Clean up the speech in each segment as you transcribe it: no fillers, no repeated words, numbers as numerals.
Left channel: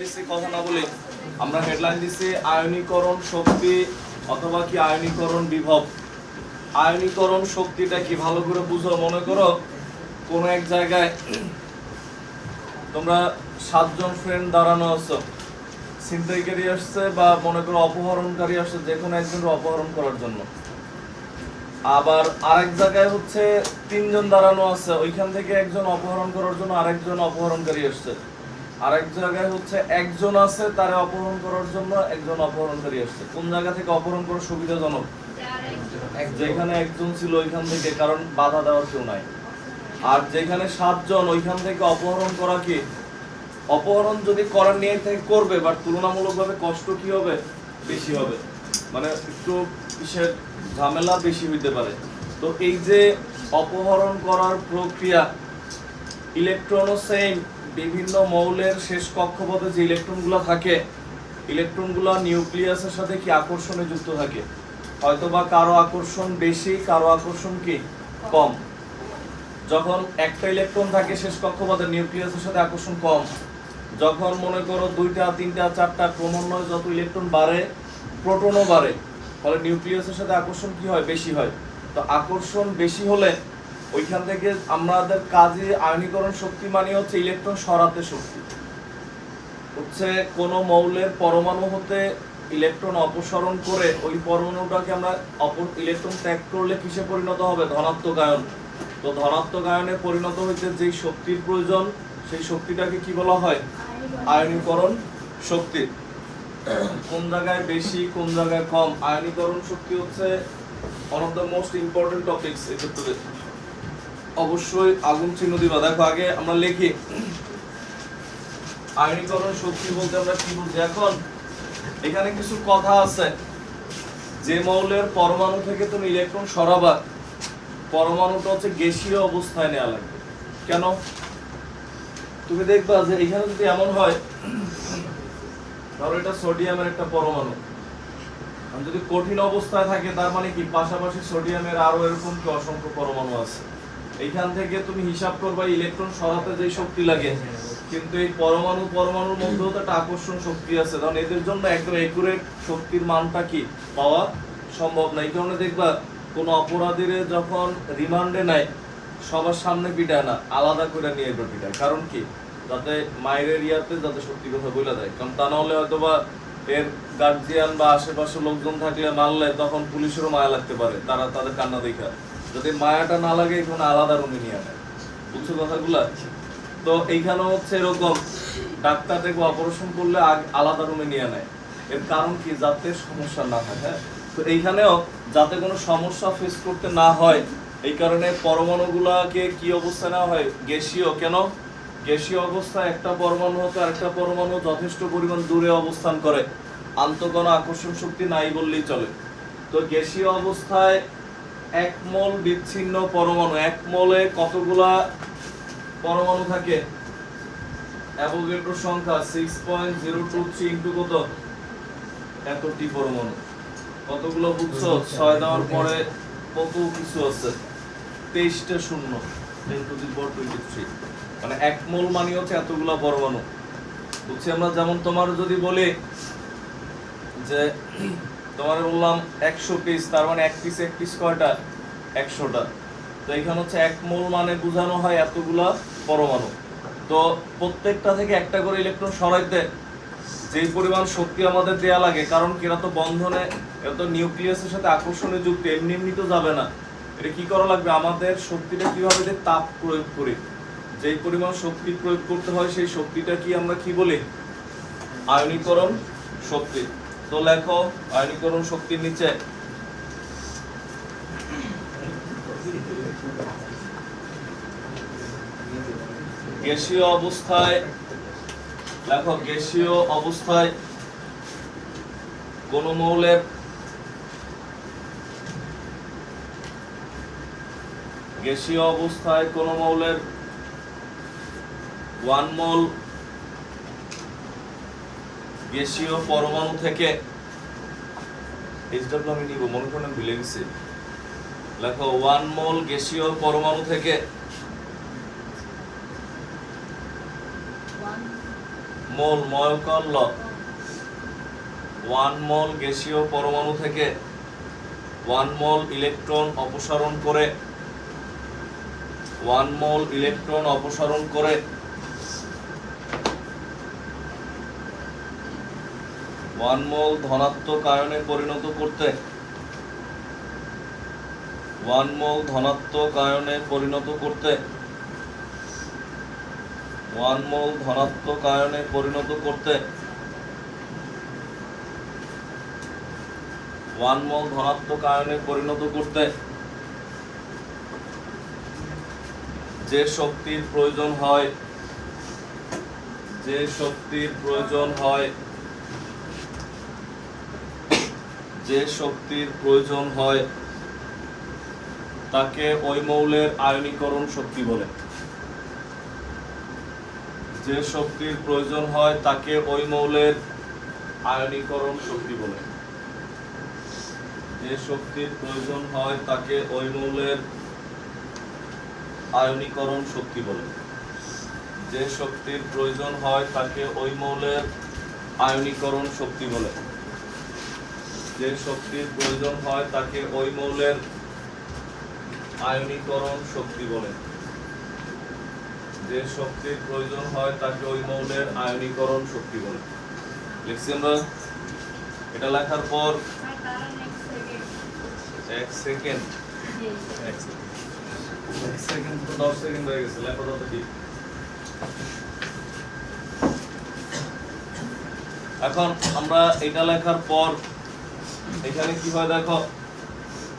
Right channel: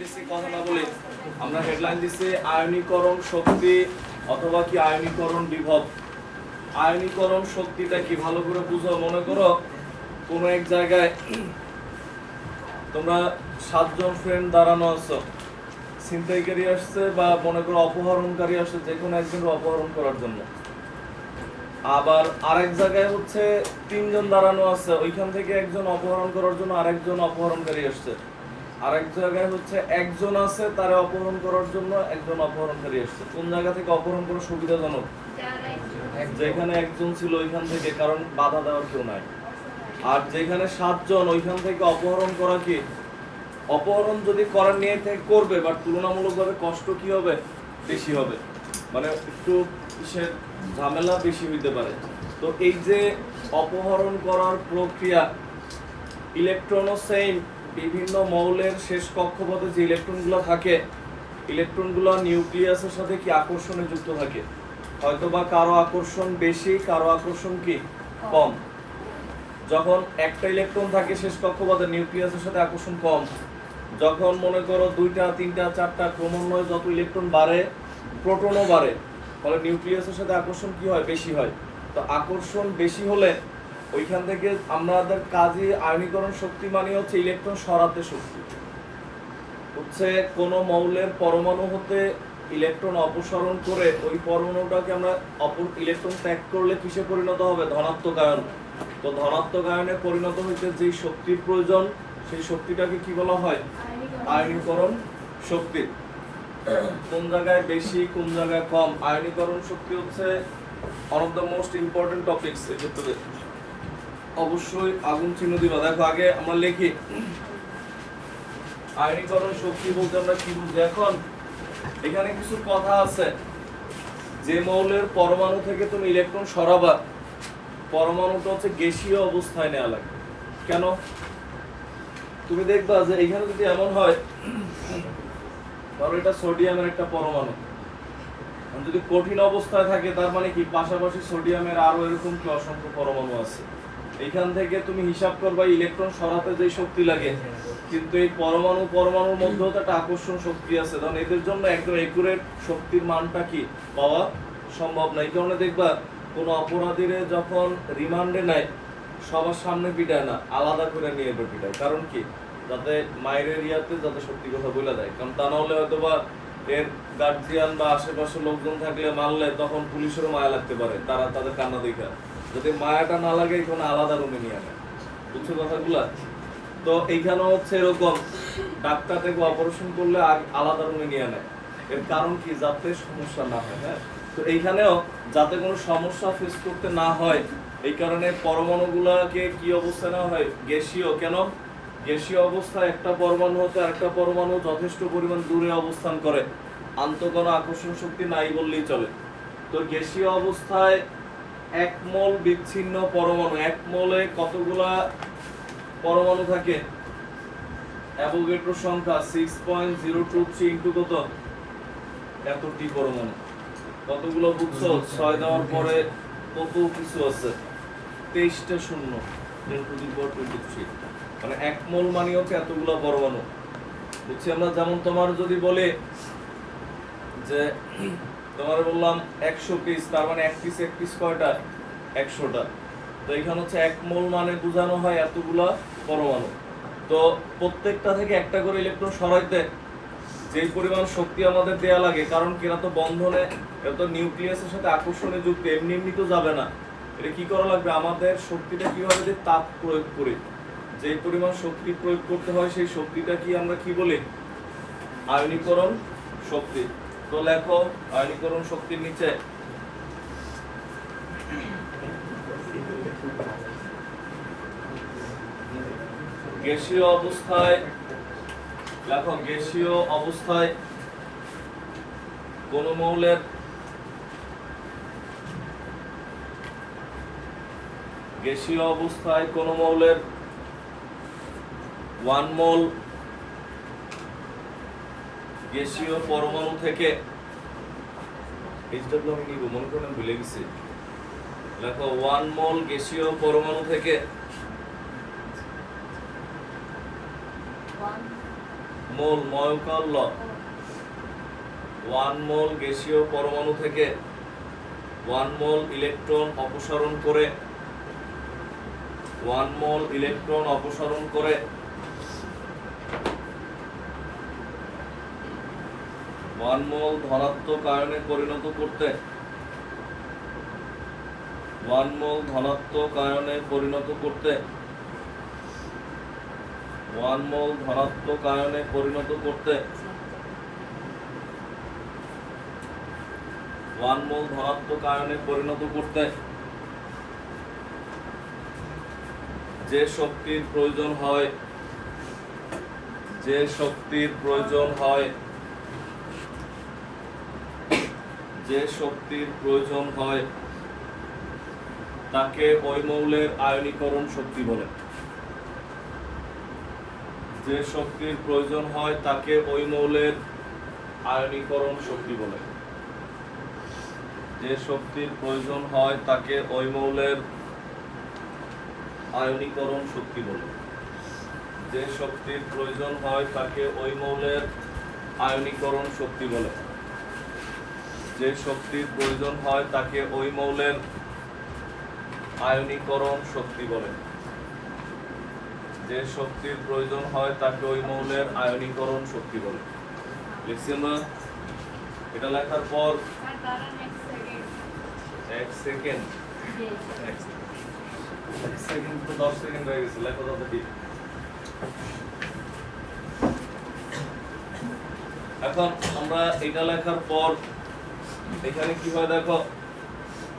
কথা না বলে আমরা হেডলাইন দিচ্ছি আয়নীকরণ শক্তি অথবা কি আয়নীকরণ বিভব। আয়নীকরণ শক্তিটা কি ভালো করে বুঝো। মনে করো কোন এক জায়গায় তোমরা 7 জন ফ্রেন্ড দাঁড়ানো আছো, ছিনতাইকারী আসছে বা মনে করো অপহরণকারী আসছে, যে কোনো একজনের অপহরণ করার জন্য। আবার আরেক জায়গায় হচ্ছে 3 জন দাঁড়ানো আছে, ওইখান থেকে একজন অপহরণ করার জন্য আরেকজন অপহরণকারী আসছে। আরেক জায়গায় হচ্ছে একজন আছে, তারে অপহরণ করার জন্য একজন অপহরণকারী আসছে। কোন জায়গা থেকে অপহরণ করা সুবিধাজনক? যেখানে একজন ছিল ওইখান থেকে, কারণ বাধা দেওয়ার কেউ নাই। আর যেখানে 7 জন, ওইখান থেকে অপহরণ করা কি, অপহরণ যদি করার নিয়ে থেকে করবে, বাট তুলনামূলকভাবে কষ্ট কি হবে, বেশি হবে, মানে একটু কিসের ঝামেলা বেশি হইতে পারে। তো এই যে অপহরণ করার প্রক্রিয়া, ইলেকট্রন ও সেইম বিভিন্ন মৌলের শেষ কক্ষপথে যে ইলেকট্রনগুলো থাকে, ইলেকট্রনগুলো নিউক্লিয়াসের সাথে কি আকর্ষণে যুক্ত থাকে। হয়তোবা কারো আকর্ষণ বেশি, কারো আকর্ষণ কি কম। যখন একটা ইলেকট্রন থাকে শেষ কক্ষপথে, নিউক্লিয়াসের সাথে আকর্ষণ কম। যখন মনে করো 2টা 3টা 4টা ক্রমান্বয়ে যত ইলেকট্রন বাড়ে, প্রোটনও বাড়ে, ফলে নিউক্লিয়াসের সাথে আকর্ষণ কি হয়, বেশি হয়। তো আকর্ষণ বেশি হলে ওইখান থেকে আমাদের কাজে আয়নীকরণ শক্তি মানে হচ্ছে ইলেকট্রন সরাতে শক্তি। হচ্ছে কোনো মৌলের পরমাণু হতে ইলেকট্রন অপসারণ করে ওই পরমাণুটাকে আমরা ইলেকট্রন ত্যাগ করলে কিসে পরিণত হবে, ধনাত্মক আয়ন। তো ধনাত্মক আয়নে পরিণত হইতে যেই শক্তির প্রয়োজন, সেই শক্তিটাকে কি বলা হয়, আয়নীকরণ শক্তি। কোন জায়গায় বেশি, কোন জায়গায় কম। আয়নীকরণ শক্তি হচ্ছে one of the most important topics এক্ষেত্রে। অবশ্যই আগুন চিহ্ন দিবা। দেখো আগে আমরা লিখি আয়নীকরণ শক্তি বলতে আমরা কি বুঝি। এখন এখানে কিছু কথা আছে। যে মৌলের পরমাণু থেকে তুমি ইলেকট্রন সরাবা, পরমাণুটা হচ্ছে গ্যাসীয় অবস্থায় নেওয়া লাগবে। কেন? তুমি দেখবা যে এখানে যদি এমন হয়, তাহলে এটা সোডিয়ামের একটা পরমাণু, যদি কঠিন অবস্থায় থাকে তার মানে কি পাশাপাশি সোডিয়ামের আরো এরকম কি অসংখ্য পরমাণু আছে। এইখান থেকে তুমি হিসাব করবা ইলেকট্রন সরাতে যে শক্তি লাগে, কিন্তু এই পরমাণুর মধ্যেও তো একটা আকর্ষণ শক্তি আছে। কারণ এদের জন্য একদম একুরেট শক্তির মানটা কি পাওয়া সম্ভব না। এই কারণে দেখবা কোনো অপরাধীরে যখন রিমান্ডে নেয়, সবার সামনে পিটায় না, আলাদা করে নিয়ে পিটায়। কারণ কি, যাতে মায়ের ইয়াতে যাতে সত্যি কথা বলে দেয়। কারণ তা না হলে হয়তোবা এর গার্জিয়ান বা আশেপাশে লোকজন থাকলে মানলে তখন পুলিশেরও মায়া লাগতে পারে, তারা তাদের কান্না দেখা। যদি মায়াটা না লাগে এখানে আলাদা রুমে নিয়ে নেয়। বুঝছো কথাগুলা? তো এইখানে হচ্ছে এরকম, ডাক্তার থেকে অপারেশন করলে আলাদা রুমে নিয়ে নেয়। এর কারণ কি, যাতে সমস্যা না হয়। হ্যাঁ, তো এইখানেও যাতে কোনো সমস্যা ফেস করতে না হয়, এই কারণে পরমাণুগুলাকে কি অবস্থা নেওয়া হয়, গ্যাসীয়। কেন? গ্যাসীয় অবস্থায় একটা পরমাণু হতে আরেকটা পরমাণু যথেষ্ট পরিমাণ দূরে অবস্থান করে, আন্তঃকণ আকর্ষণ শক্তি নাই বললেই চলে। তো গ্যাসীয় অবস্থায় 1 মোল বিচ্ছিন্ন পরমাণু, 1 মোলে কতগুলা পরমাণু থাকে? অ্যাভোগাড্রো সংখ্যা 6.023 ইনটু কত, এতটি পরমাণু। কতগুলো বুঝছো? 6 দেওয়ার পরে কত কিছু আছে, 23টা শূন্য, 10⁻23। মানে 1 মোল মানে হচ্ছে এতগুলো পরমাণু। বুঝছি আমরা। যেমন তোমার যদি বলে যে তোমার বললাম 100 পিস, তার মানে এক পিস কয়টা, 100টা। তো এখানে হচ্ছে 1 মোল মানে বোঝানো হয় এতগুলা পরমাণু। তো প্রত্যেকটা থেকে একটা করে ইলেকট্রন সরাইতে যেই পরিমাণ শক্তি আমাদের দেয়া লাগে, কারণ এরা তো বন্ধনে, এরা তো নিউক্লিয়াসের সাথে আকর্ষণে যুক্ত, এমনি এমনি তো যাবে না। এটা কি করা লাগবে, আমাদের শক্তিটা কিভাবে যে তাপ প্রয়োগ করি, যেই পরিমাণ শক্তি প্রয়োগ করতে হয়, সেই শক্তিটা কি আমরা কি বলি, আয়নীকরণ শক্তি। তো লেখো আয়নীকরণ শক্তির নিচে গ্যাসীয় অবস্থায়, লেখো গ্যাসীয় অবস্থায় কোন মৌলের গ্যাসীয় অবস্থায় কোন মৌলের 1 মোল গ্যাসীয় পরমাণু থেকে, এইচডব্লিউ আমি নিব, মনে করেন ভুলে গেছি। লেখো 1 মোল গ্যাসীয় পরমাণু থেকে মোল ময়কাল ল 1 মোল গ্যাসীয় পরমাণু থেকে 1 মোল ইলেকট্রন অপসারণ করে 1 মোল ইলেকট্রন অপসারণ করে 1 মোল ধনাত্মক আয়নে পরিণত করতে 1 মোল ধনাত্মক আয়নে পরিণত করতে 1 মোল ধনাত্মক আয়নে পরিণত করতে 1 মোল ধনাত্মক আয়নে পরিণত করতে যে শক্তির প্রয়োজন হয় যে শক্তির প্রয়োজন হয় যে শক্তির প্রয়োজন হয় তাকে ওই মৌলের আয়নীকরণ শক্তি বলে যে শক্তির প্রয়োজন হয় তাকে ওই মৌলের আয়নীকরণ শক্তি বলে যে শক্তির প্রয়োজন হয় তাকে ওই মৌলের আয়নীকরণ শক্তি বলে যে শক্তির প্রয়োজন হয় তাকে ওই মৌলের আয়নীকরণ শক্তি বলে যে শক্তির প্রয়োজন হয় তাকে ওই মৌলের আয়নীকরণ শক্তি বলে যে শক্তির প্রয়োজন হয় তাকে ওই মৌলের আয়নীকরণ শক্তি বলে লিখছি আমরা এটা লেখার পর 1 সেকেন্ড 1 সেকেন্ড তো 10 সেকেন্ড হয়ে গেছে লেখা দাও তো ঠিক এখন আমরা এটা লেখার পর এখানে কি হয় দেখো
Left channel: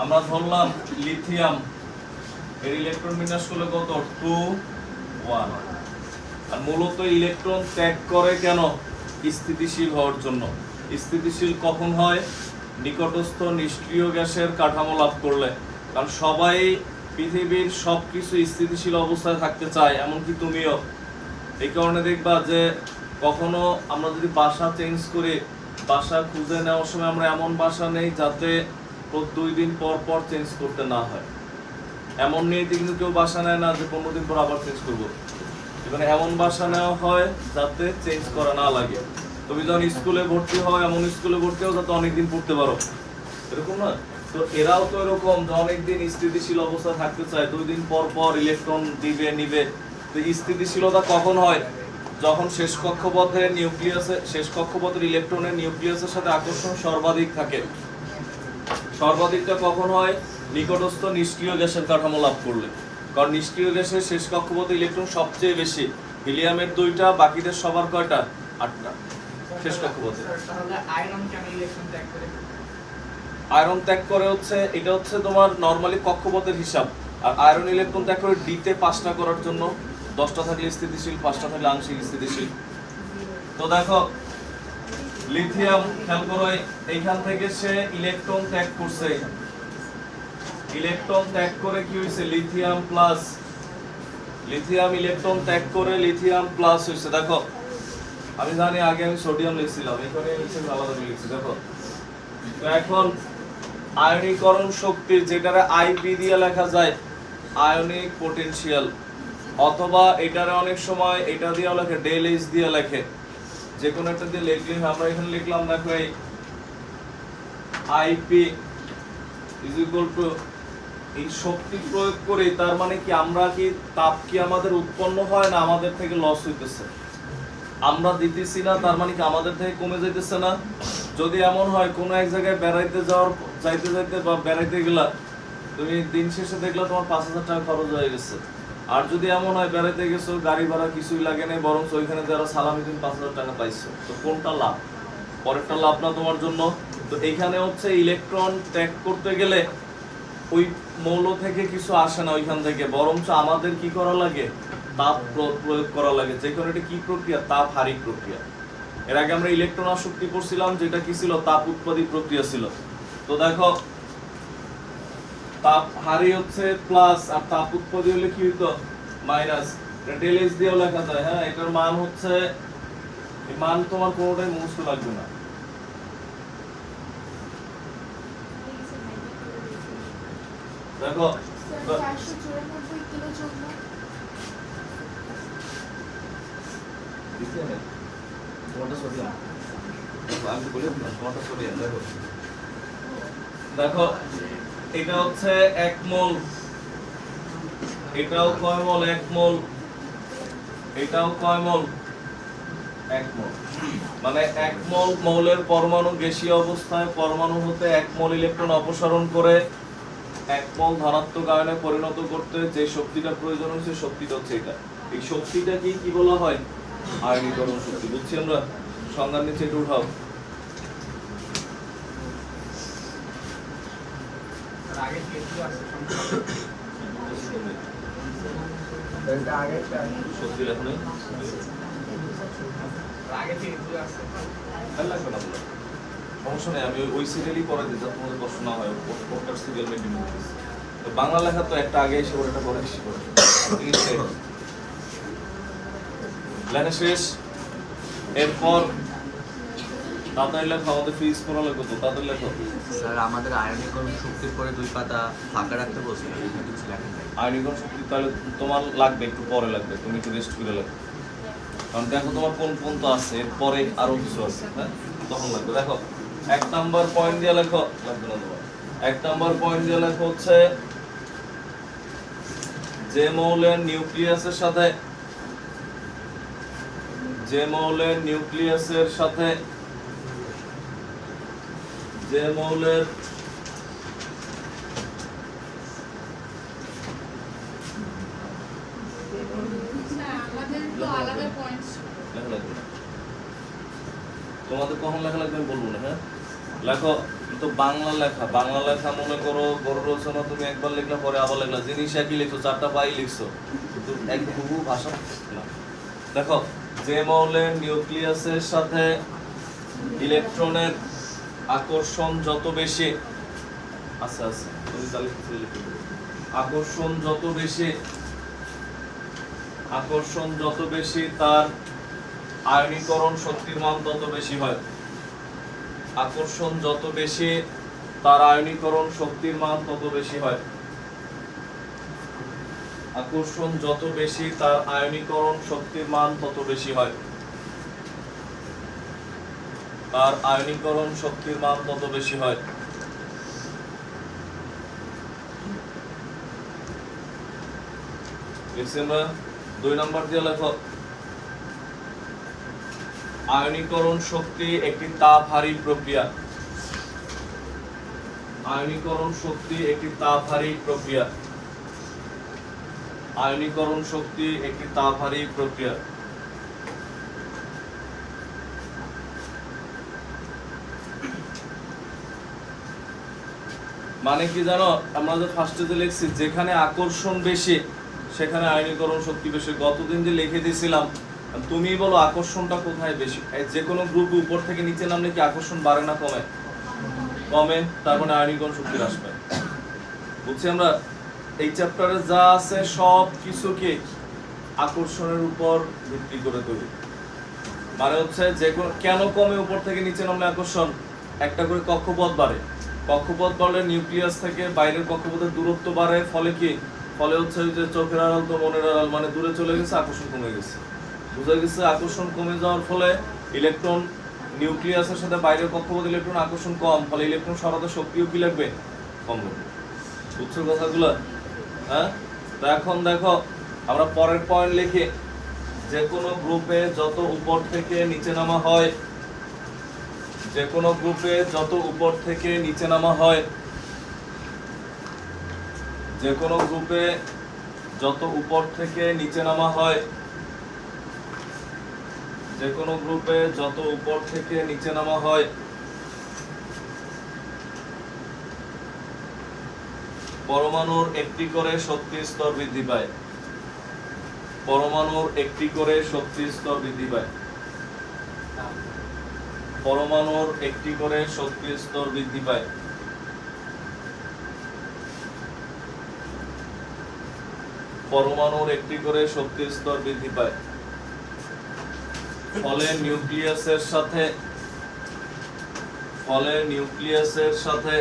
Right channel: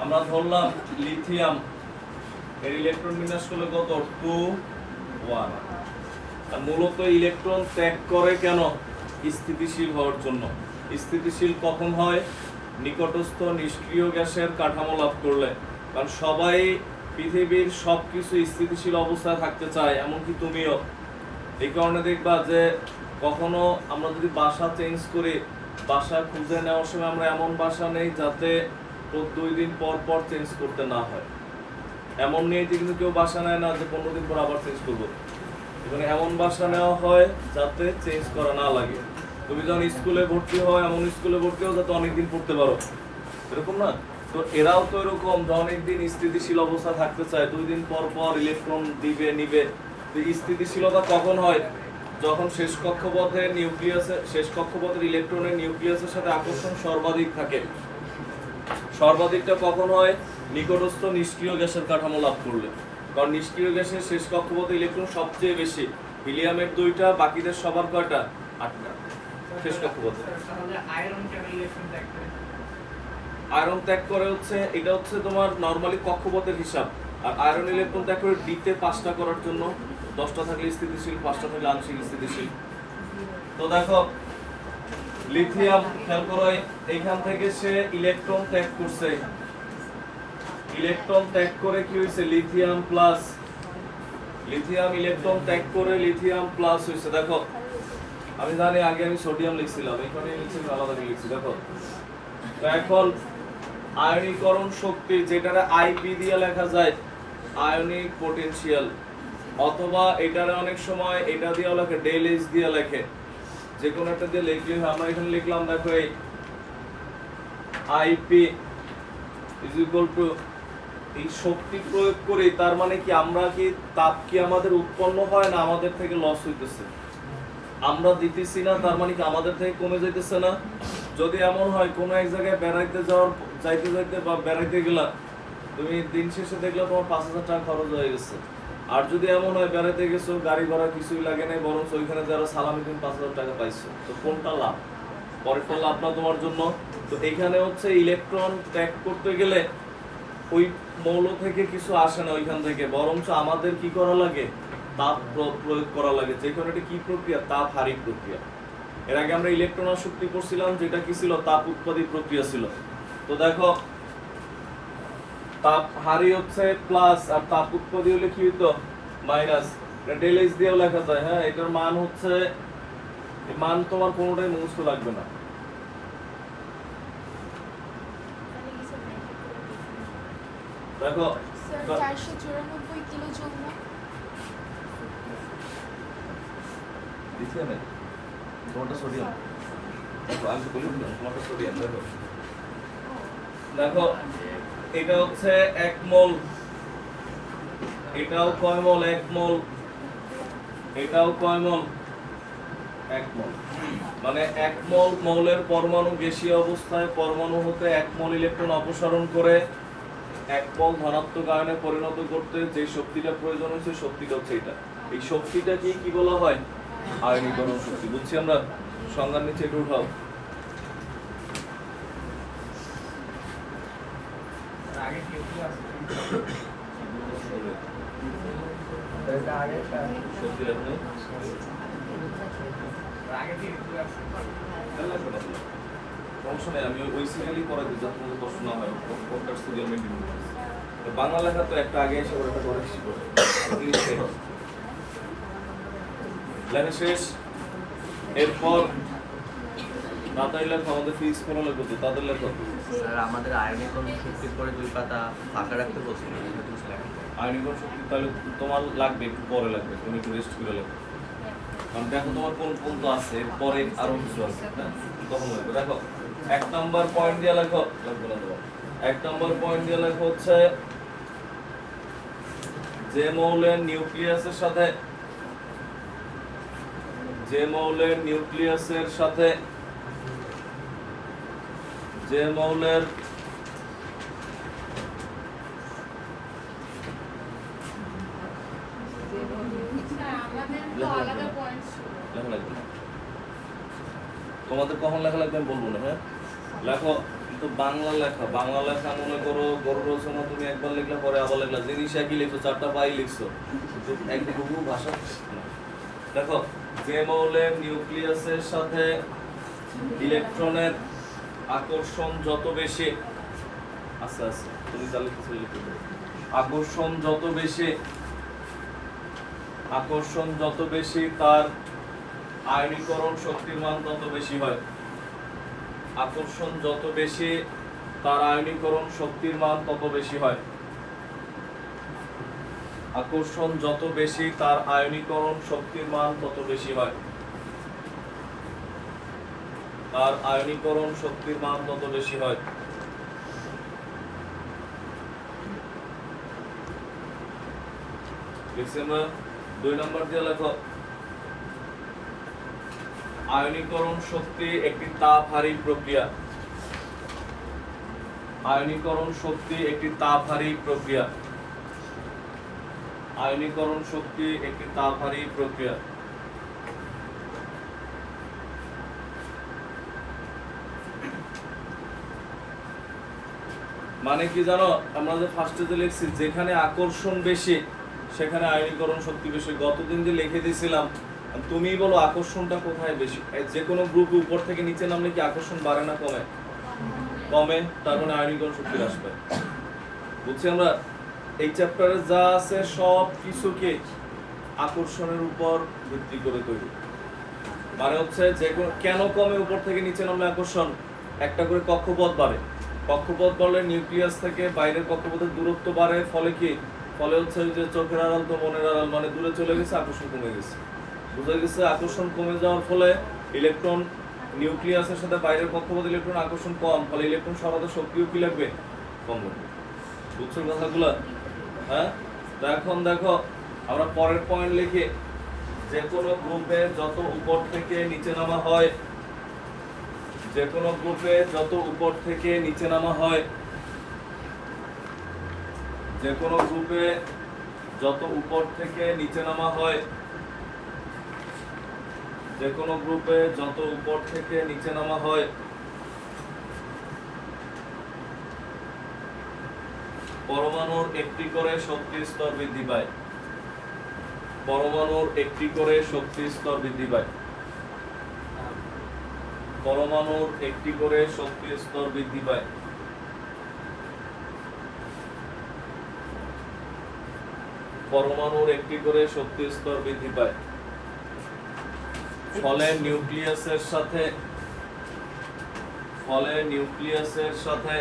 আমরা ধরলাম লিথিয়াম এর ইলেকট্রন বিন্যাস করলে কত 2 1 আর মূলত ইলেকট্রন ত্যাগ করে কেন স্থিতিশীল হওয়ার জন্য স্থিতিশীল কখন হয় নিকটস্থ নিষ্ক্রিয় গ্যাসের কাঠামো লাভ করলে কারণ সবাই পৃথিবীর সবকিছু স্থিতিশীল অবস্থায় থাকতে চায় এমনকি তুমিও এই কারণে দেখবা যে কখনো আমরা যদি বাসা চেঞ্জ করি বাসা খুঁজে নেওয়ার সময় আমরা এমন বাসা নেই যাতে 2 দিন পর পর চেঞ্জ করতে না হয় এমন নিয়ে কিন্তু কেউ বাসা নেয় না যে 15 দিন পর আবার চেঞ্জ করবো এখানে এমন বাসা নেওয়া হয় যাতে চেঞ্জ করা না লাগে তুমি যখন স্কুলে ভর্তি হয় এমন স্কুলে ভর্তি হও যাতে অনেকদিন পড়তে পারো এরকম না তো এরাও তো এরকম যে অনেকদিন স্থিতিশীল অবস্থা থাকতে চায় 2 দিন পর পর ইলেকট্রন দিবে নিবে তো স্থিতিশীলতা কখন হয় যখন শেষ কক্ষপথের ইলেকট্রনের নিউক্লিয়াসের সাথে আকর্ষণ সর্বাধিক থাকে সর্বাধিকটা কখন হয় নিকটস্থ নিষ্ক্রিয় গ্যাসের কাঠামো লাভ করলে কারণ নিষ্ক্রিয় গ্যাসের শেষ কক্ষপথে ইলেকট্রন সবচেয়ে বেশি হিলিয়ামের 2টা বাকিদের সবার কয়টা 8টা শেষ কক্ষপথে আয়রন ত্যাগ করে হচ্ছে এটা হচ্ছে তোমার নরমালি কক্ষপথের হিসাব আর আয়রন ইলেকট্রন ত্যাগ করে ডিতে 5টা করার জন্য 10টা থাকলে স্থিতিশীল 5টা থাকলে আংশিক স্থিতিশীল তো দেখো লিথিয়াম খেয়াল করো এইখান থেকে সে ইলেকট্রন ত্যাগ করছে ইলেকট্রন ত্যাগ করে কি হয়েছে লিথিয়াম ইলেকট্রন ত্যাগ করে লিথিয়াম প্লাস হয়েছে দেখো আমি জানি আগে আমি সোডিয়াম লিখছিলাম এখানে নিচে আলাদা লিখছি দেখো তো এখন আয়নীকরণ শক্তি যেটারে আইপি দিয়ে লেখা যায় আয়নিক পটেনশিয়াল অথবা এটারে অনেক সময় এটা দিয়েও লেখে ডেল এইচ দিয়ে লেখে যে কোনো একটা দিয়ে লিখলে আমরা এখানে লিখলাম দেখো এই আইপি ইজ ইকুয়াল টু এই শক্তি প্রয়োগ করে তার মানে কি আমরা কি তাপ কি আমাদের উৎপন্ন হয় না আমাদের থেকে লস হইতেছে আমরা দিতেছি না তার মানে কি আমাদের থেকে কমে যাইতেছে না যদি এমন হয় কোনো এক জায়গায় যাইতে বা বেড়াইতে গেলা তুমি দিন শেষে দেখলা তোমার 5,000 টাকা খরচ হয়ে গেছে আর যদি এমন হয় বেড়াইতে গেছো গাড়ি ভাড়া কিছুই লাগে নাই বরং ওইখানে যারা সালামি তুমি 5,000 টাকা পাইছো তো কোনটা লাভ পরেরটা লাভ না তোমার জন্য তো এইখানে হচ্ছে ইলেকট্রন ত্যাগ করতে গেলে ওই মৌল থেকে কিছু আসে না ওইখান থেকে বরঞ্চ আমাদের কি করা লাগে তাপ প্রয়োগ করা লাগে যেখানে এটা কি প্রক্রিয়া তাপ হারিক প্রক্রিয়া এর আগে আমরা ইলেকট্রন আসক্তি পড়ছিলাম যেটা কি ছিল তাপ উৎপাদী প্রক্রিয়া ছিল তো দেখো তাপ হারি হচ্ছে প্লাস আর তাপ উৎপাদী হলে কি হইতো মাইনাস ডেল এইচ দিয়েও লেখা যায় হ্যাঁ এটার মান হচ্ছে মান তোমার কোনোটাই মুখস্থ লাগবে না দেখো তোমারটা সোডিয়াম, আমি তো বলি তোমারটা সোডিয়াম। দেখো দেখো এটা হচ্ছে 1 মোল, এটাও কয় মোল? 1 মোল, এটাও কয় মোল? 1 মোল। মানে 1 মোল মৌলের পরমাণু গ্যাসীয় অবস্থায় পরমাণু হতে 1 মোল ইলেকট্রন অপসারণ করে 1 মোল ধনাত্মক আয়নে পরিণত করতে যে শক্তিটা প্রয়োজন হচ্ছে শক্তিটা হচ্ছে এটা। এই শক্তিটাকে কি বলা হয়? আয়নীকরণ শক্তি। বুঝছি আমরা? সংজ্ঞার নিচে এটা উঠাও। আগে কি একটু আছে শক্তি লেখনি আগে কি একটু আছে সমস্যা নেই, আমি ওই সিরিয়ালই করে দিই যাতে তোমাদের কষ্ট না হয়। ওটার সিরিয়াল মেনটেন করতেছি। তো বাংলা লেখা তো একটা আগে এসে ওটা পরে এসে করে লেখা শেষ। এরপর তাদের লেখা, আমাদের ফিজ পড়া লেখো তো, তাদের লেখো। স্যার আমাদের আয়নীকরণ শক্তির পরে 2 পাতা ফাঁকা রাখতে বলছেন, আয়নীকরণ শক্তি তাহলে তোমার লাগবে, একটু পরে লাগবে, তুমি একটু রেস্ট করে লাগবে। কারণ দেখো তোমার কোন কোন তো আছে, এরপরে আরো কিছু আছে, হ্যাঁ তখন লাগবে। দেখো 1 নাম্বার পয়েন্ট দিয়ে লেখো, লাগবে না তোমার। 1 নাম্বার পয়েন্ট দিয়ে লেখো হচ্ছে যে মৌলের নিউক্লিয়াসের সাথে, যে মৌলের নিউক্লিয়াসের সাথে, যে মৌলের লেখা লাগবে না। তোমাদের কখন লেখা লাগবে আমি বলবো না, হ্যাঁ লেখো। তো বাংলা লেখা, বাংলা লেখা মনে করো গরু রচনা তুমি একবার লিখলে পরে আবার লিখলা, জিনিস একই লিখছো, 4টা পাই লিখছো, কিন্তু একই হুবহু ভাষা না। দেখো যে মৌলের নিউক্লিয়াসের সাথে ইলেকট্রনের আকর্ষণ যত বেশি, আচ্ছা আচ্ছা তুমি তাহলে কিছু লিখে দেবে। আকর্ষণ যত বেশি, আকর্ষণ যত বেশি তার আয়নীকরণ শক্তির মান তত বেশি হয়। আকর্ষণ যত বেশি তার আয়নীকরণ শক্তির মান তত বেশি হয়। আকর্ষণ যত বেশি তার আয়নীকরণ শক্তির মান তত বেশি হয়। তার আয়নীকরণ শক্তির মান তত বেশি হয়। লিখছি আমরা। 2 নাম্বার দিয়ে লেখো আয়নীকরণ শক্তি একটি তাপহারী প্রক্রিয়া। আয়নীকরণ শক্তি একটি তাপহারী প্রক্রিয়া। আয়নীকরণ শক্তি একটি তাপহারী প্রক্রিয়া। মানে কি জানো, আমরা যে ফার্স্টে যে লিখছি যেখানে আকর্ষণ বেশি সেখানে আয়নীকরণ শক্তি বেশি। গতদিন যে লিখে দিয়েছিলাম, তুমি বলো আকর্ষণটা কোথায় বেশি? যে কোনো গ্রুপে উপর থেকে নিচে নামলে কি আকর্ষণ বাড়ে না কমে? কমে, তার মানে আয়নীকরণ শক্তি হ্রাস পায়। বুঝছি আমরা? এই চ্যাপ্টারে যা আছে সব কিছুকে আকর্ষণের উপর ভিত্তি করে তৈরি। মানে হচ্ছে যে কেন কমে উপর থেকে নিচে নামলে আকর্ষণ? একটা করে কক্ষপথ বাড়ে, কক্ষপথ বাড়লে নিউক্লিয়াস থেকে বাইরের কক্ষপথের দূরত্ব বাড়ে, ফলে কি? ফলে হচ্ছে যে চোখের আড়াল তো মনের আড়াল, মানে দূরে চলে গেছে, আকর্ষণ কমে গেছে। বুঝা গেছে? আকর্ষণ কমে যাওয়ার ফলে ইলেকট্রন নিউক্লিয়াসের সাথে বাইরের কক্ষপথ ইলেকট্রন আকর্ষণ কম, ফলে ইলেকট্রন সরাতে শক্তিও কি লাগবে? কম লাগবে। বুঝছো কথাগুলো? হ্যাঁ, তো এখন দেখো আমরা পরের পয়েন্ট লিখি, যে কোনো গ্রুপে যত উপর থেকে নিচে নামা হয়, যে কোনো গ্রুপে যত উপর থেকে নিচে নামা হয়, যে কোনো গ্রুপে যত উপর থেকে নিচে নামা হয়, যে কোনো গ্রুপে যত উপর থেকে নিচে নামা হয়, পরমাণুর একটি করে শক্তির স্তর বৃদ্ধি পায়। পরমাণুর একটি করে শক্তির স্তর বৃদ্ধি পায়। পরমাণুর একটি করে শক্তির স্তর বৃদ্ধি পায়। পরমাণুর একটি করে শক্তির স্তর বৃদ্ধি পায়। ফলে নিউক্লিয়াসের সাথে, ফলে নিউক্লিয়াসের সাথে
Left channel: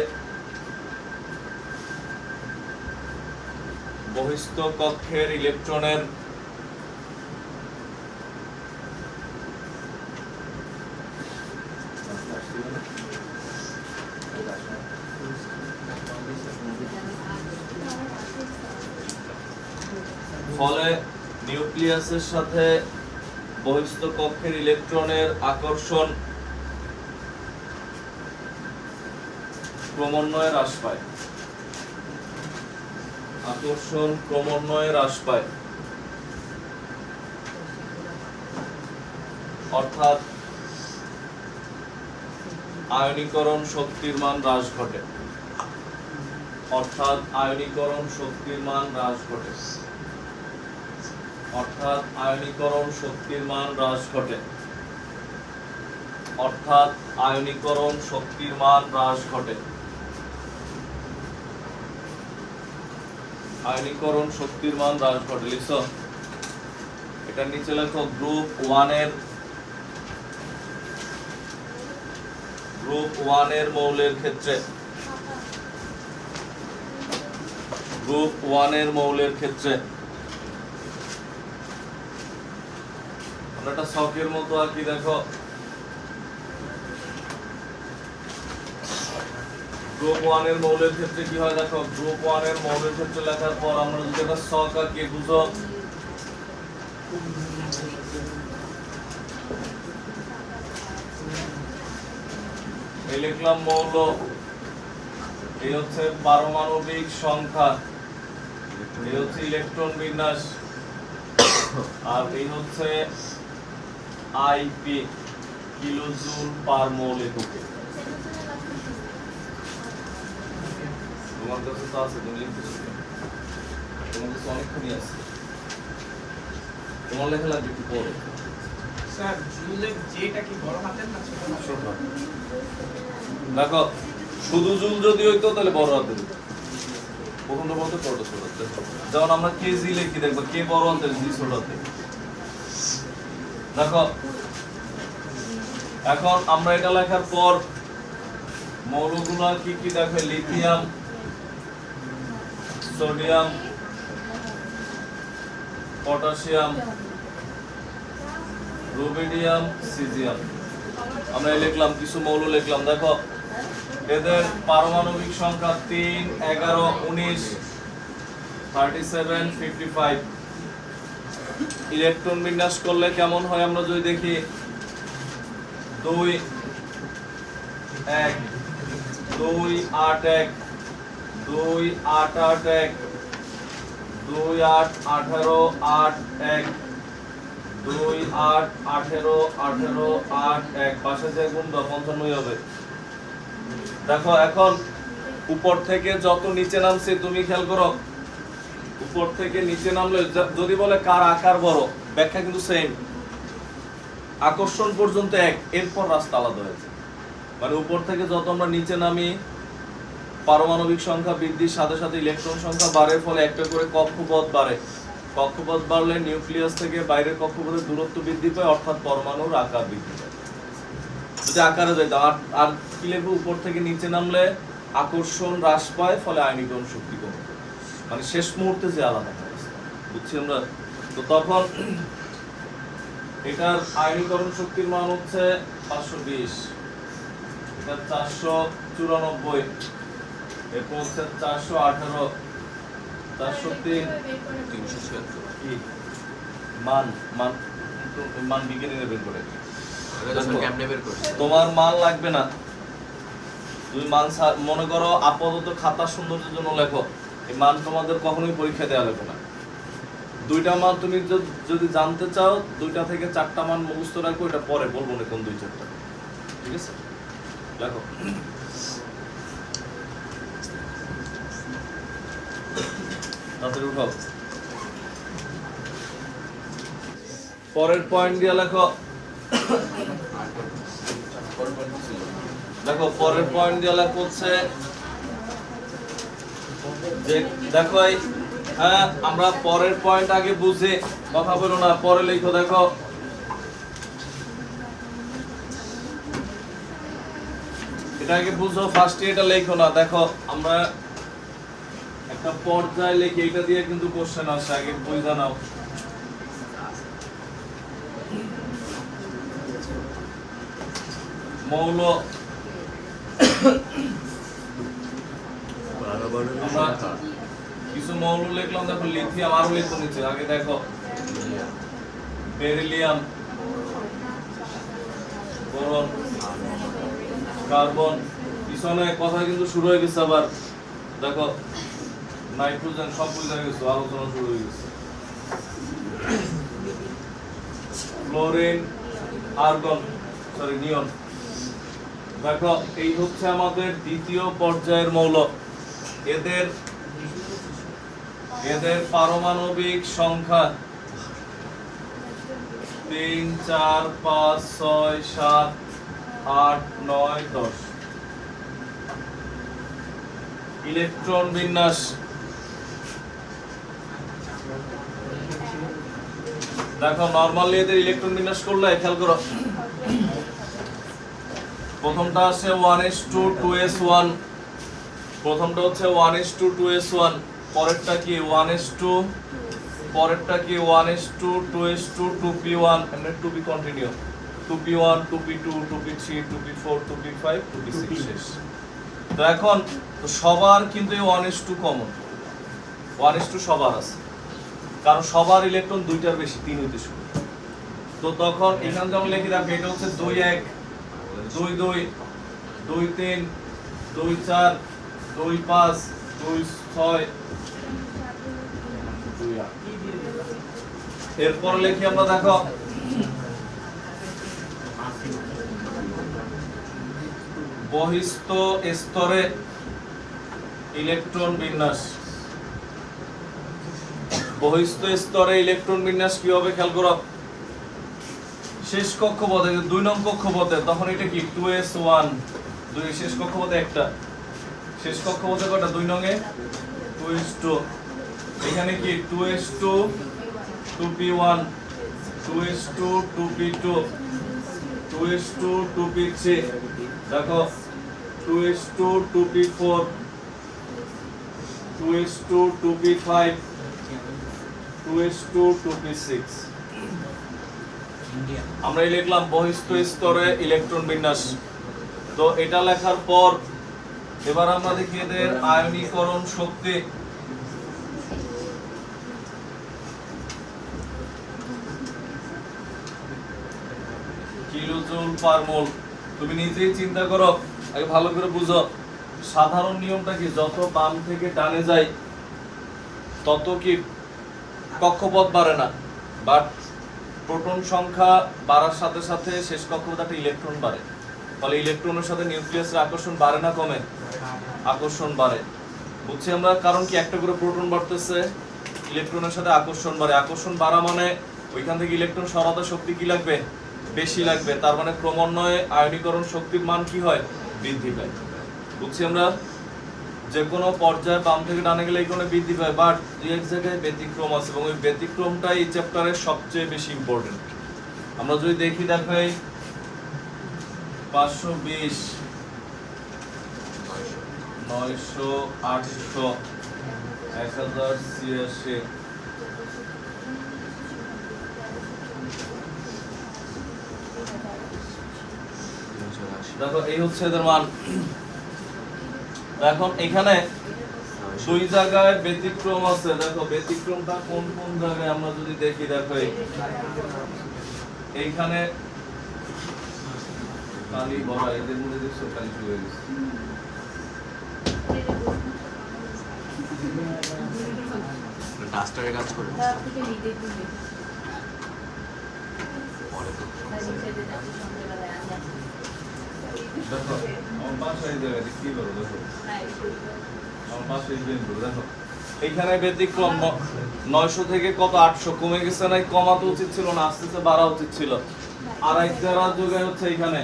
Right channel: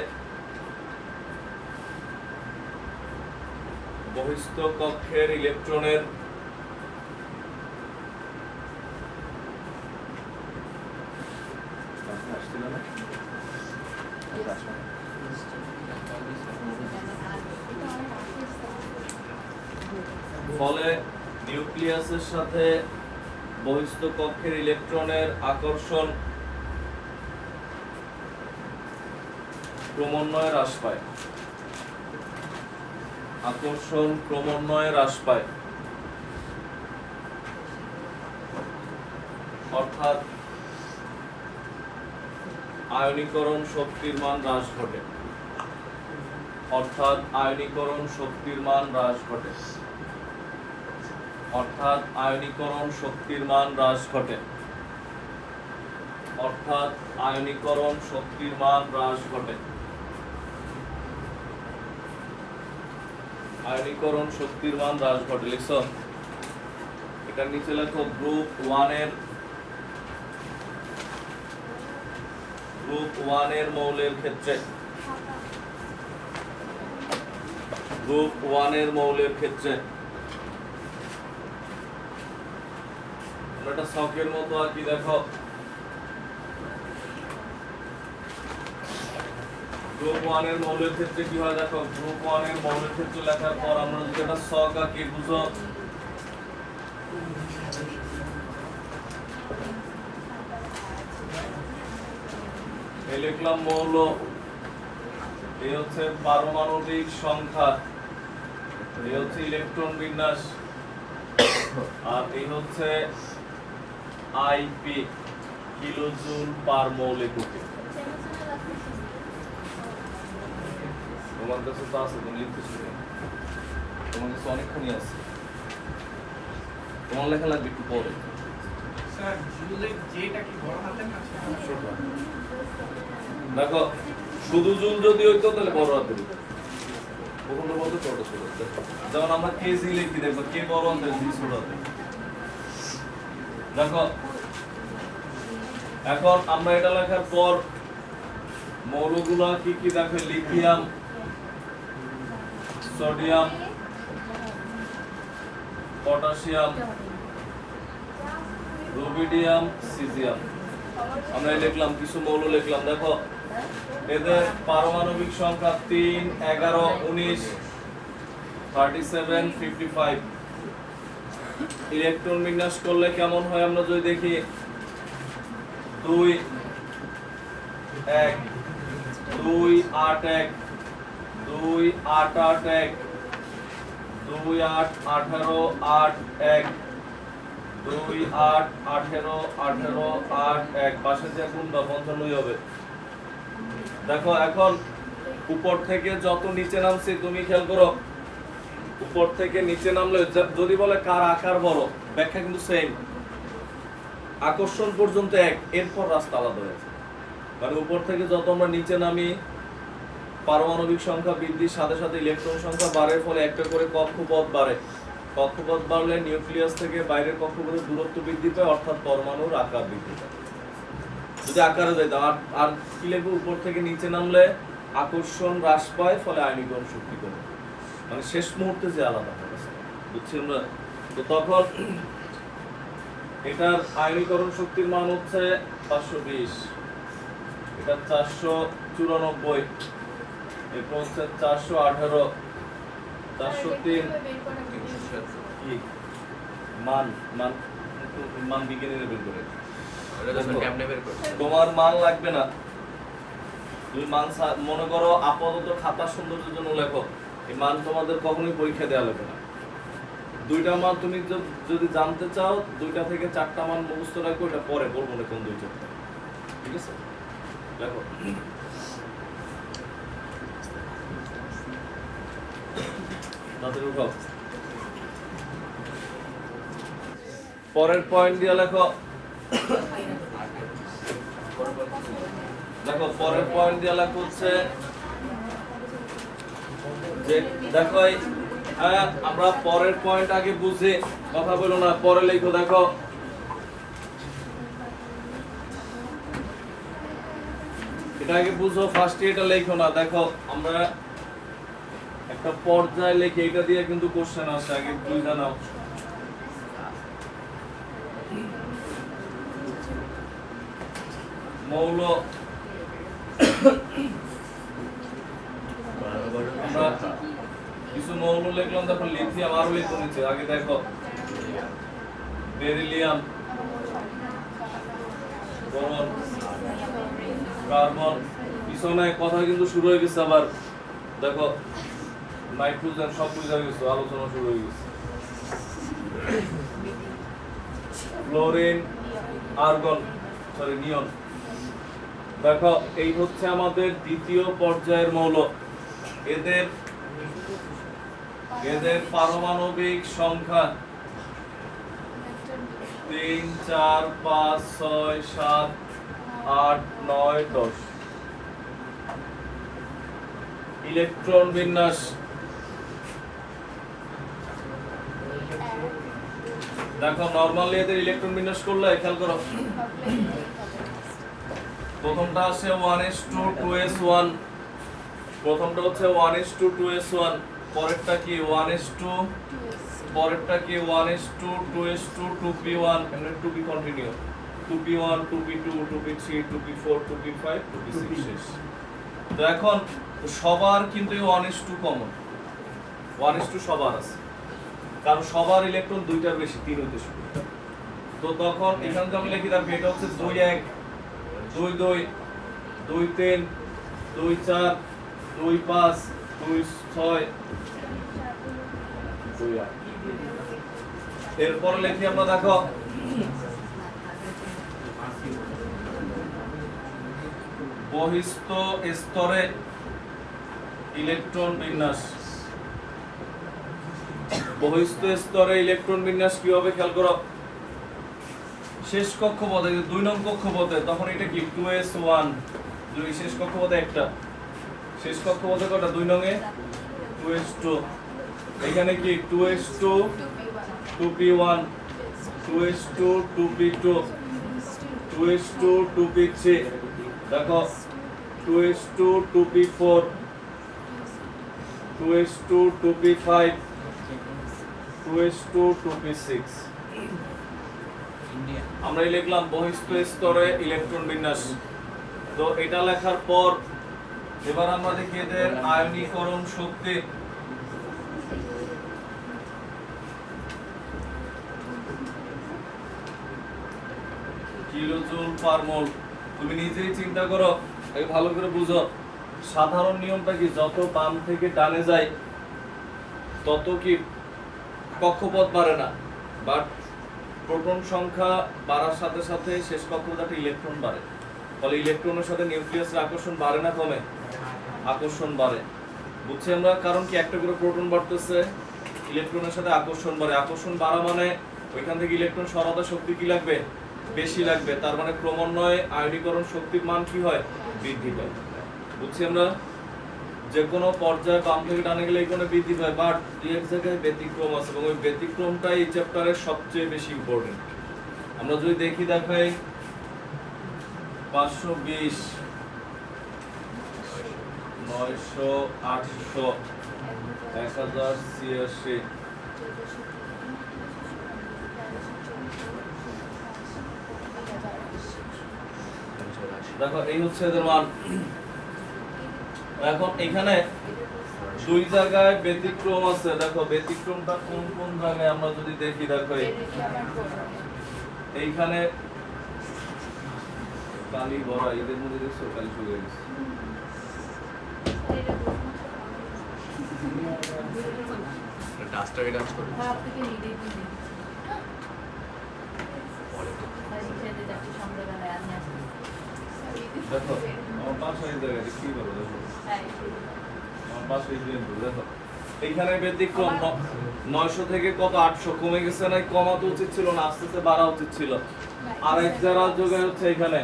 বহিস্থ কক্ষের ইলেকট্রনের ফলে নিউক্লিয়াসের সাথে বহিস্থ কক্ষের ইলেকট্রনের আকর্ষণ ক্রমান্বয়ে হ্রাস পায়। আকর্ষণ ক্রমান্বয়ে হ্রাস পায়, অর্থাৎ আয়নীকরণ শক্তির মান হ্রাস ঘটে। অর্থাৎ আয়নীকরণ শক্তির মান হ্রাস ঘটে। অর্থাৎ আয়নীকরণ শক্তির মান হ্রাস ঘটে। অর্থাৎ আয়নীকরণ শক্তির মান হ্রাস ঘটে। আয়নীকরণ শক্তির মান হ্রাস ঘটে। লিখছো? এটার নিচে লেখো গ্রুপ 1 এর মৌলের ক্ষেত্রে, গ্রুপ 1 এর মৌলের ক্ষেত্রে আমরা একটা শখের মতো আর কি দেখো, গ্রুপ 1 এর মৌলের ক্ষেত্রে কি হয় দেখো, গ্রুপ 1 এর মৌলের ক্ষেত্রে লেখার পর আমরা যদি একটা শখ আঁকি, বুঝো এই লিখলাম মৌল, এই হচ্ছে পারমাণবিক সংখ্যা, এই হচ্ছে ইলেকট্রন বিন্যাস, আর এই হচ্ছে আইপি, কিলোজুল পার মোল এককে। তোমার কাছে তো আছে, তুমি লিখতেছো কেন? তোমার কাছে অনেকখানি আছে, তোমার লেখা লাগবে একটু পরে। স্যার জুলে যেটা কি বড় হাতের না ছোট হাতের? ছোট। দেখো শুধু জুল যদি হইতো তাহলে বড় হাতের হইতো, প্রথমটা বলতে ছোট ছোট। যেমন আমরা কেজি লিখি, দেখবো কে বড় হাতের, জি ছোট হাতের। দেখো এখন আমরা এটা লেখার পর মৌলগুলো কি কি দেখো, lithium, sodium, potassium, rubidium, caesium, আমরা লিখলাম কিছু মৌল লিখলাম। দেখো এদের পারমাণবিক সংখ্যা 3, 11, 19, 37, 55। ইলেকট্রন বিন্যাস করলে কেমন হয় আমরা যদি দেখি, 2, 1, 2, 8, 1, 2, 8, 8, 1, 2, 8, 18, 8, 1, 2, 8, 18, 18, 8, 1, পাশে যে গুণ 55 হবে। দেখো এখন উপর থেকে যত নিচে নামছে, তুমি খেয়াল করো, উপর থেকে নিচে নামলে যদি বলে কার আকার বড়, ব্যাখ্যা কিন্তু সেম, আকর্ষণ পর্যন্ত এক, এরপর রাস্তা আলাদা হয়েছে। মানে উপর থেকে যত আমরা নিচে নামি, পারমাণবিক সংখ্যা বৃদ্ধির সাথে সাথে ইলেকট্রন সংখ্যা বাড়ে, ফলে একটা করে কক্ষপথ বাড়ে। কক্ষপথ বাড়লে নিউক্লিয়াস থেকে বাইরের কক্ষপথের দূরত্ব বৃদ্ধি পায়, অর্থাৎ পরমাণুর আকার বৃদ্ধি পায়। যদি আকারে যাইতাম, আর কি লিখবো, উপর থেকে নিচে নামলে আকর্ষণ হ্রাস পায়, ফলে আয়নীকরণ শক্তি কমে যায়। মানে শেষ মুহূর্তে যে আলাদা হয়, বুঝছি আমরা? তো তখন এটার আয়নীকরণ শক্তির মান হচ্ছে 520, এটা 494, এরপর হচ্ছে 418, 403, 376। কি মান মান মান বিজ্ঞানী বের করে। কেমনে বের করছে? তোমার মান লাগবে না, তুমি মান মনে করো আপাতত খাতা সৌন্দর্যের জন্য লেখো, এই মান তোমাদের কখনোই পরীক্ষা দেওয়া লাগবে না। দুইটা মান তুমি যদি জানতে চাও, 2টা থেকে 4টা মান মুখস্থ রাখো, এটা পরে বলবো না কোন 2-4টা, ঠিক আছে? লেখো। তাড়াতাড়ি উঠাও। পরের পয়েন্ট দিয়ে লেখো। দেখো পরের পয়েন্ট দিয়ে লেখা হচ্ছে যে, দেখো হ্যাঁ আমরা পরের পয়েন্ট আগে বুঝে কথা বলো না, পরে লেখো। দেখো এটা আগে বুঝো, ফার্স্টে এটা লেখো না। দেখো আমরা একটা পর্যায়ে লিখে, এটা দিয়ে কিন্তু কোশ্চেন আসে, আগে বুঝে নাও। মৌল আমরা কিছু মৌল লিখলাম, দেখো লিথিয়াম, আরো লিখো নিচে, আগে দেখো বেরিলিয়াম, বোরন, কার্বন, পিছনে কথা কিন্তু শুরু হয়ে গেছে আবার, দেখো নাইট্রোজেন, সব বুঝে গেছে, আলোচনা শুরু হয়ে গেছে। ক্লোরিন, আর্গন, সরি নিয়ন। দেখো এই হচ্ছে আমাদের দ্বিতীয় পর্যায়ের মৌল। এদের পারমাণবিক সংখ্যা 3, 4, 5, 6, 7, 8, 9, 10। ইলেকট্রন বিন্যাস, দেখো নরমালি এদের ইলেকট্রন বিন্যাস করলে খেয়াল করো, প্রথমটা আছে 1:2s1, প্রথমটা হচ্ছে 1:2s1, পরেরটা কি 1:2, পরেরটা কি 1:2s2, 2p1, এমনি 2p continue, 2p1, 2p2, 2p3, 2p4, 2p5, 2p6 শেষ। তো এখন তো সবার কিন্তু 1:2 কমন, 1:2 সবার আছে, কারণ সবার ইলেকট্রন দুইটার বেশি, 3 হইতে শুরু। তো তখন এখানে যেমন লিখি দেখো, এটা হচ্ছে 2-1, 2-2, 2-3, 2-4, 2-5, 2-6, 2-8। এরপর লিখি আমরা, দেখো বহিস্থ স্তরে ইলেকট্রন বিন্যাস। বহিস্থ স্তরে ইলেকট্রন বিন্যাস কি হবে খেয়াল করো, শেষ কক্ষপথে 2 নং কক্ষপথে, তখন এটা কি 2s1, 2 শেষ কক্ষপথে একটা, শেষ কক্ষপথে কয়টা 2 নং এ 2s2, এখানে কি 2s2, 2p1, 2s2, 2p2, 2s2, 2p3, দেখো 2s2, 2p4, 2s2, 2p5, 2s2, 2p6। আমরা লিখলাম বহিস্থ স্তরে ইলেকট্রন বিন্যাস। তো এটা লেখার পর এবার আমরা দেখি এদের আয়নীকরণ শক্তি। কিলোজুল পার মোল। তুমি নিজেই চিন্তা করো, আগে ভালো করে বুঝো, সাধারণ নিয়মটা কি, যত বাম থেকে ডানে যায় তত কি কক্ষপথ বাড়ে না, বাট প্রোটন সংখ্যা বাড়ার সাথে সাথে শেষ কক্ষপথে ইলেকট্রন বাড়ে, ফলে ইলেকট্রনের সাথে নিউক্লিয়াসের আকর্ষণ বাড়ে না কমে? আকর্ষণ বাড়ে। বুঝছি আমরা, কারণ কি একটা করে প্রোটন বাড়তেছে, ইলেকট্রনের সাথে আকর্ষণ বাড়ে, আকর্ষণ বাড়া মানে ওইখান থেকে ইলেকট্রন সরাতে শক্তি কি লাগবে, বেশি লাগবে, তার মানে ক্রমান্বয়ে আয়নীকরণ শক্তির মান কি হয়, বৃদ্ধি পায়। বুঝছি আমরা, যে কোনো পর্যায়ে বাম থেকে ডানে গেলে এই কোনো বৃদ্ধি পায়, বাট দুই এক জায়গায় ব্যতিক্রম আছে, এবং ওই ব্যতিক্রমটাই এই চ্যাপ্টারের সবচেয়ে বেশি ইম্পর্টেন্ট। আমরা যদি দেখি, দেখাই 520, 900, 800, 1086, দেখো এই হচ্ছে এদের মান। এখন এখানে 2 জায়গায় ব্যতিক্রম আছে, দেখো ব্যতিক্রমটা কোন কোন জায়গায় আমরা যদি দেখি, দেখো এইখানে কালি বড়, এদের মধ্যে দেখছো কালি শুরু হয়ে গেছে। ডাস্টারে কাজ করে দেখো আমার পাশে এই জায়গায় কি বলো, দেখো আমার পাশে এই জায়গায় দেখো এইখানে ব্যতিক্রম 900 থেকে কত 800 কমে গেছে, না কমাতে উচিত ছিল না, আস্তে আস্তে বাড়া উচিত ছিল। আর এক জায়গার জায়গায় হচ্ছে এইখানে,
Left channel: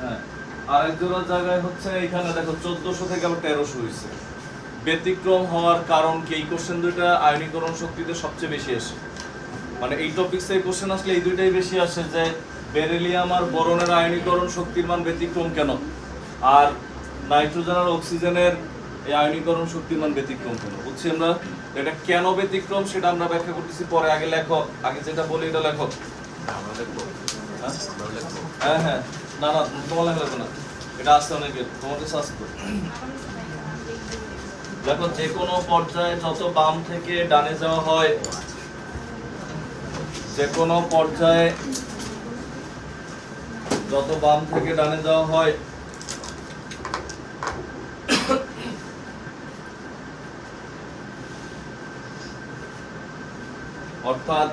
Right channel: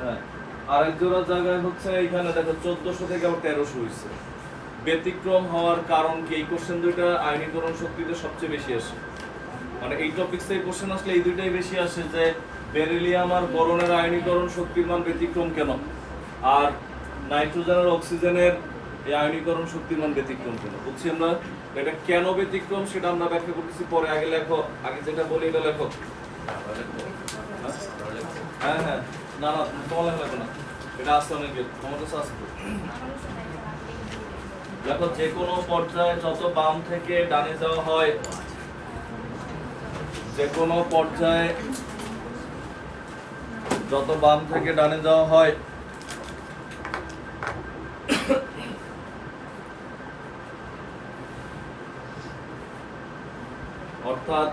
হ্যাঁ আর এক জোড়ার জায়গায় হচ্ছে এইখানে, দেখো 1400 থেকে আবার 1300 হয়েছে। ব্যতিক্রম হওয়ার কারণ কি, এই কোশ্চেন দুইটা আয়নীকরণ শক্তিতে সবচেয়ে বেশি আসে, মানে এই টপিকসে এই কোশ্চেন আসলে এই দুইটাই বেশি আসে, যে বেরিলিয়াম আর বোরনের আয়নীকরণ শক্তির মান ব্যতিক্রম কেন, আর নাইট্রোজেন আর অক্সিজেনের এই আয়নীকরণ শক্তির মান ব্যতিক্রম কেন। বুঝছি আমরা, এটা কেন ব্যতিক্রম সেটা আমরা ব্যাখ্যা করতেছি পরে, আগে লেখো, আগে যেটা বলি এটা লেখো। হ্যাঁ হ্যাঁ, না না তোমার লেখা লাগবে না, এটা আসছে অনেকে, তোমার কাছে আসছে। দেখো যে কোনো পর্যায়ে যত বাম থেকে ডানে যাওয়া হয়, যে কোনো পর্যায়ে যত বাম থেকে ডানে যাওয়া হয়, অর্থাৎ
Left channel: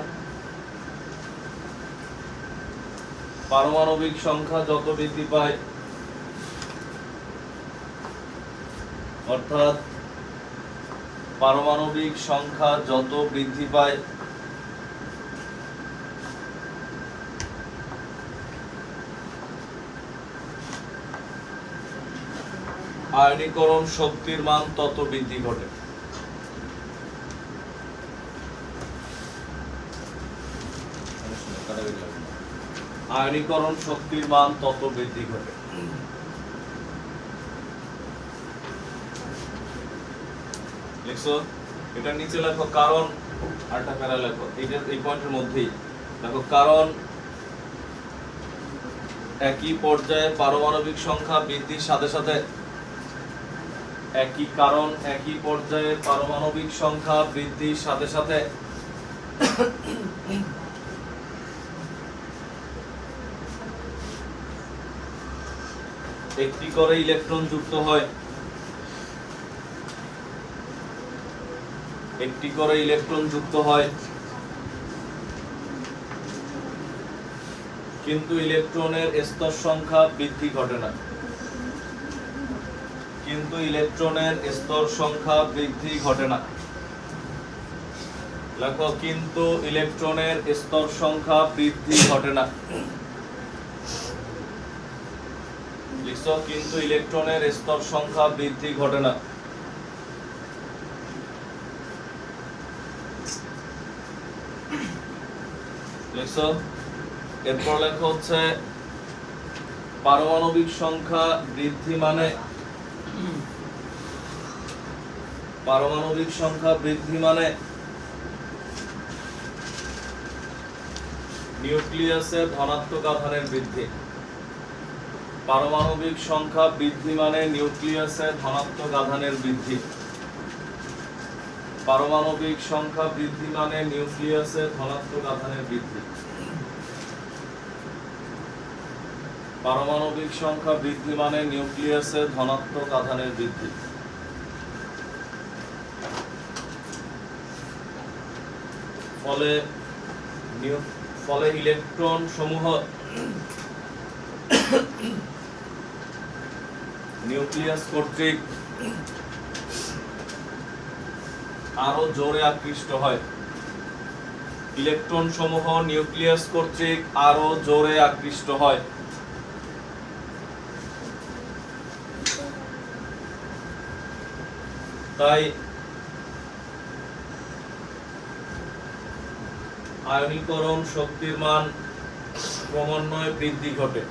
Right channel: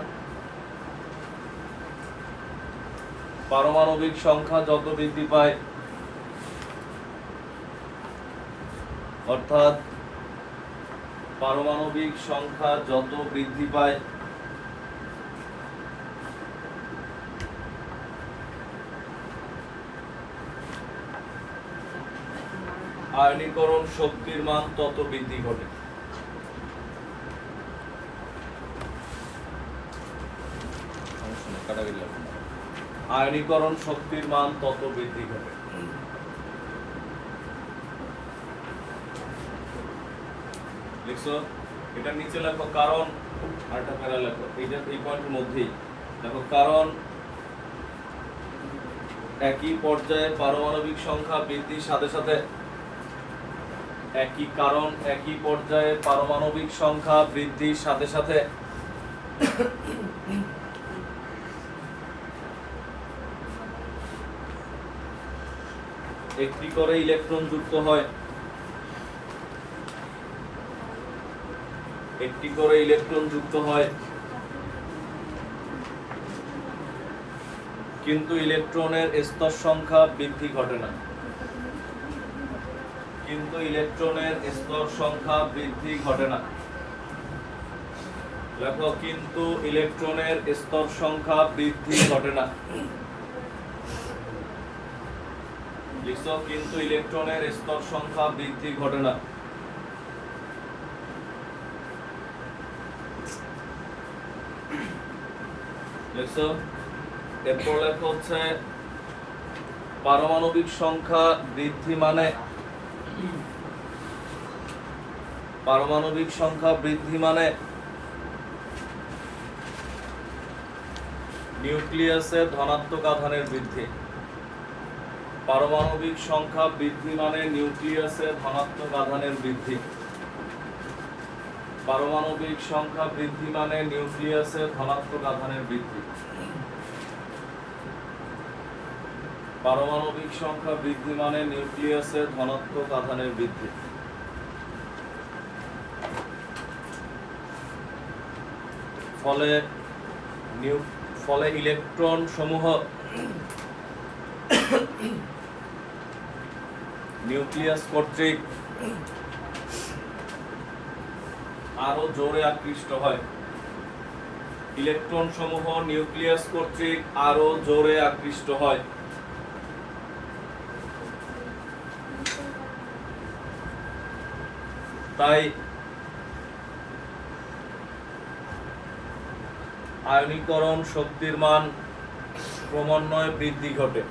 পারমাণবিক সংখ্যা যত বৃদ্ধি পায়, অর্থাৎ পারমাণবিক সংখ্যা যত বৃদ্ধি পায় আয়নীকরণ শক্তির মান তত বৃদ্ধি ঘটে। আয়নীকরণ শক্তির মান তত বৃদ্ধি ঘটে। লিখছো? এটা নিচে লেখো কারণ, আরেকটা প্যারা লেখো এই পয়েন্টের মধ্যেই দেখো, কারণ একই পর্যায়ে পারমাণবিক সংখ্যা বৃদ্ধির সাথে সাথে, একই পর্যায়ে পারমাণবিক সংখ্যা বৃদ্ধির সাথে সাথে একটি করে ইলেকট্রন যুক্ত হয়, একটি করে ইলেকট্রন যুক্ত হয়, কিন্তু ইলেকট্রনের স্তর সংখ্যা বৃদ্ধি ঘটে না। কিন্তু ইলেকট্রনের স্তর সংখ্যা বৃদ্ধি ঘটে না। লেখো, কিন্তু ইলেকট্রনের স্তর সংখ্যা বৃদ্ধি ঘটে না। লিখছো? কিন্তু ইলেকট্রনের স্তর সংখ্যা বৃদ্ধি ঘটে না। লিখছো? এরপর লেখা হচ্ছে পারমাণবিক সংখ্যা বৃদ্ধি মানে, পারমাণবিক সংখ্যা বৃদ্ধি মানে নিউক্লিয়াসে ধনাত্মক আধানের বৃদ্ধি। পারমাণবিক সংখ্যা বৃদ্ধি মানে নিউক্লিয়াসে ধনাত্মক আধানের বৃদ্ধি। পারমাণবিক সংখ্যা বৃদ্ধি মানে নিউক্লিয়াসে ধনাত্মক আধানের বৃদ্ধি। পারমাণবিক সংখ্যা বৃদ্ধি মানে নিউক্লিয়াসে ধনাত্মক আধানের বৃদ্ধি। ফলে ইলেকট্রন সমূহ নিউক্লিয়াস কর্তৃক আরো জোরে আকৃষ্ট হয়। ইলেকট্রন সমূহ নিউক্লিয়াস কর্তৃক আরো জোরে আকৃষ্ট হয়। তাই আয়নীকরণ শক্তির মান ক্রমান্বয়ে বৃদ্ধি ঘটে।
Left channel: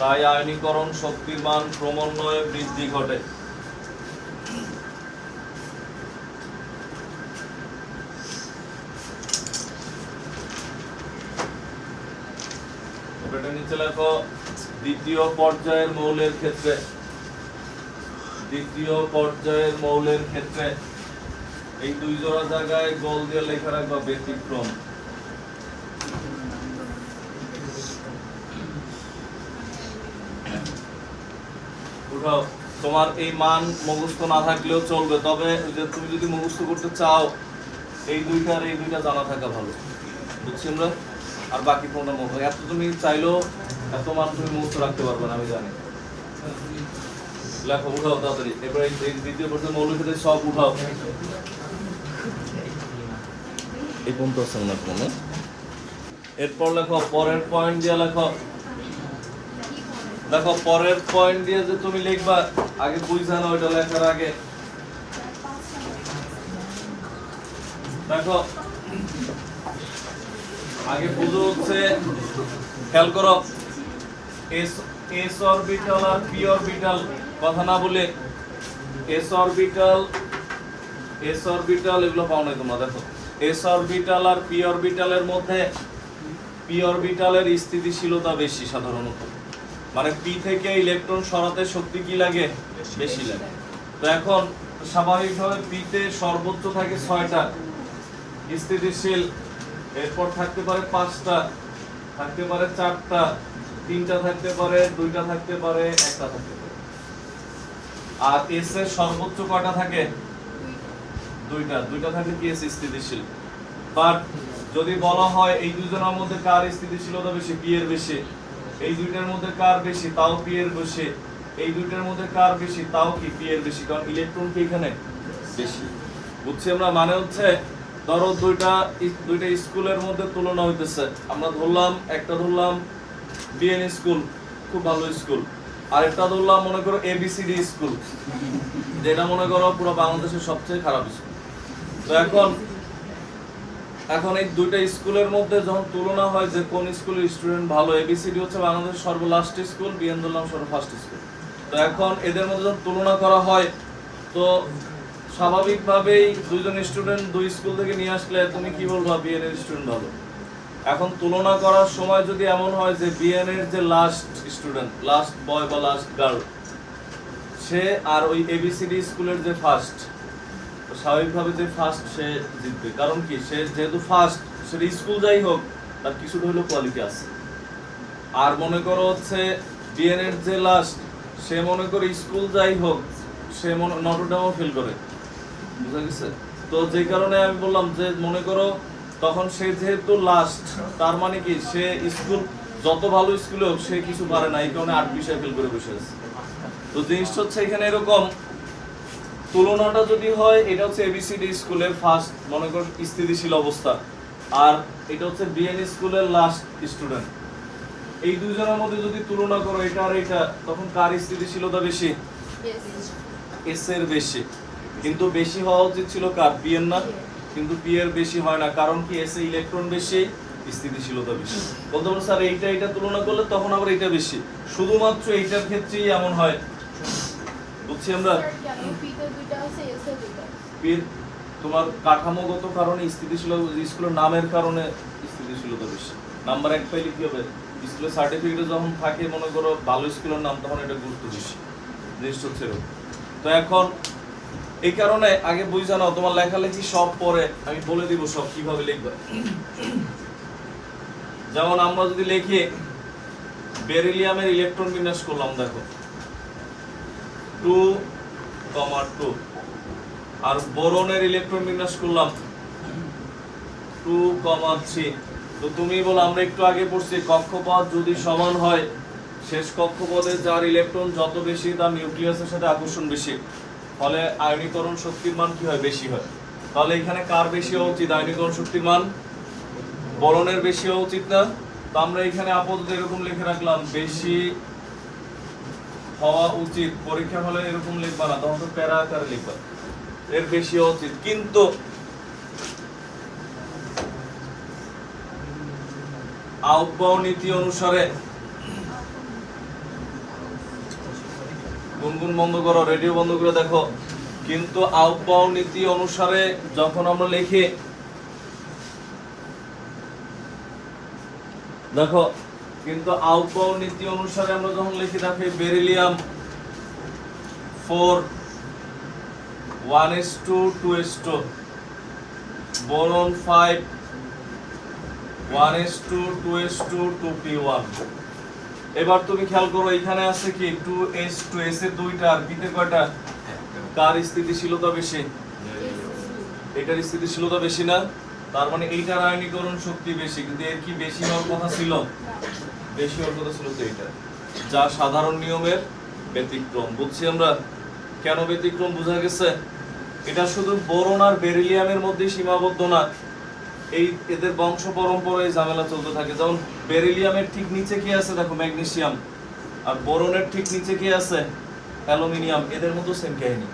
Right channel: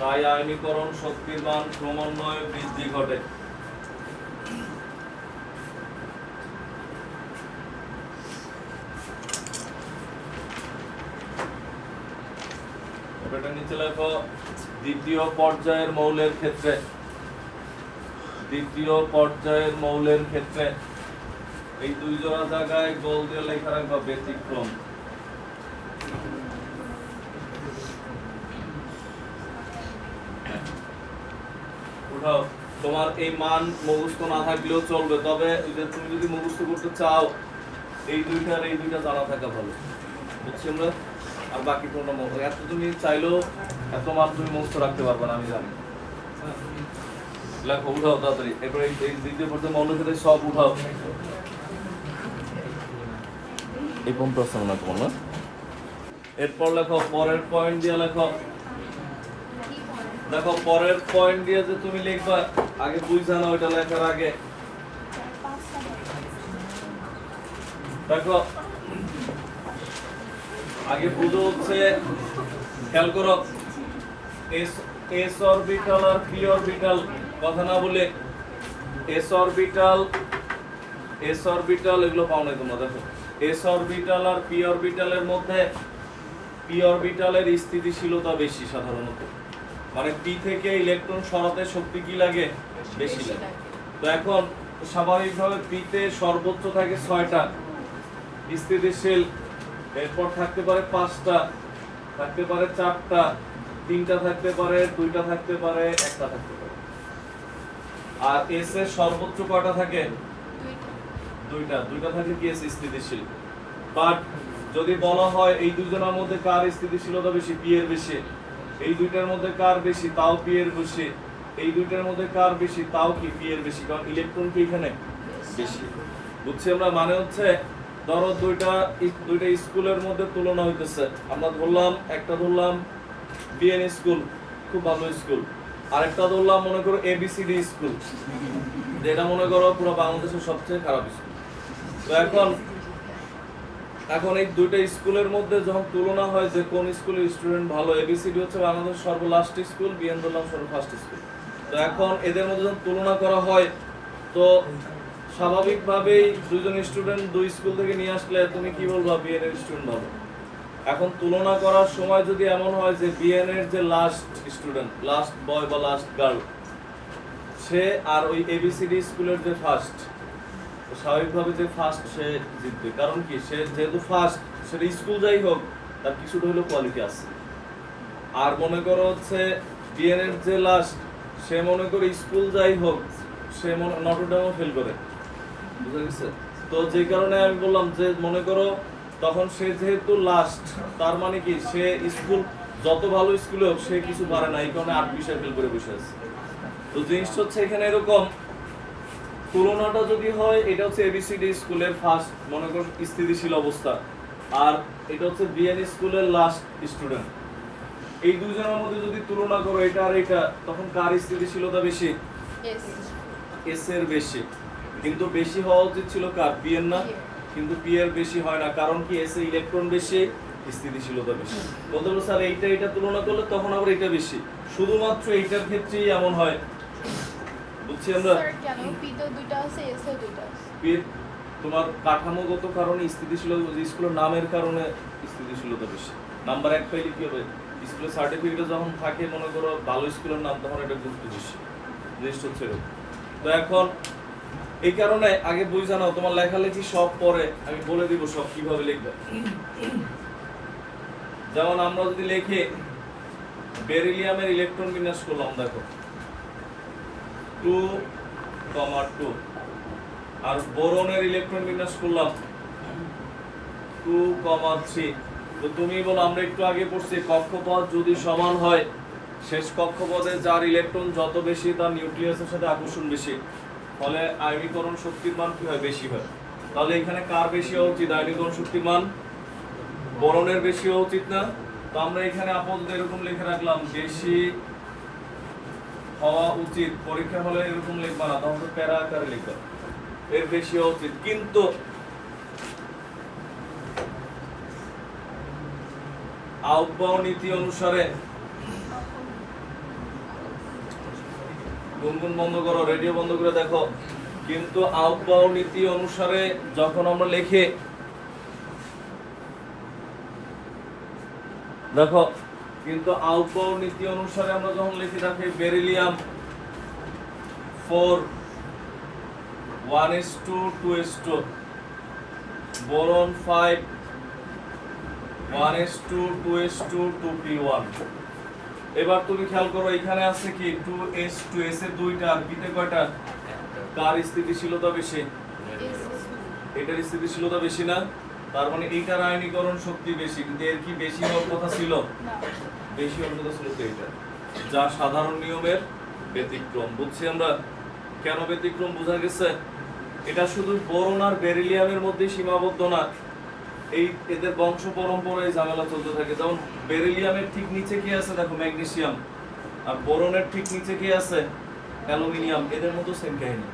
তাই আয়নীকরণ শক্তির মান ক্রমান্বয়ে বৃদ্ধি ঘটে। এটা নিচে লেখো, দ্বিতীয় পর্যায়ের মৌলের ক্ষেত্রে, দ্বিতীয় পর্যায়ের মৌলের ক্ষেত্রে এই দুই জোড়া জায়গায় গোল দিয়ে লেখা রাখবা ব্যতিক্রম। উঠাও, তোমার এই মান মুখস্থ না থাকলেও চলবে, তবে তুমি যদি মুখস্থ করতে চাও এই দুইটা জানা থাকা ভালো, বুঝছি আমরা। আর বাকি কোনটা মুখস্থ, এত তুমি চাইলেও এত মান তুমি মুখস্থ রাখতে পারবে না, আমি জানি। লেখো, উঠাও তাড়াতাড়ি। এবার এই দ্বিতীয় পর্যায়ে মৌলের ক্ষেত্রে সব উঠাও। এই পর্যন্ত আছে মনে হয় না? এরপর লেখো পরের পয়েন্ট দিয়ে লেখো। দেখো পরের পয়েন্ট দিয়ে যে তুমি লিখবা, আগে বুঝা না ওইটা লেখার আগে। দেখো আগে বুঝো হচ্ছে, খেয়াল করো, এস অরবিটাল আর পি অরবিটাল কথা না বলে এস অরবিটাল এগুলো পাও নাই তোমরা। দেখো এস অরবিটাল আর পি অরবিটালের মধ্যে পি অরবিটালের স্থিতিশীলতা বেশি সাধারণত, মানে পি থেকে ইলেকট্রন সরাতে শক্তি কি লাগে? বেশি লাগে। তো এখন স্বাভাবিকভাবে পিতে সর্বোচ্চ থাকে 6টা স্থিতিশীল, এরপর থাকতে পারে 5টা, থাকতে পারে 4টা, 3টা থাকতে পারে, 2টা থাকতে পারে, 1টা থাকতে পারে। আর এস এর সর্বোচ্চ কয়টা থাকে? 2টা থাকলে কি এস স্থিতিশীল। বাট যদি বলা হয় এই দুজনের মধ্যে কার স্থিতিশীলতা বেশি, পি এর বেশি, এই দুইটার মধ্যে কার বেশি, তাও পি এর বেশি, এই দুইটার মধ্যে কার বেশি, তাও কি পি এর বেশি, কারণ ইলেকট্রন কি এখানে বেশি। বুঝছি আমরা? মানে হচ্ছে ধরো দুইটা স্কুলের মধ্যে তুলনা হইতেছে, আমরা ধরলাম একটা ধরলাম বিএন স্কুল, খুব ভালো স্কুল, আরেকটা ধরলাম মনে করো এবিসিডি স্কুল, যেটা মনে করো পুরো বাংলাদেশের সবচেয়ে খারাপ স্কুল। তো এখন এই দুইটা স্কুলের মধ্যে যখন তুলনা হয় যে কোন স্কুলের স্টুডেন্ট ভালো, এবিসিডি হচ্ছে বাংলাদেশের সর্বলাস্ট স্কুল, বিএন ধরলাম সর্বফার্স্ট স্কুল। তো এখন এদের মধ্যে যখন তুলনা করা হয়, তো স্বাভাবিকভাবেই দুইজন স্টুডেন্ট দুই স্কুল থেকে নিয়ে আসলে তুমি কি বলবা, বিএন এর স্টুডেন্ট ভালো। এখন তুলনা করার সময় যদি এমন হয় যে বিএন এর যে লাস্ট স্টুডেন্ট, লাস্ট বয় বা লাস্ট গার্ল, সে আর ওই এবিসিডি স্কুলের যে ফার্স্ট, স্বাভাবিকভাবে যে ফার্স্ট সে জিতবে। কারণ কি, সে যেহেতু ফার্স্ট, সেটা স্কুল যাই হোক তার কিছুটা হলেও কোয়ালিটি আছে। আর মনে করো হচ্ছে বিএন এর যে লাস্ট, সে মনে করে স্কুল যাই হোক সে নটরডেমও ফেল করে, বুঝা গেছে? তো যে কারণে আমি বললাম যে মনে করো তখন সে যেহেতু লাস্ট, তার মানে কি সে স্কুল যত ভালো স্কুলে হোক সে কিছু পারে না, এই কারণে 8 বিষয় ফেল করে বসে আছে। তো জিনিসটা হচ্ছে এখানে এরকম, তুলনাটা যদি হয় এটা হচ্ছে এবিসিডি স্কুলের ফার্স্ট মনে করো স্থিতিশীল অবস্থা, আর এটা হচ্ছে বিএন স্কুলের লাস্ট স্টুডেন্ট, এই দুজনের মধ্যে যদি তুলনা করো এটা আর এটা, তখন কার স্থিতিশীলতা বেশি? এস এর বেশি। কিন্তু বেশি হওয়া উচিত ছিল কার? পি এর না, কিন্তু পি এর বেশি হয় না। কারণ কি, এস এ ইলেকট্রন বেশি, স্থিতিশীলতা বেশি। বলতে পারো স্যার এইটা তুলনা করলে তখন আবার এটা বেশি, শুধুমাত্র এইটার ক্ষেত্রেই এমন হয়। বুঝছি আমরা? পি তোমার কাঠামোগত কারণে স্থিতিশীলতা, স্কুলের নামের কারণে স্থিতিশীলতা বেশি। নাম্বার 1 পাইলে কি হবে, স্কুলের সার্টিফিকেটে যখন থাকে মনে করো ভালো স্কুলের নাম, তখন এটা গুরুত্ব বেশি। জিনিসটা হচ্ছে এরকম। তো এখন এই কারণে আগে বুঝে নাও, তোমার লেখালেখি সব পরে আমি বলে দিব সব কিভাবে লিখবে। যেমন আমরা যদি লিখি বেরিলিয়ামের ইলেকট্রন বিন্যাস করলাম, দেখো 2,2, আর বোরনের ইলেকট্রন বিন্যাস করলাম 2,3। তো তুমি বলো, আমরা একটু আগে পড়ছি কক্ষপথ যদি সমান হয়, শেষ কক্ষপথে যার ইলেকট্রন যত বেশি তার নিউক্লিয়াসের সাথে আকর্ষণ বেশি, ফলে আয়নীকরণ শক্তির মান কি হয়? বেশি হয়। তাহলে এখানে কার বেশি হওয়া উচিত? আয়নীকরণ শক্তির মান বোরনের বেশি হওয়া উচিত না? তো আমরা এখানে আপাতত এরকম লিখে রাখলাম, বেশি হওয়া উচিত। পরীক্ষা হলে এরকম লিখবা না, তখন তো প্যারা আকারে লিখবা, এর বেশি হওয়া উচিত। কিন্তু আউটবাউ নীতি অনুসারে, গুনগুন বন্ধ করো, রেডিও বন্ধ করে দেখো, কিন্তু আউটবাউ নীতি অনুসারে যখন আমরা লিখি, দেখো কিন্তু আউটবাউ নীতি অনুসারে আমরা যখন লিখি, দেখো বেরিলিয়াম 4 1:2:2, বোরন 5 1:2:2p1। এবার তুমি খেয়াল করো, এখানে আছে কি 2s2, s এর 2টা, আর p তে কয়টা? কার স্থিতিশীলতা বেশি? এটার স্থিতিশীলতা বেশি না? তার মানে এইটার আয়নীকরণ শক্তি বেশি, কিন্তু এর কি বেশি হওয়ার কথা ছিল? বেশি হওয়ার কথা ছিল তো এইটা, যা সাধারণ নিয়মের ব্যতিক্রম। বুঝছি আমরা কেন ব্যতিক্রম, বোঝা গেছে? এটা শুধু বোরন আর বেরিলিয়ামের মধ্যে সীমাবদ্ধ না, এই এদের বংশ পরম্পরায় ঝামেলা চলতে থাকে। যেমন বেরিলিয়ামের ঠিক নিচে কি আছে দেখো, ম্যাগনেসিয়াম, আর বোরনের ঠিক নিচে কি আছে? অ্যালুমিনিয়াম। এদের মধ্যে সেম কাহিনী,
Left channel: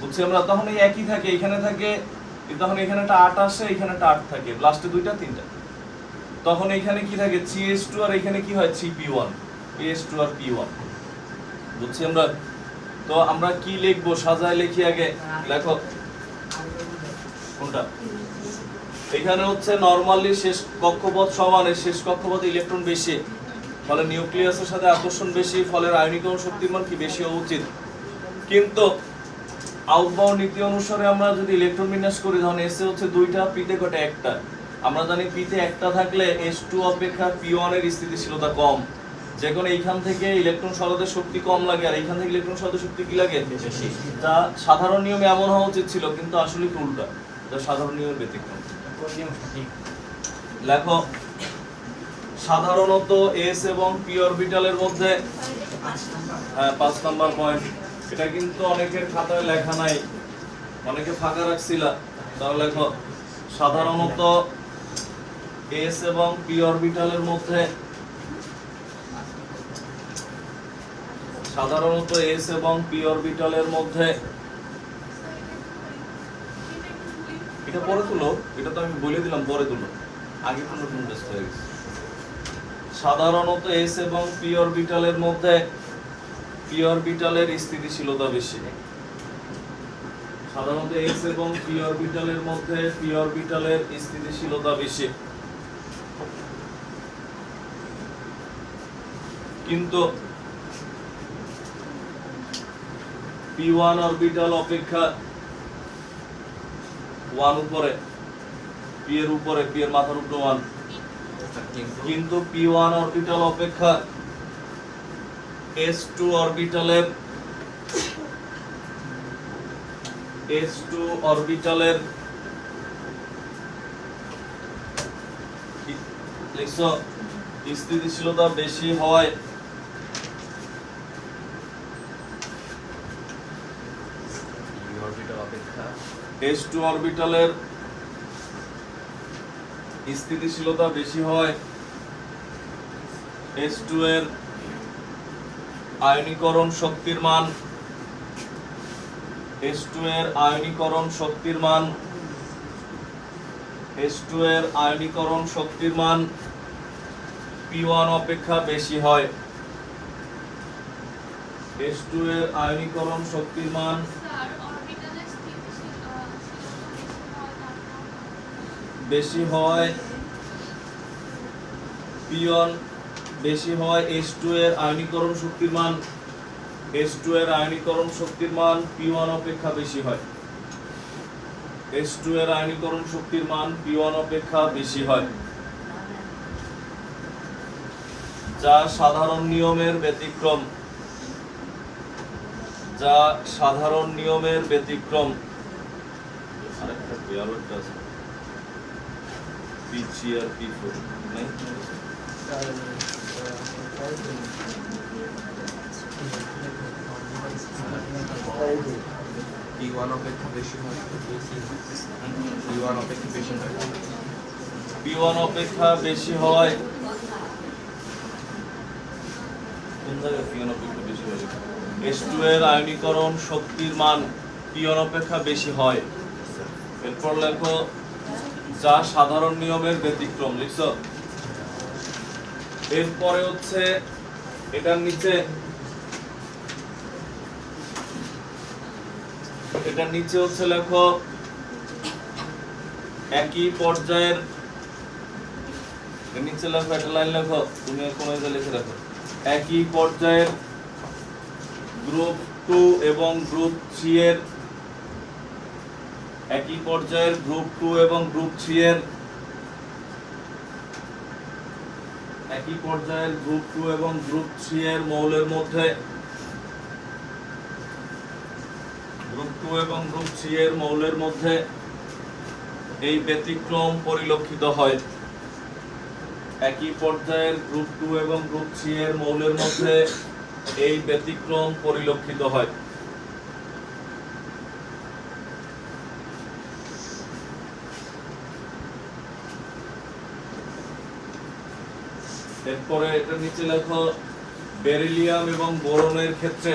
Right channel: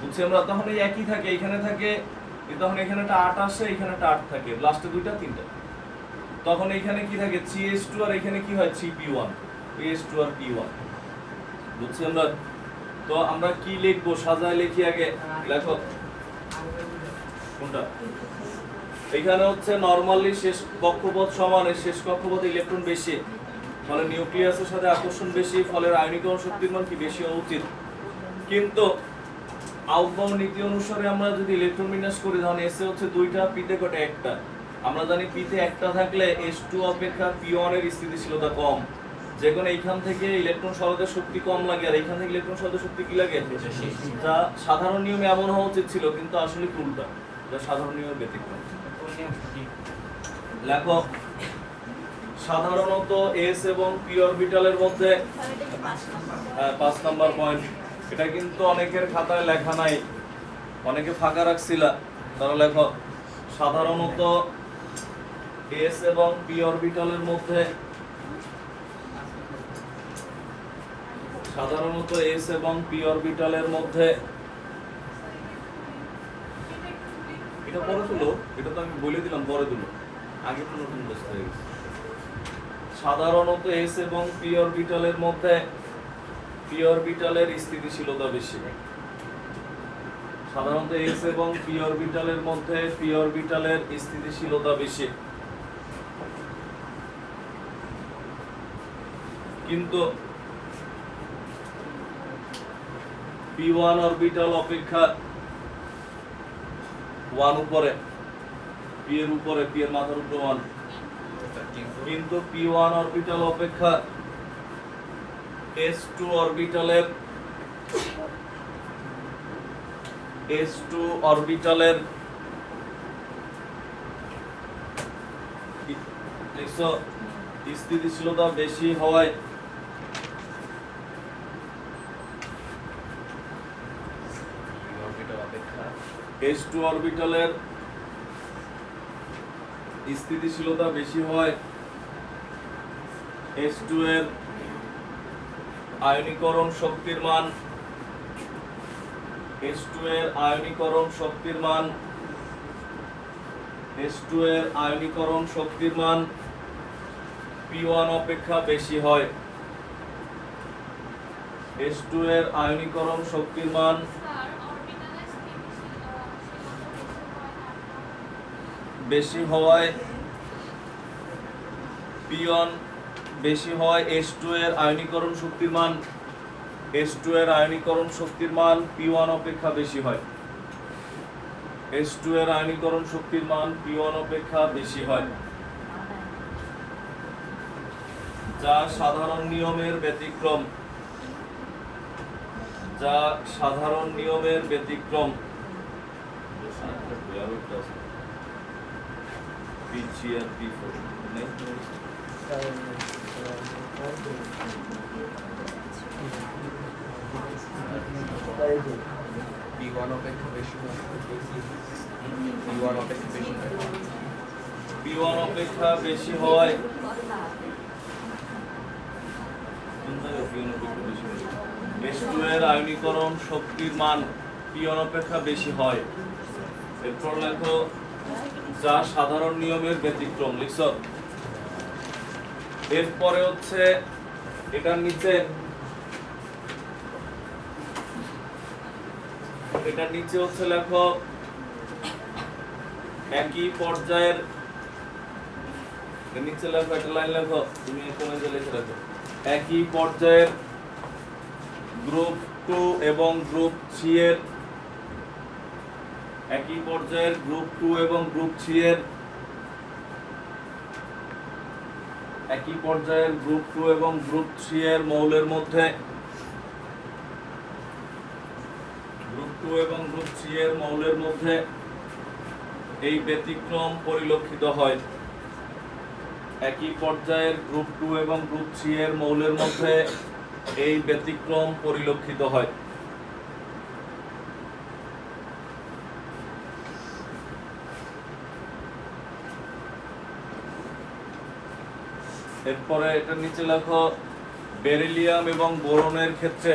বুঝছি আমরা? তখন এই একই থাকে, এখানে থাকে, তখন এখানে একটা 8 আসে, এখানে একটা 8 থাকে, লাস্টে 2টা 3টা। তখন এখানে কি থাকে? 3s2, আর এখানে কি হয়? 3p1, as2 আর p1। বুঝছি আমরা? তো আমরা কি লিখবো, সাজায় লিখি আগে। লেখো কোনটা? এখানে হচ্ছে নরমালি শেষ কক্ষপথ সমান, শেষ কক্ষপথে ইলেকট্রন বেশি, ফলে নিউক্লিয়াসের সাথে আকর্ষণ বেশি, ফলে আয়নীকরণ শক্তির মান কি? বেশি হওয়া উচিত। কিন্তু আউটবাউন্ড নীতি অনুসারে আমরা যদি ইলেকট্রন বিন্যাস করি তখন এসে হচ্ছে দুইটা, পিতে কটা একটা। আমরা জানি পিতে একটা থাকলে H2 অপেক্ষা P1 এর স্থিতিশীলতা কম, যে কোনো এইখান থেকে ইলেকট্রন সরাতে শক্তি কম লাগে আর এইখান থেকে ইলেকট্রন সরাতে শক্তি কি লাগে বেশি। যা সাধারণ নিয়মে এমন হওয়া উচিত ছিল, কিন্তু আসলে কি উল্টা, যা সাধারণ নিয়মের ব্যতিক্রম। লেখো সাধারণত S এবং P অরবিটালের মধ্যে 5 নাম্বার পয়েন্ট। এটা কিন্তু অনেকের খাতায় লেখা নাই, অনেকে ফাঁকা রাখছিলা, তারা লেখো সাধারণত S এবং P অরবিটালের মধ্যে সাধারণত S এবং P অরবিটালের মধ্যে, এটা পরে তুলো, এটা তো আমি বলে দিলাম পরে তুলো, আগে তো নতুন ব্যস্ত হয়ে গেছে। সাধারণত S এবং P অরবিটালের মধ্যে P অরবিটালের স্থিতিশীলতা বেশি। সাধারণত S এবং P অরবিটালের মধ্যে P অরবিটালের স্থিতিশীলতা বেশি, কিন্তু P1 অরবিটাল অপেক্ষা 1 উপরে, P এর উপরে, P এর মাথার উপরে 1, কিন্তু P1 অরবিটাল অপেক্ষা S2 অরবিটালের স্থিতিশীলতা বেশি হয় S2 অরবিটালের স্থিতিশীলতা বেশি হয় S2 এর আয়নীকরণ শক্তির মান, S2 এর আয়নীকরণ শক্তির মান, S2 এর আয়নীকরণ শক্তির মান P1 অপেক্ষা বেশি হয়। S2 এর আয়নীকরণ শক্তির মান বেশি হয় P1 বেশি হয় S2 এর আয়নীকরণ শক্তির মান, S2 এর আয়নীকরণ শক্তির মান P1 অপেক্ষা বেশি হয়। S2 এর আয়নীকরণ শক্তির মান P1 অপেক্ষা বেশি হয়, যা সাধারণ নিয়মের ব্যতিক্রম, যা সাধারণ নিয়মের ব্যতিক্রম। আরেকটা পেয়ারটা আছে P3 আর P4 নেই, P1 অপেক্ষা বেশি হয়, P1 অপেক্ষা বেশি হয়, P1 অপেক্ষা বেশি হয়, P1 অপেক্ষা বেশি হয়। S2 এর আয়নীকরণ শক্তির মান P1 অপেক্ষা বেশি হয়। এরপর লেখো যা সাধারণ নিয়মের ব্যতিক্রম, লিখছো। এরপরে হচ্ছে এটার নিচে হচ্ছে লেখো একই পর্যায়ের, নিচে লেখো একটা লাইন লেখো, তুমি কোন লিখে রাখো, একই পর্যায়ের গ্রুপ 2 এবং গ্রুপ 3 এর, একই পর্যায়ের গ্রুপ 2 এবং গ্রুপ 3 এর, একই পর্যায়ের গ্রুপ 2 এবং গ্রুপ 3 এর মৌলের মধ্যে, গ্রুপ 2 এবং গ্রুপ 3 এর মৌলের মধ্যে এই ব্যতিক্রম পরিলক্ষিত হয়। একই পর্যায়ের গ্রুপ 2 এবং গ্রুপ 3 এর মৌলের মধ্যে এই ব্যতিক্রম পরিলক্ষিত হয়। এরপরে এটার নিচে লেখো বেরিলিয়াম এবং বোরনের ক্ষেত্রে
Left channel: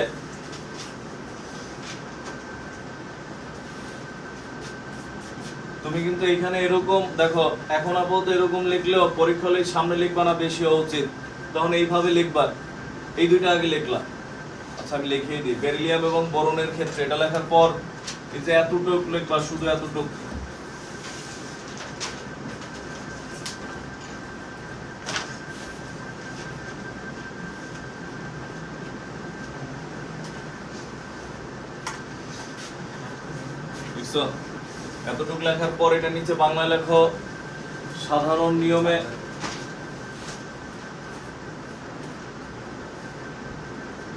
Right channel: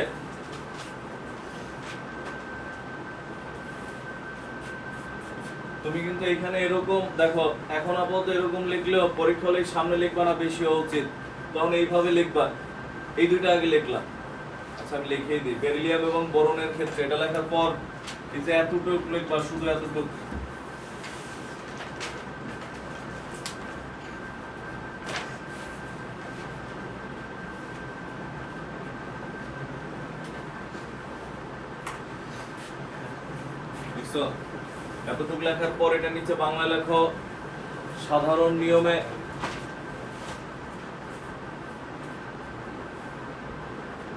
তুমি কিন্তু এখানে এরকম দেখো, এখন আপাতত এরকম লিখলেও পরীক্ষা হলে সামনে লিখবা না, বেশি হওয়া উচিত, তখন এইভাবে লিখবা, এই দুইটা আগে লিখলা। আচ্ছা আমি লিখেই দিই, বেরিলিয়াম এবং বোরনের ক্ষেত্রে, এটা লেখার পর এই যে এতটুকু লিখবা, শুধু এতটুকু, দেখছো? এতটুকু লেখার পর এটা নিচে বাংলা লেখো সাধারণ নিয়মে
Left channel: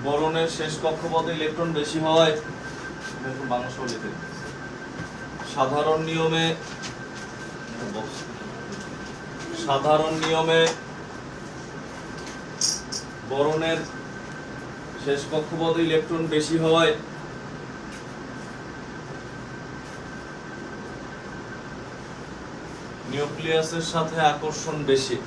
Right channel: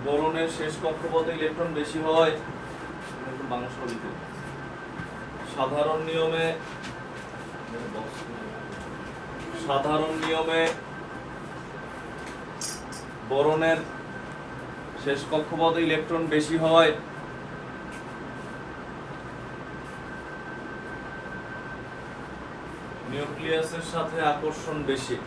বোরনের শেষ কক্ষপথে ইলেকট্রন বেশি হওয়ায় বাংলা সহ লিখে দিচ্ছি। সাধারণ নিয়মে বোরনের শেষ কক্ষপথে ইলেকট্রন বেশি হওয়ায় নিউক্লিয়াসের সাথে আকর্ষণ বেশি।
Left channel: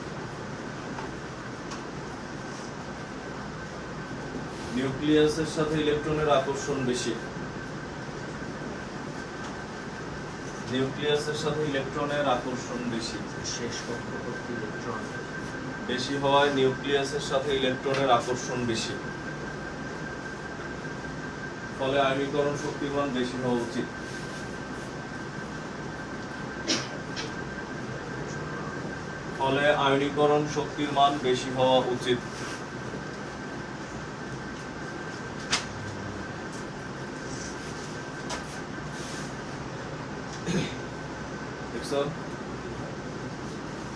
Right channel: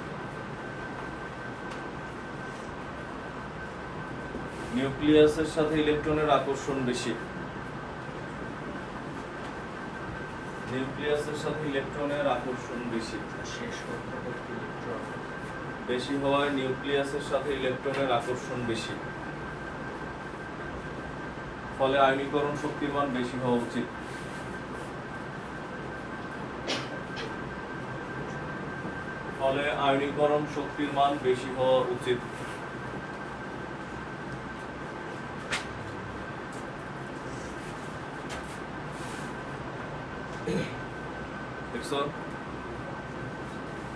নিউক্লিয়াসের সাথে ইলেকট্রনের আকর্ষণ বেশি। নিউক্লিয়াসের সাথে ইলেকট্রনের আকর্ষণ বেশি। শেষ কক্ষপথে ইলেকট্রন বেশি হওয়ায় নিউক্লিয়াসের সাথে ইলেকট্রনের আকর্ষণ বেশি। ফলে আয়নীকরণ শক্তির মান বেশি হওয়া উচিত। ফলে আয়নীকরণ শক্তির মান বেশি হওয়া উচিত। দেখছো?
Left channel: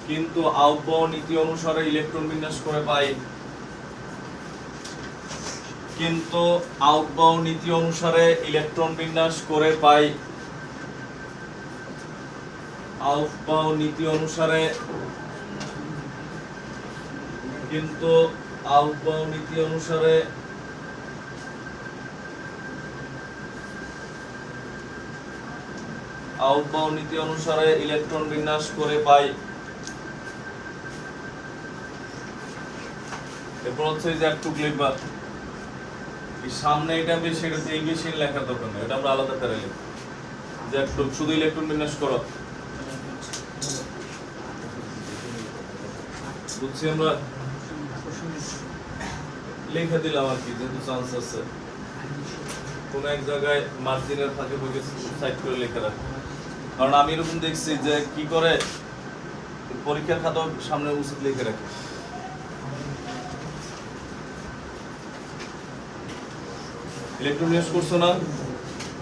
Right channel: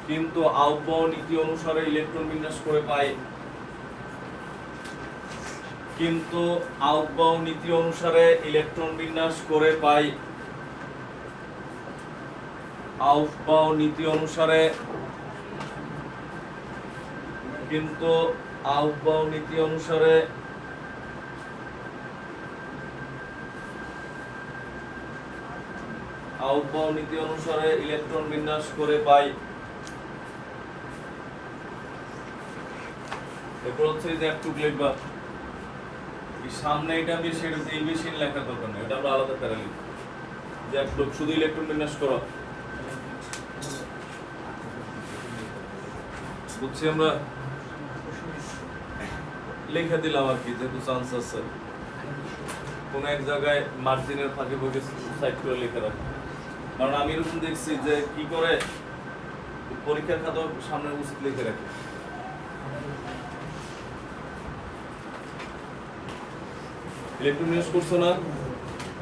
কিন্তু আউটবাউন্ড নীতি অনুসারে ইলেকট্রন বিন্যাস করে পাই। কিন্তু আউটবাউন্ড নীতি অনুসারে ইলেকট্রন বিন্যাস করে পাই। আউটবাউন্ড নীতি অনুসারে কিন্তু আউটবাউন্ড নীতি অনুসারে আউটবাউন্ড নীতি অনুসারে ইলেকট্রন বিন্যাস করে পাই। এরপর হচ্ছে যে একটু লিখবা সামনে এটা বেশি এটা এই বেশি লেখার দরকার নেই, এটা আমরা আলাদা করে লিখব যে একটু শুধু ইলেকট্রন বিন্যাস করো। বুঝছি আমরা লিখে দিলাম আর কি, যেহেতু চান্স আছে কোন এক জায়গায় মার্জিনের ফাঁকে ফাঁকে সাইড করে লিখে রাখি। কারণ আমি এরকম দেখছি যে কি করে পরীক্ষার খাতা সামনে উচিত লিখে রাখে। ইলেকট্রন বিন্যাস করছো না?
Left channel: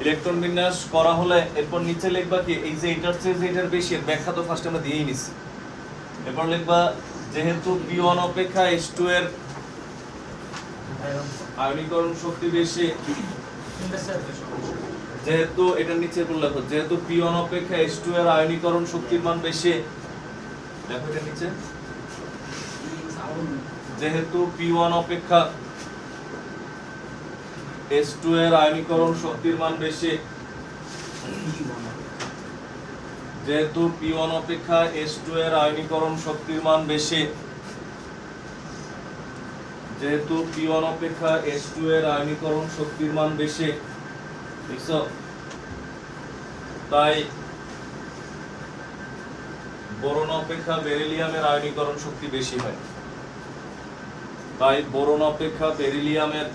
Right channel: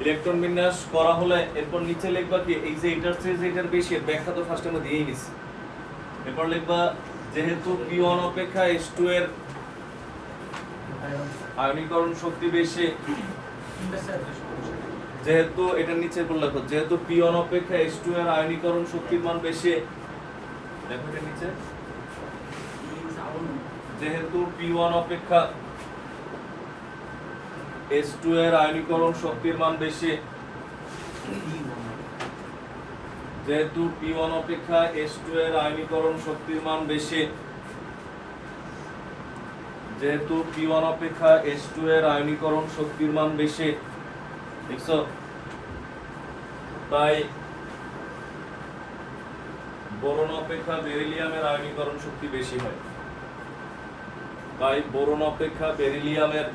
ইলেকট্রন বিন্যাস করা হলে এরপর নিচে লিখবা কি এই যে এটার চেয়ে যে এটার বেশি এর ব্যাখ্যা তো ফার্স্ট আমরা দিয়েই নিছি। এরপর লিখবা যেহেতু P1 অপেক্ষা H2 এর আয়নীকরণ শক্তি বেশি, যেহেতু এটার নিচে বলে লেখো যেহেতু P1 অপেক্ষা H2 এর আয়নীকরণ শক্তির মান বেশি, দেখো এটার নিচে যেহেতু P1 অপেক্ষা H2 এর আয়নীকরণ শক্তির মান বেশি, যেহেতু P1 অপেক্ষা H2 এর আয়নীকরণ শক্তির মান বেশি, যেহেতু P1 অপেক্ষা H2 এর আয়নীকরণ শক্তির মান বেশি, দেখছো? তাই বোরন অপেক্ষা বেরিলিয়ামের আয়নীকরণ শক্তি বেশি হয়। তাই বোরন অপেক্ষা বেরিলিয়ামের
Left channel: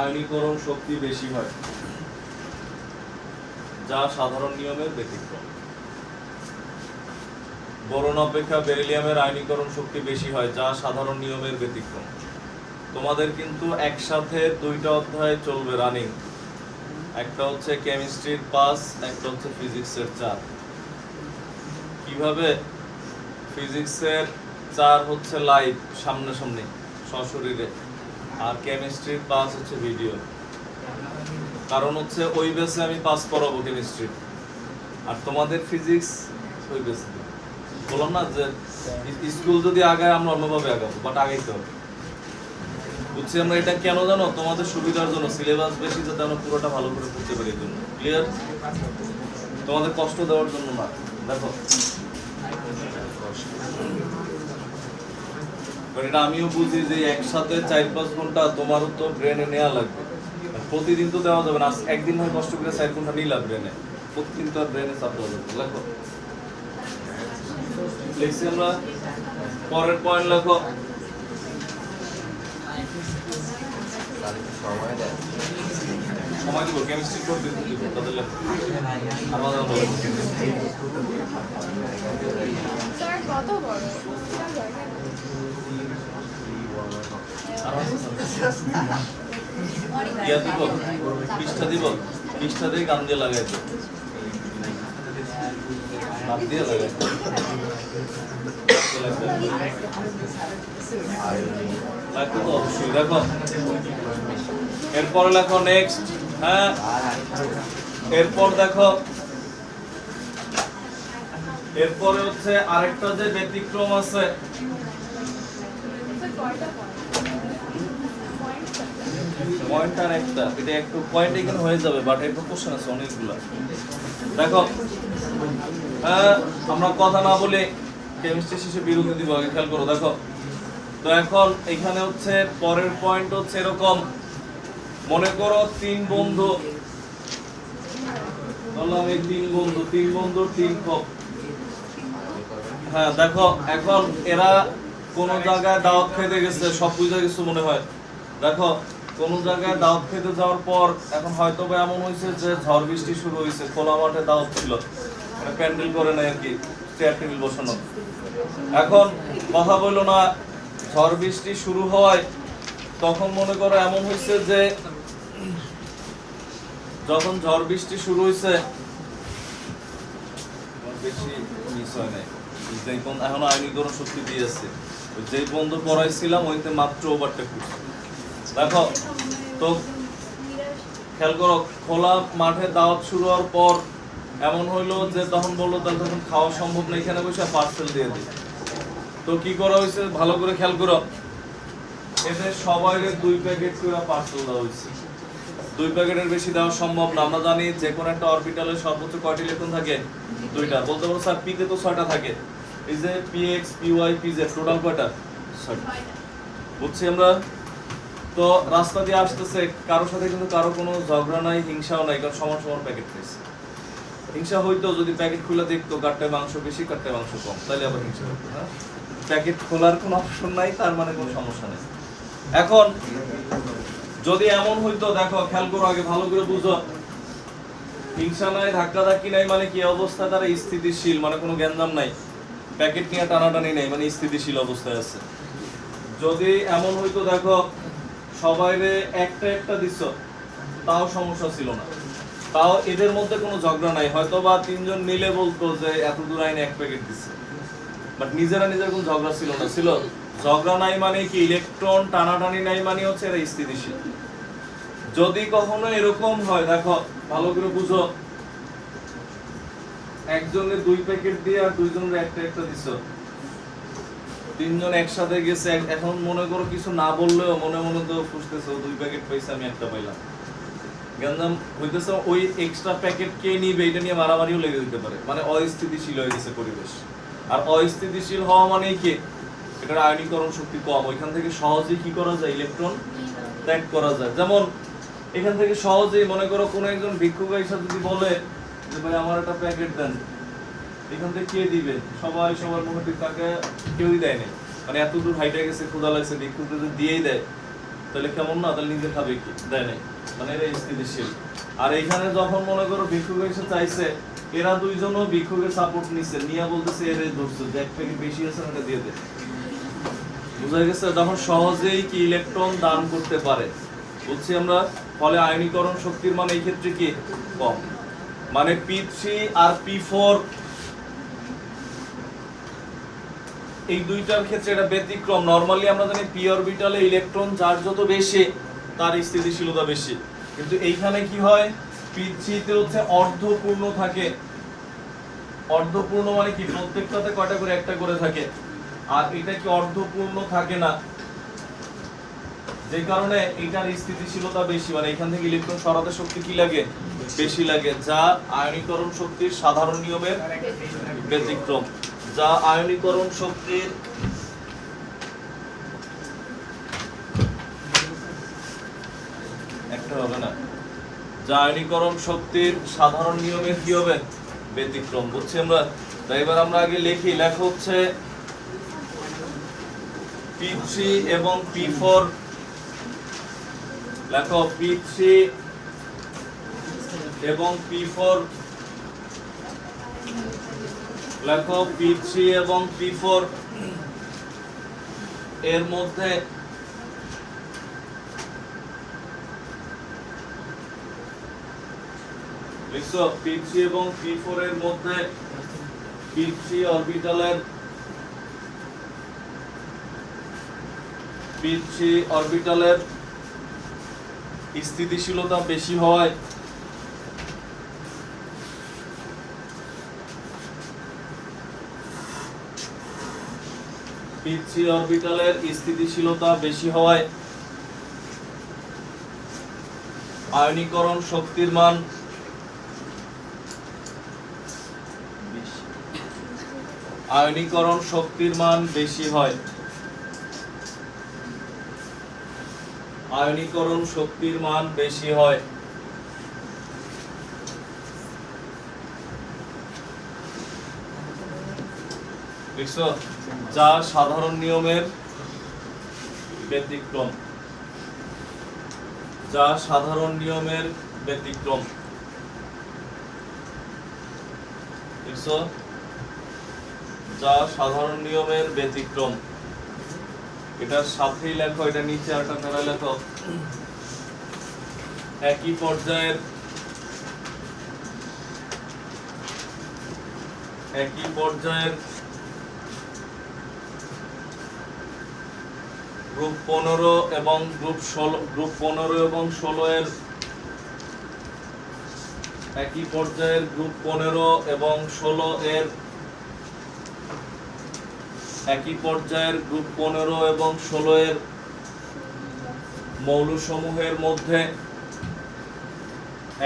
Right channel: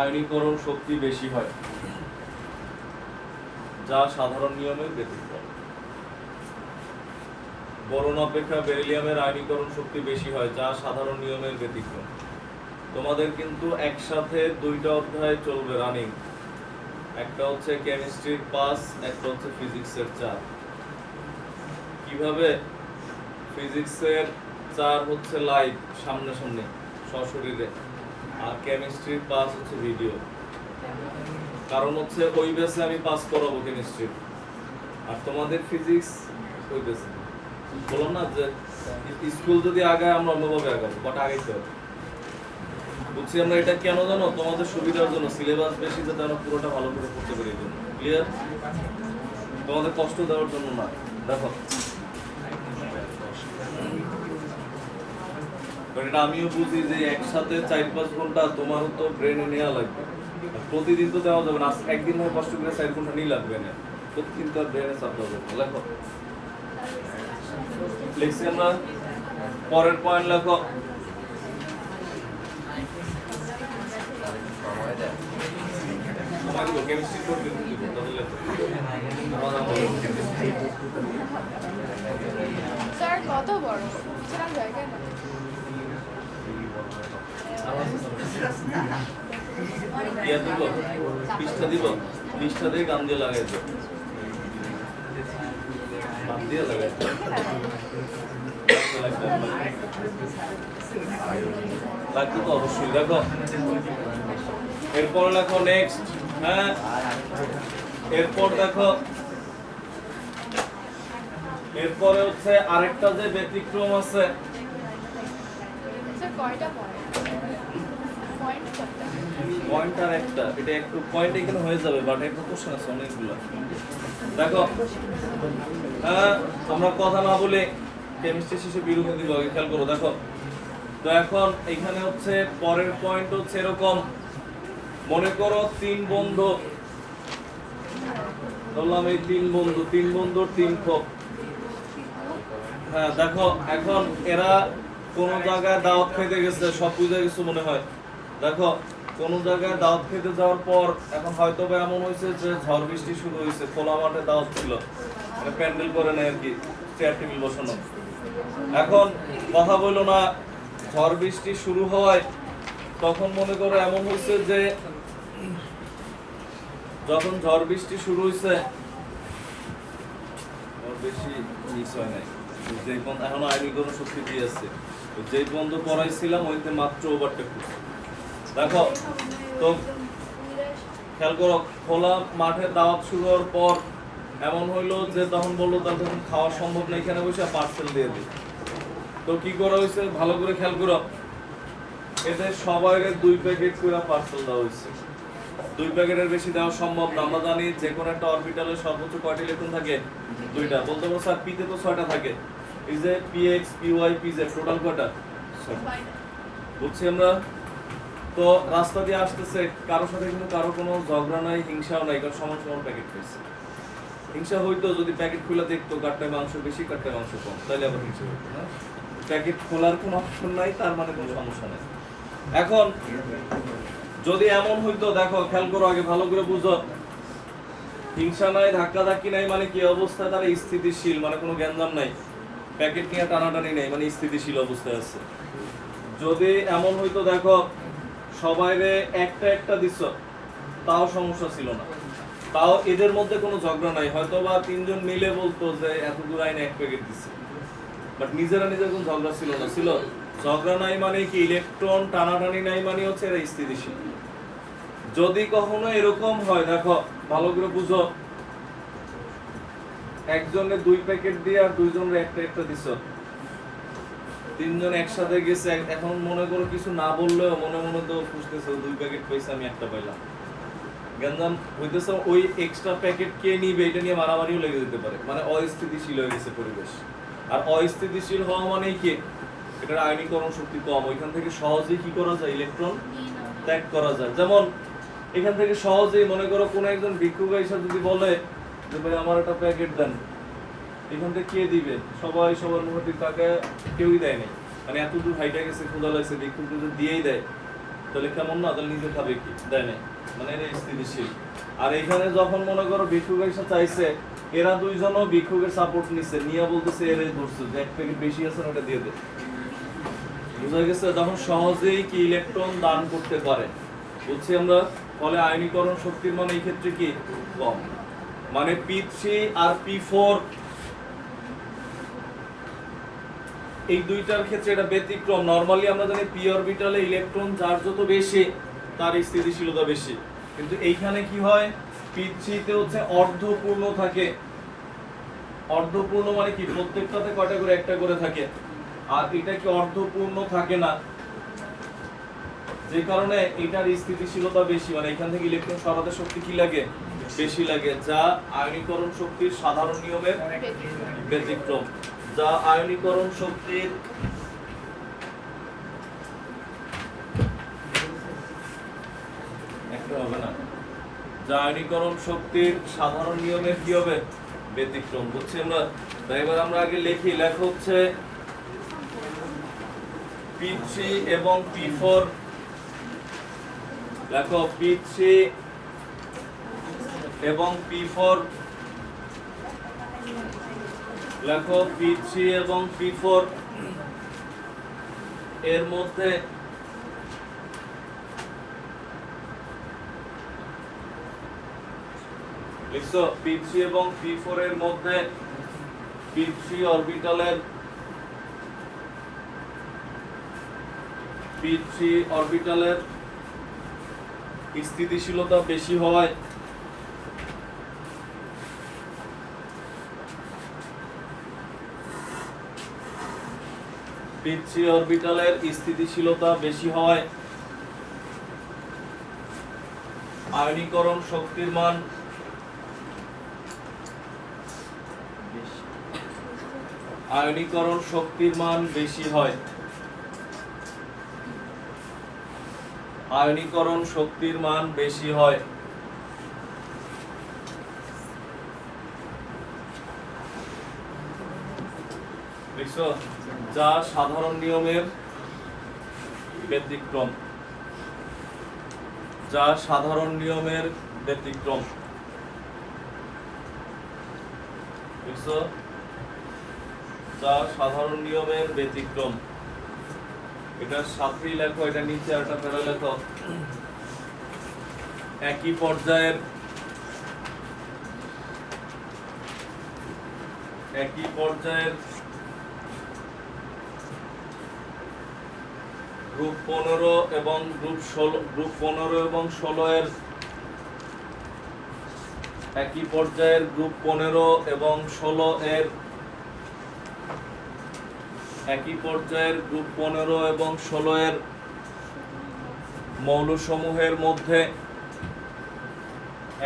আয়নীকরণ শক্তি বেশি হয়, যা সাধারণ নিয়মের ব্যতিক্রম। বোরন অপেক্ষা বেরিলিয়ামের আয়নীকরণ শক্তি বেশি হয়, যা সাধারণ নিয়মের ব্যতিক্রম। তোমাদের কিন্তু একসাথে দুইটা অধ্যায় চলবে রানিং, একটা হচ্ছে কেমিস্ট্রির 5, একটা হচ্ছে ফিজিক্সের 4। কিভাবে? ফিজিক্সের 4 হচ্ছে লাইভ সামনাসামনি সশরীরে, আর কেমিস্ট্রির 5 হচ্ছে ভিডিও। কারণ হচ্ছে ওই বেসে আমি পাস করাবো কেমিস্ট্রি, আর তোমাদের ফিজিক্স ওই বেসে। বললাম না যে স্কুল যদি আগায় আমরা অন্যভাবে আগাবো, বাট আগাইতে হবে। বুঝছি আমরা এটা কেন জানো? তোমাদের সুবিধার জন্য, সিলেবাস বেশি যাতে আমরা পুরোটা ভালো করে পড়তে পারি। ক্লিয়ার? তোমাদের কষ্ট দেওয়ার জন্য না। দেখো এটা আমিও বুঝি যে একসাথে 4-5 ঘন্টা তোমারও তো ব্রেনে নেওয়া লাগবে। প্রতিদিন তো দেওয়া যাবে না, একদিন হয় কষ্ট করে 4 ঘন্টা নিলাম ব্রেনে, প্রতিদিন তো আর ব্রেনে চাপ দেওয়া যাবে না। লেখো লিখছি আমরা, পরের পয়েন্ট লেখো। সময় দিব, কেমিস্ট্রি তো দিব, তাদের লেখো আমাদের ইয়া দিব পৃষ্ঠা দিব পৃষ্ঠা দিয়ে গান দিয়ে লাগাই দেব গান দিয়ে লাগাই দেব লাগবে তো অবশ্যই দেখো এরপর লেখো নেক্সট হ্যাঁ এরপর দেখো এরপরে হচ্ছে আরেকটা যে ব্যতিক্রম আছে পয়েন্ট আর একটা এটা একটু পয়েন্ট এখানে হয়ে যাবে বাট একটা কোশ্চেন আছে অনেকগুলো দেখো হ্যাঁ আমরা কথা না বলে কেমিস্ট্রি শেষে বিরতি দিব আগে খেয়াল করো দেখো তো এখন এখানে হচ্ছে পরের পয়েন্ট হচ্ছে এরকম মনে করো তিন বন্ধু বললাম এই তিন বন্ধুর তিন খোপ হ্যাঁ দেখো এখন এরা কোন জায়গায় দাওয়াত খেতে গেছে সব বুঝে গেছে মনে হয় দেখো কোন জায়গায় দাওয়াত খেতে যাওয়ার পর এখন হয়তো বা এমন হয়েছে যে ঝড় বৃষ্টি শুরু হয়েছে খোলা মাঠে দাওয়াত ছিল মানে প্যান্ডেল করে নাই আর কি চেয়ার টেবিল বসানো এখন কথা বললো না ঝড় বৃষ্টি শুরু হওয়ায় তখন মনে করো এমন হয়েছে যে যখন ঝড় বৃষ্টি শুরু হয়েছে বেশি মিস হয় নাই যেই বন্ধু এখন আইনীকরণ শক্তি দিয়ে আছে যেই বন্ধু পড়াইছিলাম ওইতে মাত্র ওভারটেক করছে দেখো তো খেয়াল করো খোলা মাঠে দাওয়াত শুরু হওয়ার পর এমন হইলো যে তখন বললো তাহলে তখন খাওয়া সম্ভব না এখানে বসে পার্সেল দিয়ে দিই তো কি করা হয়েছে ভালো করে খেয়াল করো এদের সবাইরে 2 প্যাকেট করে পার্সেল দেওয়া হয়েছে 2 প্যাকেটের বেশি দেওয়া সম্ভব না আমরা জানি যে কোনো একটা অরবিটালে সর্বোচ্চ কয়টি ইলেকট্রন থাকে 2টা বলতে পারো স্যার পিতে তো 6টা থাকে এই যে পিএক্স পিওয়াই পিজেড টোটাল কয়টা 6টা বুঝছি আমরা তো রাস্তা দিয়ে আসতেছে কারোর সাথে কিন্তু কারো কোনো ঝগড়া নাই হিংসাও নাই কারণ সমান সমান প্যাকেট পেয়েছে হিংসা হইতো যদি প্যাকেট খুলে দেখতো কাটটায় মাংস বেশি কাটটায় মাংস কম তাহলে আবার হিংসা হতো না প্যাকেট খোলার কোনো অপশন নাই তার মানে কোনো সমস্যা নেই এখন যদি এমন হইতো দেখো খেয়াল করো আগে ভালো করে বুঝো হিংসা নাই ধাক্কা ধাক্কি নাই মানে কি অবস্থায় তারা স্থিতিশীল মানে কোনো গ্যাঞ্জাম নাই প্যাকেট নিয়ে টানাটানি নেই মানে স্থিতিশীল অবস্থায় আছে যদি এমন হইতো দেখো সবাইরে একটা একটা দিছ তাও সমস্যা ছিল না তাও এদের মধ্যে কোনো ঝগড়া নাই হয়তো বা তিনজন মিলে বলতো যে এত দূর আইনে এক প্যাকেট দিচ্ছে বাট নিজেরা নিজের কোনো ঝগড়া ছিল না ছিল ঝগড়া নাই মানে কি ইলেকট্রন টানাটানি নাই মানে হচ্ছে এরা স্থিতিশীল যদি কখনো এরকম হয় দেখো ভালো করে বুঝো একজনের 2 প্যাকেট দিয়ে আর দুইজনের একটা একটা দিছ তিনজন একসাথে গেছে এখন মনে করো কিছু না বললেও মনে মনে তো খুঁজতেছে 2 প্যাকেট পয়সা আমি একটা পাইলাম গঞ্জাম হইতেছে ওই এক্সট্রা প্যাকেট কে নিবে এটা নিয়ে মারামারিও লেগে যেতে পারে মানে অস্থিতিশীল হয়ে গেছে পরিবেশ আর অস্থিতিশীল হওয়া মানে কি এটার আয়নীকরণ শক্তি কম ওইখান থেকে সহজেই কি করা যায় ইলেকট্রন ত্যাগ করা যায় যেমন এখান থেকে সহজেই মনে করো কোনো একজন ভিক্ষুক এসে যদি বলে যে ভাই আমার একটা প্যাকেট দেন এখান থেকে কে দিবে সবাই সবার মুখে তাকে কেউই দেয় নাই মানে এত দূর হাইটে গেছে ক্ষুধা লাগছে ভিক্ষুক যদি দিয়েই দেয় তাহলে কেমন না তাহলে নিজে খাবে কি দেয় নাই মানে এরা স্থিতিশীল আর এখানে যখন মনে করো ভিক্ষুক এসে চাইছে এরা দুইজনও ভিক্ষুকের সাপোর্ট নিচ্ছে নিয়ে বলতেছে এর ধরছে যে এক প্যাকেট বেশি আছে না এটা দিয়ে দে বুঝা গেছে তখন সহজেই কি ইলেকট্রন দান করতে পারে বুঝছি আমরা ফলে আয়নীকরণ শক্তির মান এই ক্ষেত্রে কি কম মানে P3 আর P4 এই দুইটার ক্ষেত্রে এটা ব্যতিক্রম নরমালি আমরা জানি p অরবিটালে ইলেকট্রন যার যত বেশি তার স্থিতিশীলতা বেশি কিন্তু এইখানে কি হয় P3 তে হচ্ছে অর্ধপূর্ণ থাকে অর্ধপূর্ণ মানে কি প্রত্যেকটাতে কয়টা করে একটা করে থাকে আর এটা কি অর্ধপূর্ণ থাকে না যে কারণে এটার স্থিতিশীলতা বেশি মানে এখান থেকে ইলেকট্রন সরাতে শক্তি কি লাগে বেশি লাগে যা আয়নীকরণ শক্তির সাধারণ নিয়মের ব্যতিক্রম যা আয়নীকরণ শক্তির একটা হবে না যা আয়নীকরণ শক্তির সাধারণ নিয়মের কি হবে ব্যতিক্রম বুঝছি আমরা তাই এবার আমরা আগে লিখি লেখা হচ্ছে P3 এবং P4 লেখো P3 এবং P4 লেখো P3 এবং P4 এর মধ্যে লিখছো p3 এবং p4 এর মধ্যে p3 অরবিটালের স্থিতিশীলতা বেশি হয় p3 অরবিটালের স্থিতিশীলতা বেশি হয় আয়নীকরণ শক্তির মান বেশি হয় আয়নীকরণ শক্তির মান বেশি হয় লিখছো যা সাধারণ নিয়মের ব্যতিক্রম লিখছো যা সাধারণ নিয়মের ব্যতিক্রম এটার সাথেই লেখো এটা নিচে একটা প্যারা লেখো একই পর্যায়ের গ্রুপ 15 এবং গ্রুপ 16 এর একই পর্যায়ের গ্রুপ 15 এবং 16 এর একই পর্যায়ের গ্রুপ 15 এবং 16 এর মৌলসমূহের মধ্যে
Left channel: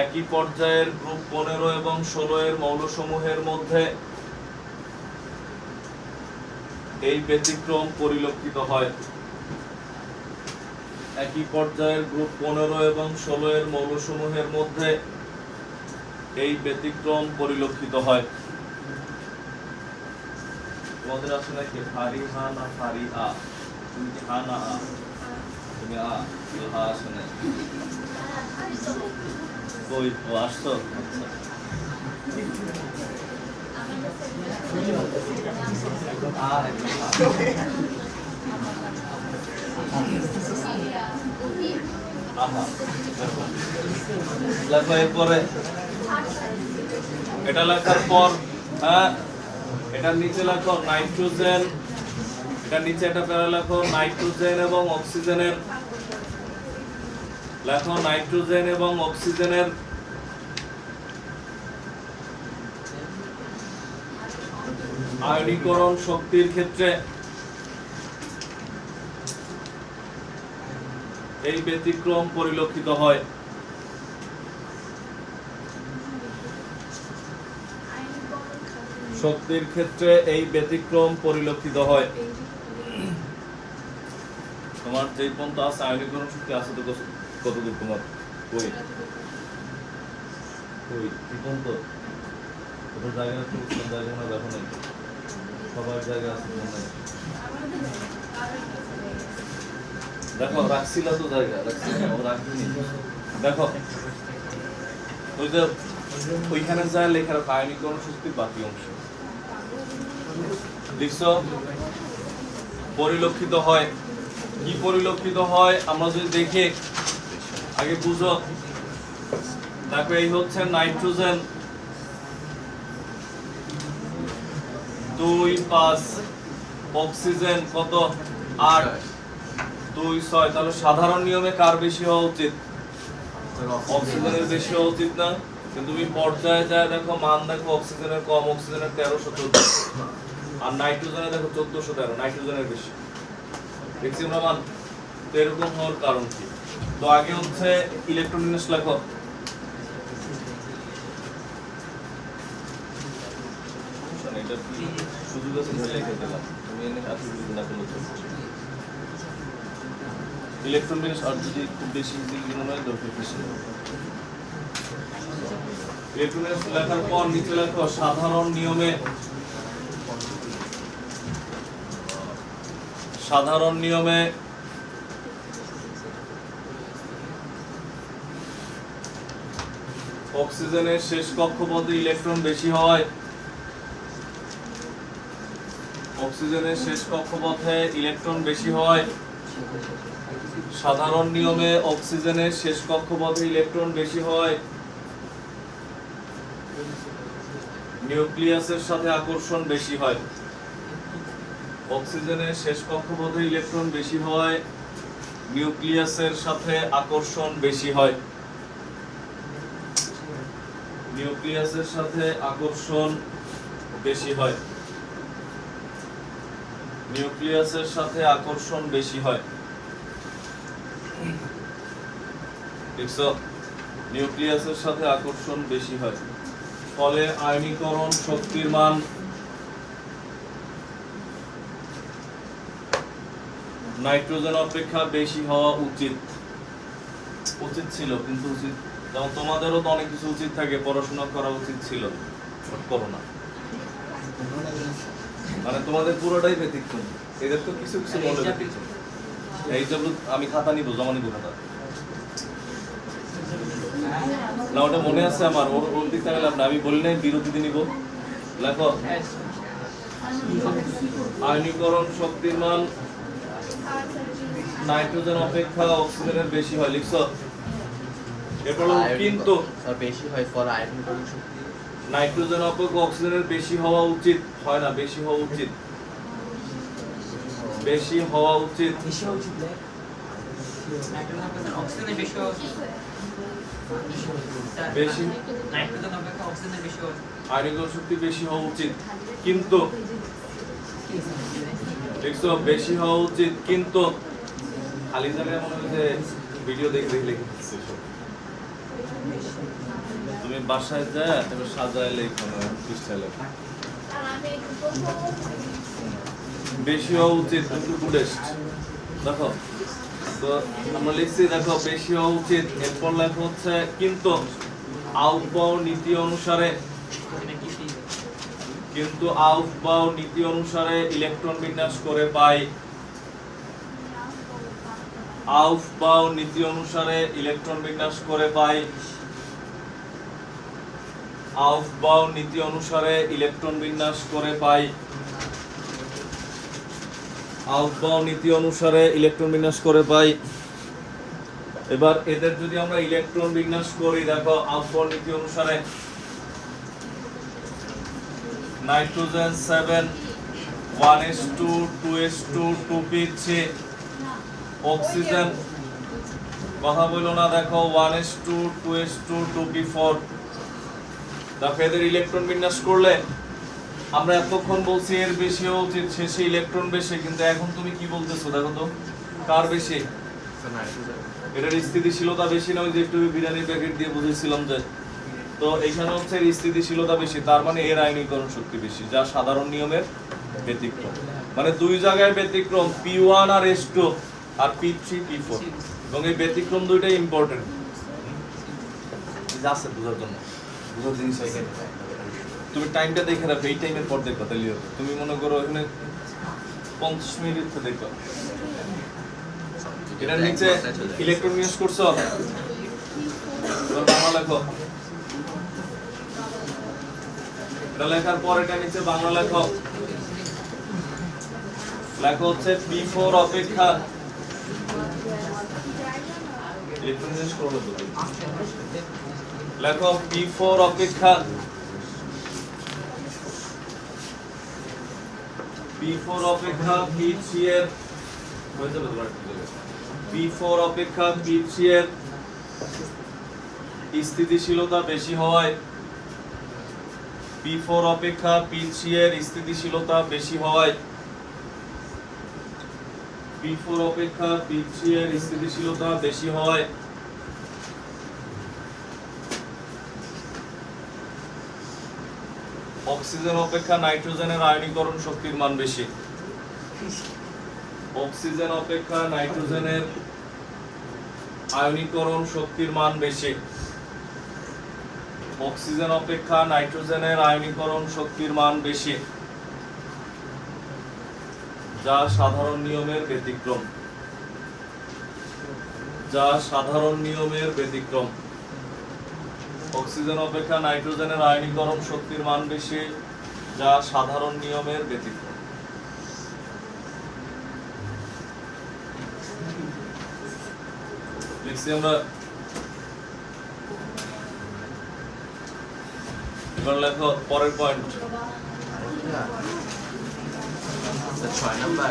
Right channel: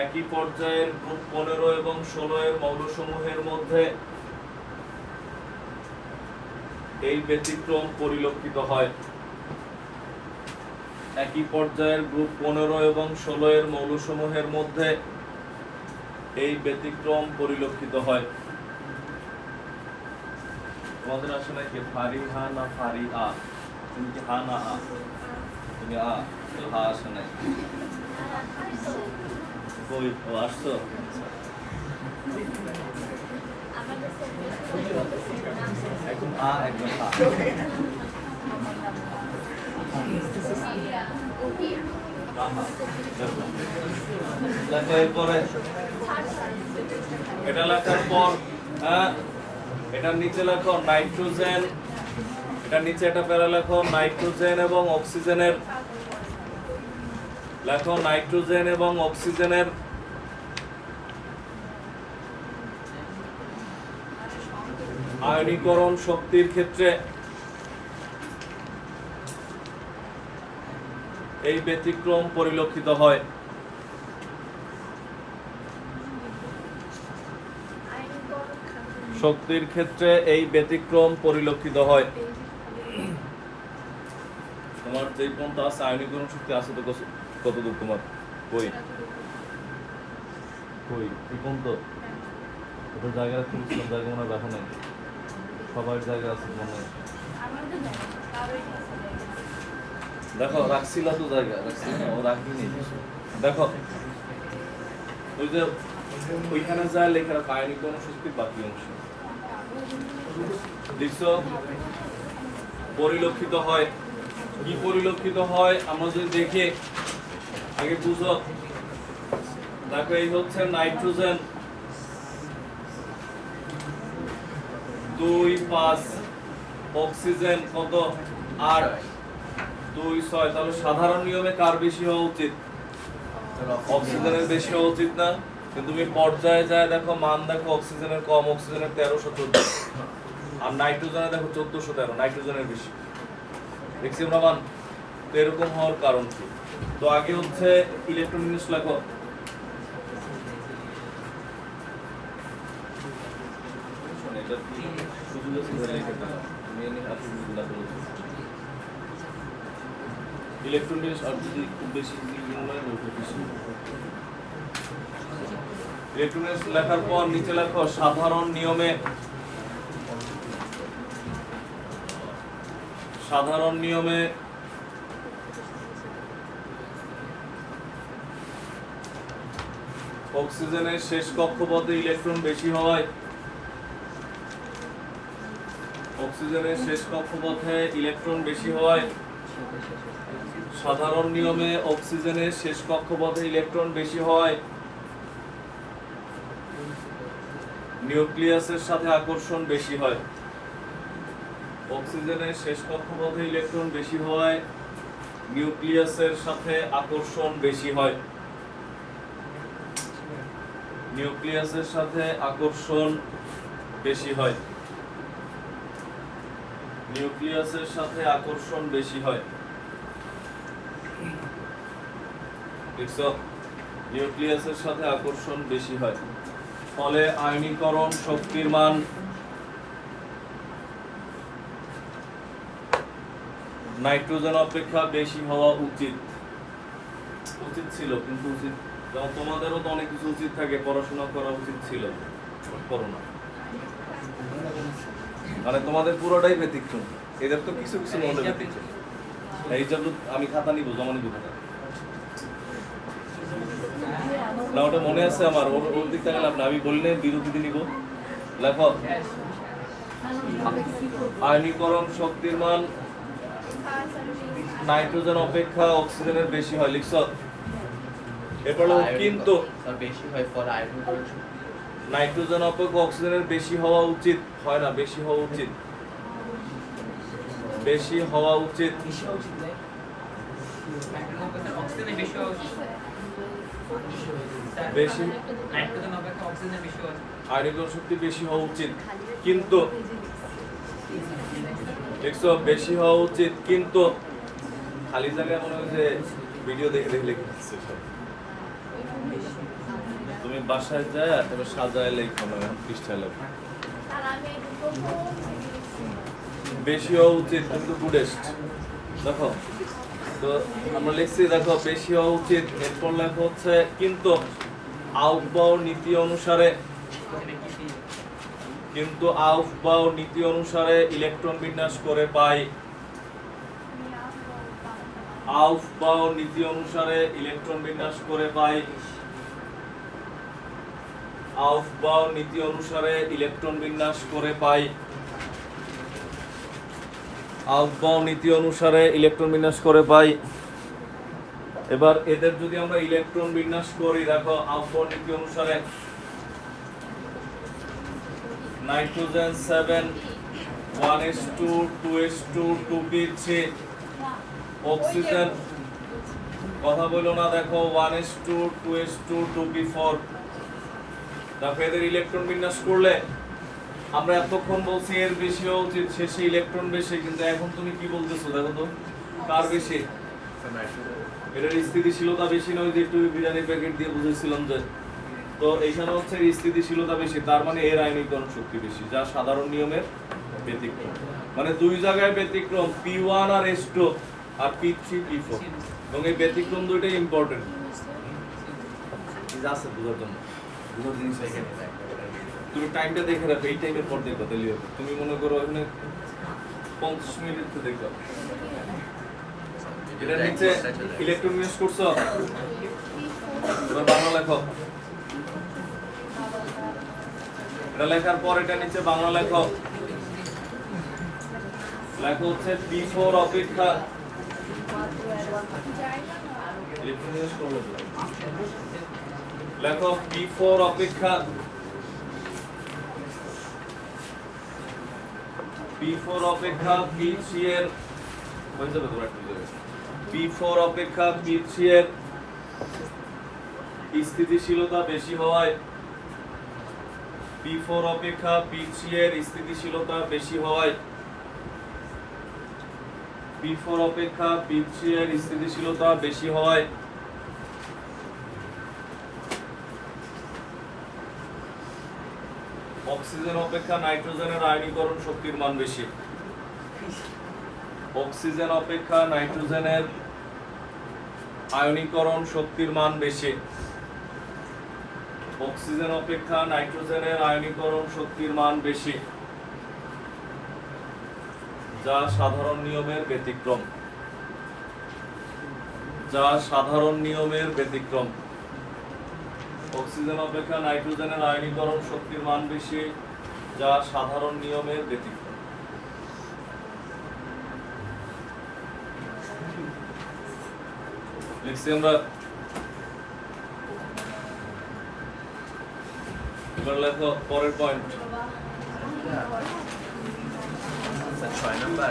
একই পর্যায়ের গ্রুপ 15 এবং 16 এর মৌলসমূহের মধ্যে এই ব্যতিক্রম পরিলক্ষিত হয় একই পর্যায়ের গ্রুপ 15 এবং 16 এর মৌলসমূহের মধ্যে এই ব্যতিক্রম পরিলক্ষিত হয় তোমাদের আছে নাকি ফারি হা না ফারি আ তুমি কি হা না আ তুমি হা আসে নাই কই আসতো একদম একদম লেখো এরপরে এটা লেখার পর এটার নিচে লেখো নাইট্রোজেন এটার নিচে একটা প্যারা লেখো নাইট্রোজেন এবং অক্সিজেনের আয়নীকরণ শক্তির ক্ষেত্রে এই ব্যতিক্রম পরিলক্ষিত হয় শক্তির ক্ষেত্রে এই ব্যতিক্রম পরিলক্ষিত হয় তোমার যেই পন্থা আছে আয়নীকরণ শক্তি আছে তো কতদূর তোমার কই কি পন্থ কত জায়গায় দেখো না সবার জায়গায় আছে মনে হয় দেখো রাখছিলা তো জায়গা রাখিনি দেখো ওই যে ওইখানে যায় লেখা রাখো আয়নীকরণ শক্তির বাকি অংশ লিখছো পরিলক্ষিত হয় কি পরিলক্ষিত হয় আমরা যদি দেখি আগে বুঝো দেখো এই হচ্ছে নাইট্রোজেন 2 5 অক্সিজেন কত 8 2 6 তাহলে সাধারণ নিয়মে কার বেশি হওয়া উচিত অক্সিজেনের বেশি হওয়া উচিত না কিন্তু তুমি পর্যায়ে যায় দেখো মান দেখো অক্সিজেনের কম অক্সিজেনের 1314 আর নাইট্রোজেনের দেখো 1413 নাইট্রোজেনের বেশি দেখছি আমরা মান তো এরকম হওয়ার কারণ কি তো আগে হচ্ছে ইলেকট্রোনিক্স লেখো ইলেকট্রনিক্স আর যদি খুব বেশি মনে হয় দরকার বেশি ইলেকট্রনিক্স লেখার পর নিচে লেখো সাধারণ নিয়মে অক্সিজেনের শেষ কক্ষপথে ইলেকট্রন বেশি হয় সাধারণ নিয়মে অক্সিজেনের শেষ কক্ষপথে ইলেকট্রন বেশি হয় নিউক্লিয়াসের সাথে আকর্ষণ বেশি হয়। অক্সিজেনের শেষ কক্ষপথে ইলেকট্রন বেশি হওয়ায় নিউক্লিয়াসের সাথে আকর্ষণ বেশি হয়। নিউক্লিয়াসের সাথে আকর্ষণ বেশি হয়। নিউক্লিয়াসের সাথে আকর্ষণ বেশি হয়। দেখছো, নিউক্লিয়াসের সাথে আকর্ষণ বেশি হয়, ফলে আয়নীকরণ শক্তির মান নাইট্রোজেন অপেক্ষা বেশি হওয়া উচিত। উচিত ছিল, কিন্তু উচিত, যেমন তোমাদেরও তো অনেক কিছু উচিত থাকে, পড়াশোনা করা উচিত ছিল, করো না। মানে তোমাদের পুরোটাই ব্যতিক্রম, এদের তো কিছু কিছু মনে ব্যতিক্রম। এই জন্য আমি খাতা নিব, জমা নিব খাতা না, ওটা মনে আছে আমার, ওর ওর দিক থেকে লাভ না। আমি বললে বিরতিতে নিব, লেখো আয়নীকরণ শক্তির মান নাইট্রোজেন অপেক্ষা অক্সিজেনের বেশি হয়। লিখছো? এরপর কিন্তু বেশি হয় ফর আয়নীকরণ শক্তি নাইট্রোজেন অপেক্ষা অক্সিজেনের বেশি হওয়া উচিত হয় না, বেশি হওয়া উচিত। বেশি হওয়া উচিত। বেশি আয়নীকরণ শক্তি বেশি হওয়া উচিত, কিন্তু দেখছো বেশি হওয়া উচিত, কিন্তু খালি জায়গায় মনে হয় যে ভিডিও দেখে দেখে লিখে দিচ্ছে সব। তুমি বাসায় যায় এবার সাজায় লেখো না, পৃষ্ঠায় লেখো। বেশি হওয়া উচিত কিন্তু গুডেস্ট। দেখো তো আমরা লিখছি, দেখো বেশি হওয়া উচিত, এরপর লেখা হচ্ছে কিন্তু আউফবাউ নীতি অনুসারে, কিন্তু আউফবাউ নীতি অনুসারে ইলেকট্রন বিন্যাস করে পাই। আউফবাউ নীতি অনুসারে ইলেকট্রন বিন্যাস করে পাই। আউফবাউ নীতি অনুসারে ইলেকট্রন বিন্যাস করে পাই। আউফবাউ নীতি অনুসারে ইলেকট্রন বিন্যাস করে পাই। এবার এদের যদি আমরা ইলেকট্রন বিন্যাস করি, দেখো আউফবাউ নীতি অনুসারে nitrogen 7 1s2 2s2 2p3, oxygen কথা বলো না, দেখো 1s2 2s2 2p4। দেখো এদের ইলেকট্রন বিন্যাস করলে আমরা এতক্ষণ বলছি এর বেশি হওয়া উচিত, শেষে ইলেকট্রন বেশি, কিন্তু এখন তুমি কি বলতেছো? দেখো তো কার বেশি? এটার স্থিতিশীলতা বেশি না? ওই যে একটু বিরিয়ানির প্যাকেট দিয়ে বুঝেছিলাম যে, তো এইখানে হচ্ছে এর স্থিতিশীলতা বেশি, তার মানে এর আয়নীকরণ শক্তি বেশি, যা সাধারণ নিয়মের ব্যতিক্রম। মানে দুই জায়গায় ব্যতিক্রম, P1 আর S2 আর P3 P4, এবং এই ব্যতিক্রম দুইটাই ইম্পর্টেন্ট আছে বুঝার জন্য, বুঝার জিনিস আছে। তুমি টাইমটা দেখে রাখো, এই টাইমের পর দেখো, তাহলে হবে। তুমি মনে করো এখানে 50 মিনিট দেখো, এটার নিচে ইলেকট্রন বিন্যাস করছো, এবার বাংলা লেখো। এটা লেখার পর এটা নিচে বাংলা লেখো। লেখো হচ্ছে P4 অপেক্ষা লেখো P4 অপেক্ষা P4 অপেক্ষা P3 এর P4 অপেক্ষা P3 এর স্থিতিশীলতা বেশি হওয়ায় P4 অপেক্ষা P3 এর স্থিতিশীলতা বেশি হওয়ায় P4 অপেক্ষা P3 এর স্থিতিশীলতা বেশি হওয়ায় অক্সিজেন অপেক্ষা নাইট্রোজেনের আয়নীকরণ শক্তির মান বেশি। অক্সিজেন অপেক্ষা নাইট্রোজেনের আয়নীকরণ শক্তির মান বেশি। অক্সিজেন অপেক্ষা নাইট্রোজেনের আয়নীকরণ শক্তির মান বেশি, যা সাধারণ নিয়মের ব্যতিক্রম। যা সাধারণ নিয়মের ব্যতিক্রম। অক্সিজেন অপেক্ষা নাইট্রোজেনের আয়নীকরণ শক্তির মান বেশি, যা সাধারণ নিয়মের ব্যতিক্রম। লিখছি আমরা এবার লেখো পরের পয়েন্ট। স্যার 6 নাম্বার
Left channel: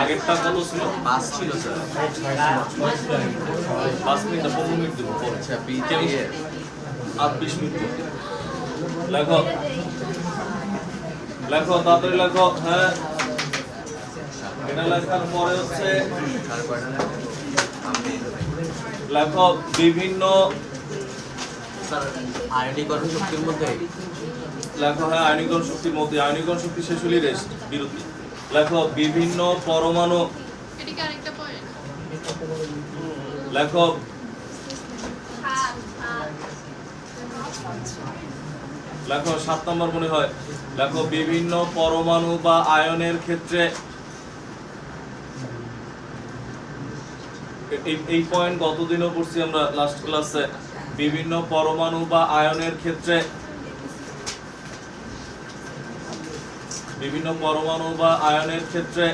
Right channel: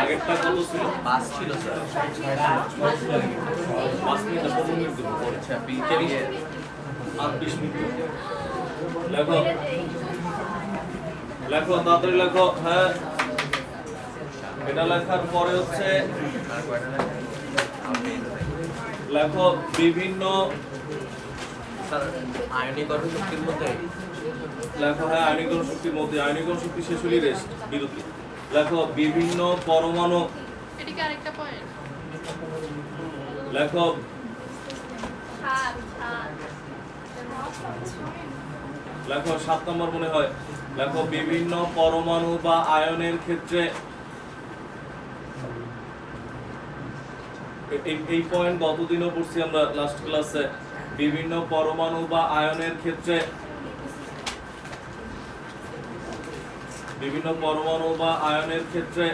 আগেরটা কত ছিল? 5 ছিল স্যার। 5 মিনিট 15 মিনিট দেবো পরে। আচ্ছা বি থেকে আর 20 মিনিট দেবো। লেখো লেখো তাড়াতাড়ি লেখো। হ্যাঁ এটা লেখার পরে হচ্ছে লেখো বিভিন্ন স্যার আয়নীকরণ শক্তির মধ্যে লেখো। হ্যাঁ আয়নীকরণ শক্তির মধ্যে, আয়নীকরণ শক্তি শেষ হলেই রেস্ট বিরতি। লেখো বিভিন্ন পরমাণু। এদিকে আরেকটা পয়েন্ট। লেখো লেখো 7 নম্বর মনে হয়। লেখো বিভিন্ন পরমাণু বা আয়নের ক্ষেত্রে এই পয়েন্ট গতদিনও পড়ছি আমরা লাস্ট ক্লাসে। বিভিন্ন পরমাণু বা আয়নের ক্ষেত্রে বিভিন্ন পরমাণু বা আয়নের ক্ষেত্রে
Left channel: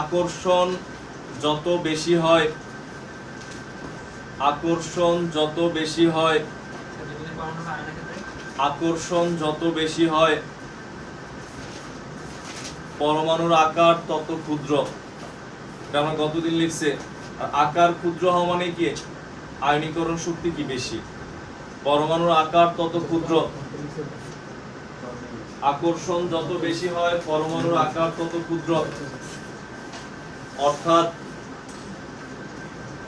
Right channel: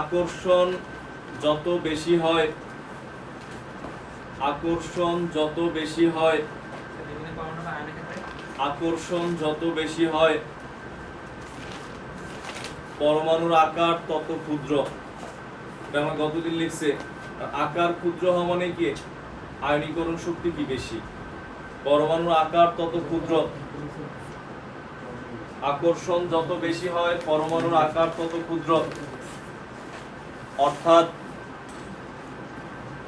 আকর্ষণ যত বেশি হয়, আকর্ষণ যত বেশি হয়, আকর্ষণ যত বেশি হয় পরমাণুর আকার তত ক্ষুদ্র। এটা আমরা গতদিন লিখছে। আর আকার ক্ষুদ্র হওয়া মানে কি? আয়নীকরণ শক্তি কি বেশি। পরমাণুর আকার তত ক্ষুদ্র, আকর্ষণ যত বেশি হয় পরমাণুর আকার তত ক্ষুদ্র। অর্থাৎ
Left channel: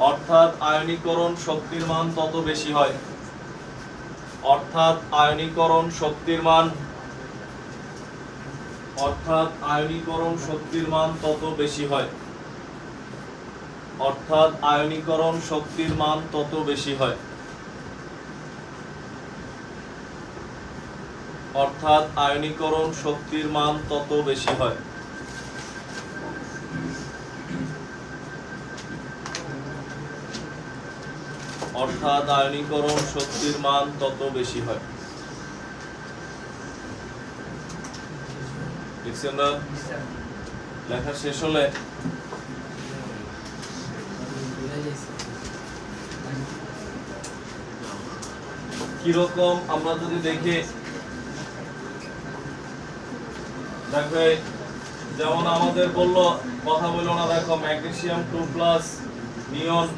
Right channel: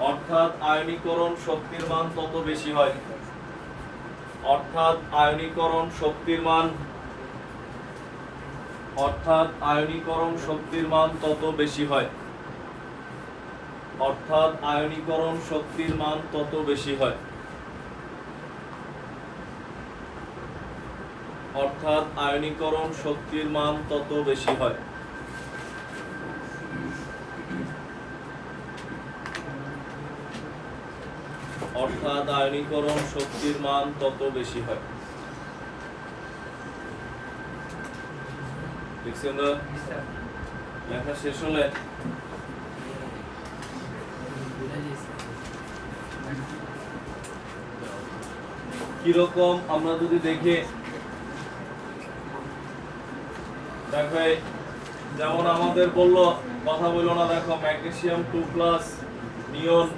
অর্থাৎ আয়নীকরণ শক্তির মান তত বেশি হয়। অর্থাৎ আয়নীকরণ শক্তির মান, অর্থাৎ আয়নীকরণ শক্তির মান তত বেশি হয়। অর্থাৎ আয়নীকরণ শক্তির মান তত বেশি হয়। অর্থাৎ আয়নীকরণ শক্তির মান তত বেশি হয়। অর্থাৎ আয়নীকরণ শক্তির মান তত বেশি হয়। দেখছেন না? লেখা শেষ হলে কিরকম আমরা যদি দেখি, দেখো যেমন আমাদের বললো কথা বললো না, দেখো ম্যাগনেসিয়াম 2+, নিয়ন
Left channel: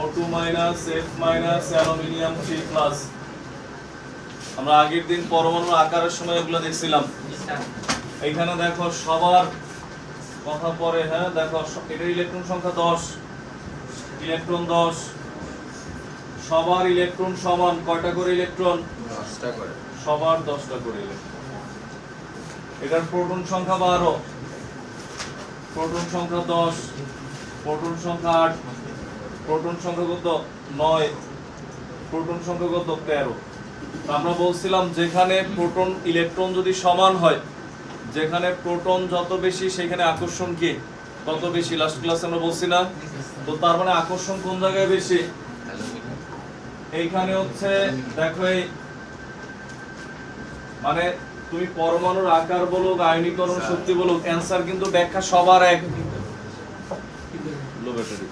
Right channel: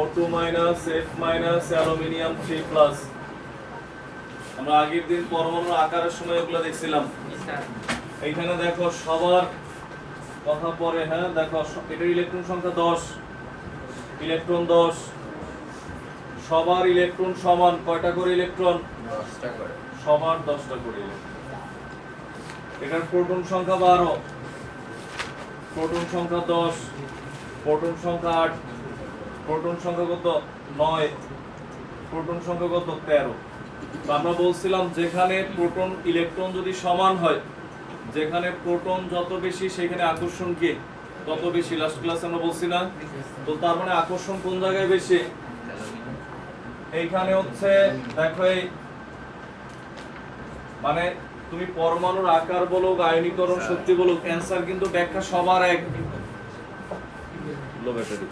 O2-, F-, অ্যালুমিনিয়াম 3+। আমরা আগের দিন পরমাণুর আকারের সময় এগুলো দেখছিলাম। এইখানে দেখো সবার কথা পরে। হ্যাঁ দেখো এটা ইলেকট্রন সংখ্যা 10, ইলেকট্রন 10। সবার ইলেকট্রন সমান কয়টা করে ইলেকট্রন? 10টা করে। সবার 10টা করে ইলেকট্রন। এটার প্রোটন সংখ্যা 12, প্রোটন সংখ্যা 10, প্রোটন সংখ্যা 8, প্রোটন সংখ্যা কত? 9, প্রোটন সংখ্যা কত? 13। তো আমরা বলছিলাম যেখানে প্রোটন ইলেকট্রন যদি সমান হয়, যেখানে প্রোটন যত বেশি সেখানে আকর্ষণ কি তত বেশি। লাস্ট ক্লাসে আমরা বলছি না? তো তার মানে আকর্ষণ কোন জায়গায় বেশি? এইখানে হচ্ছে দেখো এই মানে তুমি পরমাণুর আকার বলুক, আয়নীকরণ শক্তি বলুক, অ্যান্সার কিন্তু ব্যাখ্যা সবার এক। লো ব্যাটারি।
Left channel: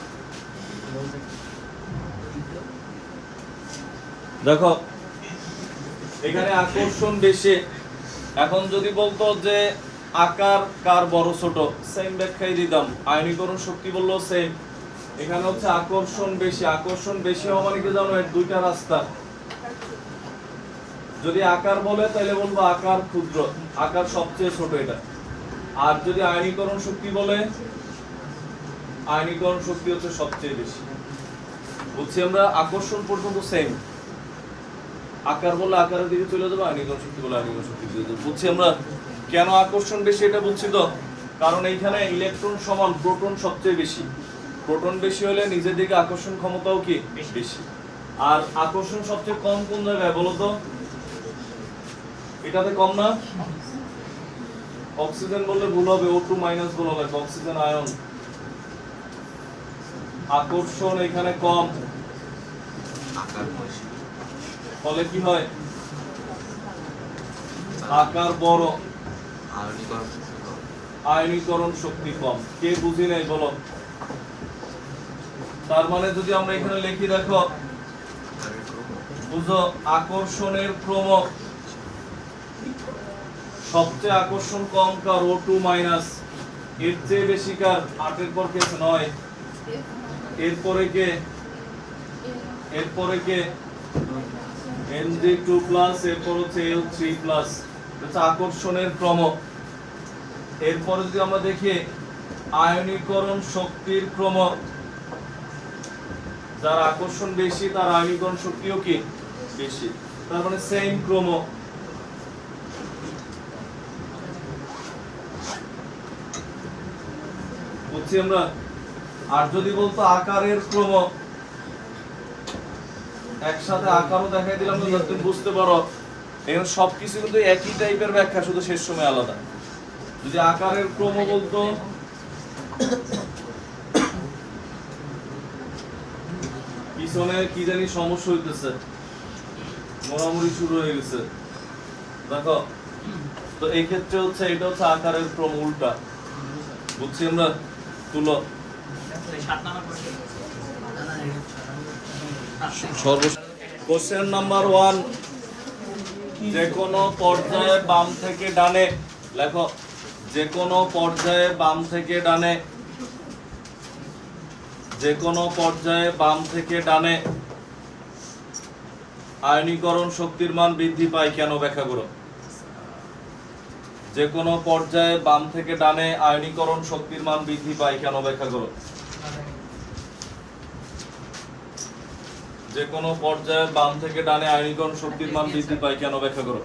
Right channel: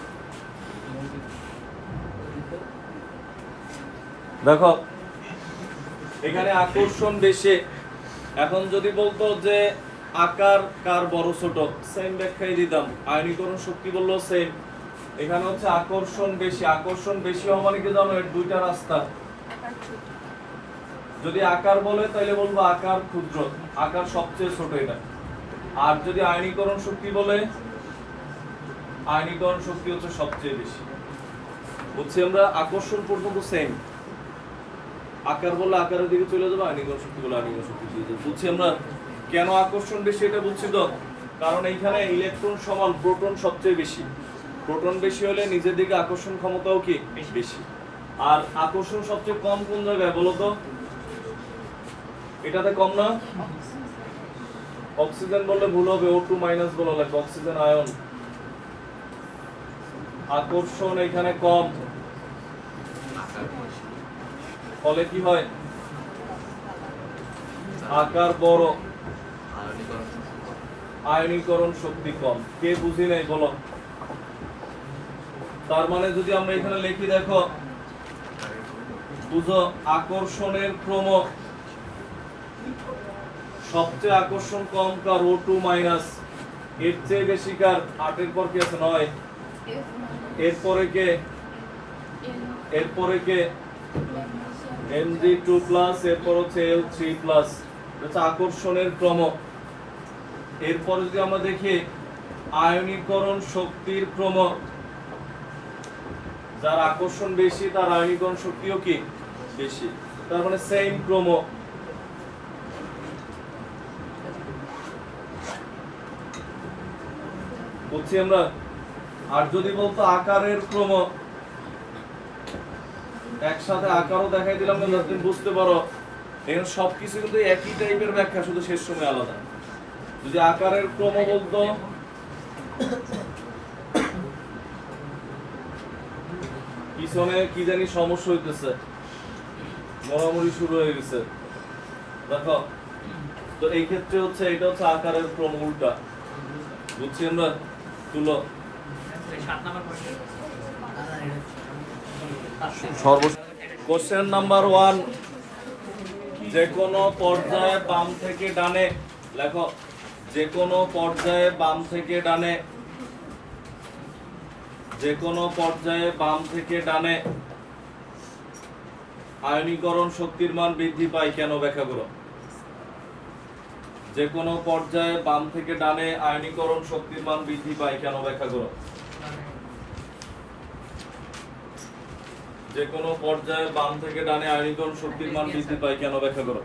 দেখো এখানে আকর্ষণ বেশি। এখন যদি বলতো যে আকার কার বড় ছোট, সেম ব্যাখ্যাই দিতাম। আয়নীকরণ শক্তি বললো সেম। এখানে হচ্ছে আকর্ষণ বেশি। আকর্ষণ বেশি হওয়া মানে কি জানো? এর দুইটা রাস্তা। যদি আকার বলে তাহলে বলবো আকার ক্ষুদ্র, আকার সবচেয়ে ছোট এটা। আর যদি আয়নীকরণ শক্তি বলে, আয়নীকরণ শক্তি হচ্ছে সবচেয়ে বেশি। বুঝছি আমরা? আকর্ষণ পর্যন্ত সেম। আকার বললে আকারের দিকে চলে যাবে, আয়নীকরণ শক্তি বলে আয়নীকরণ শক্তি চলে যাবে। বুঝছি আমরা কেন আকর্ষণ বেশি এটা বুঝছি তো? কারণ এইখানে ইলেকট্রন সমান, প্রোটন সবচেয়ে বেশি। প্রোটন বেশি হলে নিজের দিকে আকর্ষণ ক্ষমতাও কি বেশি। আর আকর্ষণ সবচেয়ে কম কোন জায়গায় বলো তো? এটাতে কম না? অক্সিজেন বললে ভুল হবে, O2- বলা লাগবে, অক্সিজেন আয়ন। আকর্ষণ এখানে কম, আকার বেশি। ফলে কি হয়? আকার বড়, আয়নীকরণ শক্তি কম। আয়নীকরণ শক্তি কম। কে বুঝি নাই বলো? তার মানে যদি আমরা এখানে লিখি, দেখো বুঝো আকর্ষণের ক্রম সবচেয়ে আকর্ষণ কম কার O2 মাইনাস, এর চেয়ে বেশি কার 8 এর পর কি আছে 9, এরপরে কে Ng2 প্লাস, এরপর হচ্ছে L3 প্লাস, হচ্ছে আকর্ষণের ক্রম। এরপরে যদি আমরা দেখি আয়নীকরণ শক্তির ক্রম, যার আকর্ষণ বেশি তার আয়নীকরণ শক্তিও কি বেশি, তার মানে সেম ক্রম। বুঝছি আমরা। আর যদি বলতো আকারের ক্রম, একসাথে আকারও দেখাই দিলাম না, তুমি বুঝতে পারো এখানে সবকিছু কিন্তু একই টাইপের ব্যাখ্যা, শুধু শেষ সময় আলাদা। যদি আকারের ক্রম বলতো, পিছনে কি জানি সমস্যা হইতেছে, মরামরি শুরু হয়ে গেছে দেখো। তো এই ক্ষেত্রে হচ্ছে এটা হচ্ছে আকারের ক্রম উল্টা। বুঝছি আমরা। তুলো কোশ্চেন নাম্বার 1, যে কোনো পর্যায়ে বাম থেকে ডানে লেখো, যে কোনো পর্যায়ে বাম থেকে ডানে, যে কোনো পর্যায়ে বাম থেকে ডানে আয়নীকরণ শক্তির মান বৃদ্ধি পায় কেন ব্যাখ্যা করো। যে কোনো পর্যায়ে বাম থেকে ডানে আয়নীকরণ শক্তির মান বৃদ্ধি পায় কেন ব্যাখ্যা করো। যে কোনো পর্যায়ে বাম থেকে ডানে আয়নীকরণ শক্তির মান বৃদ্ধি পায় কেন ব্যাখ্যা করো।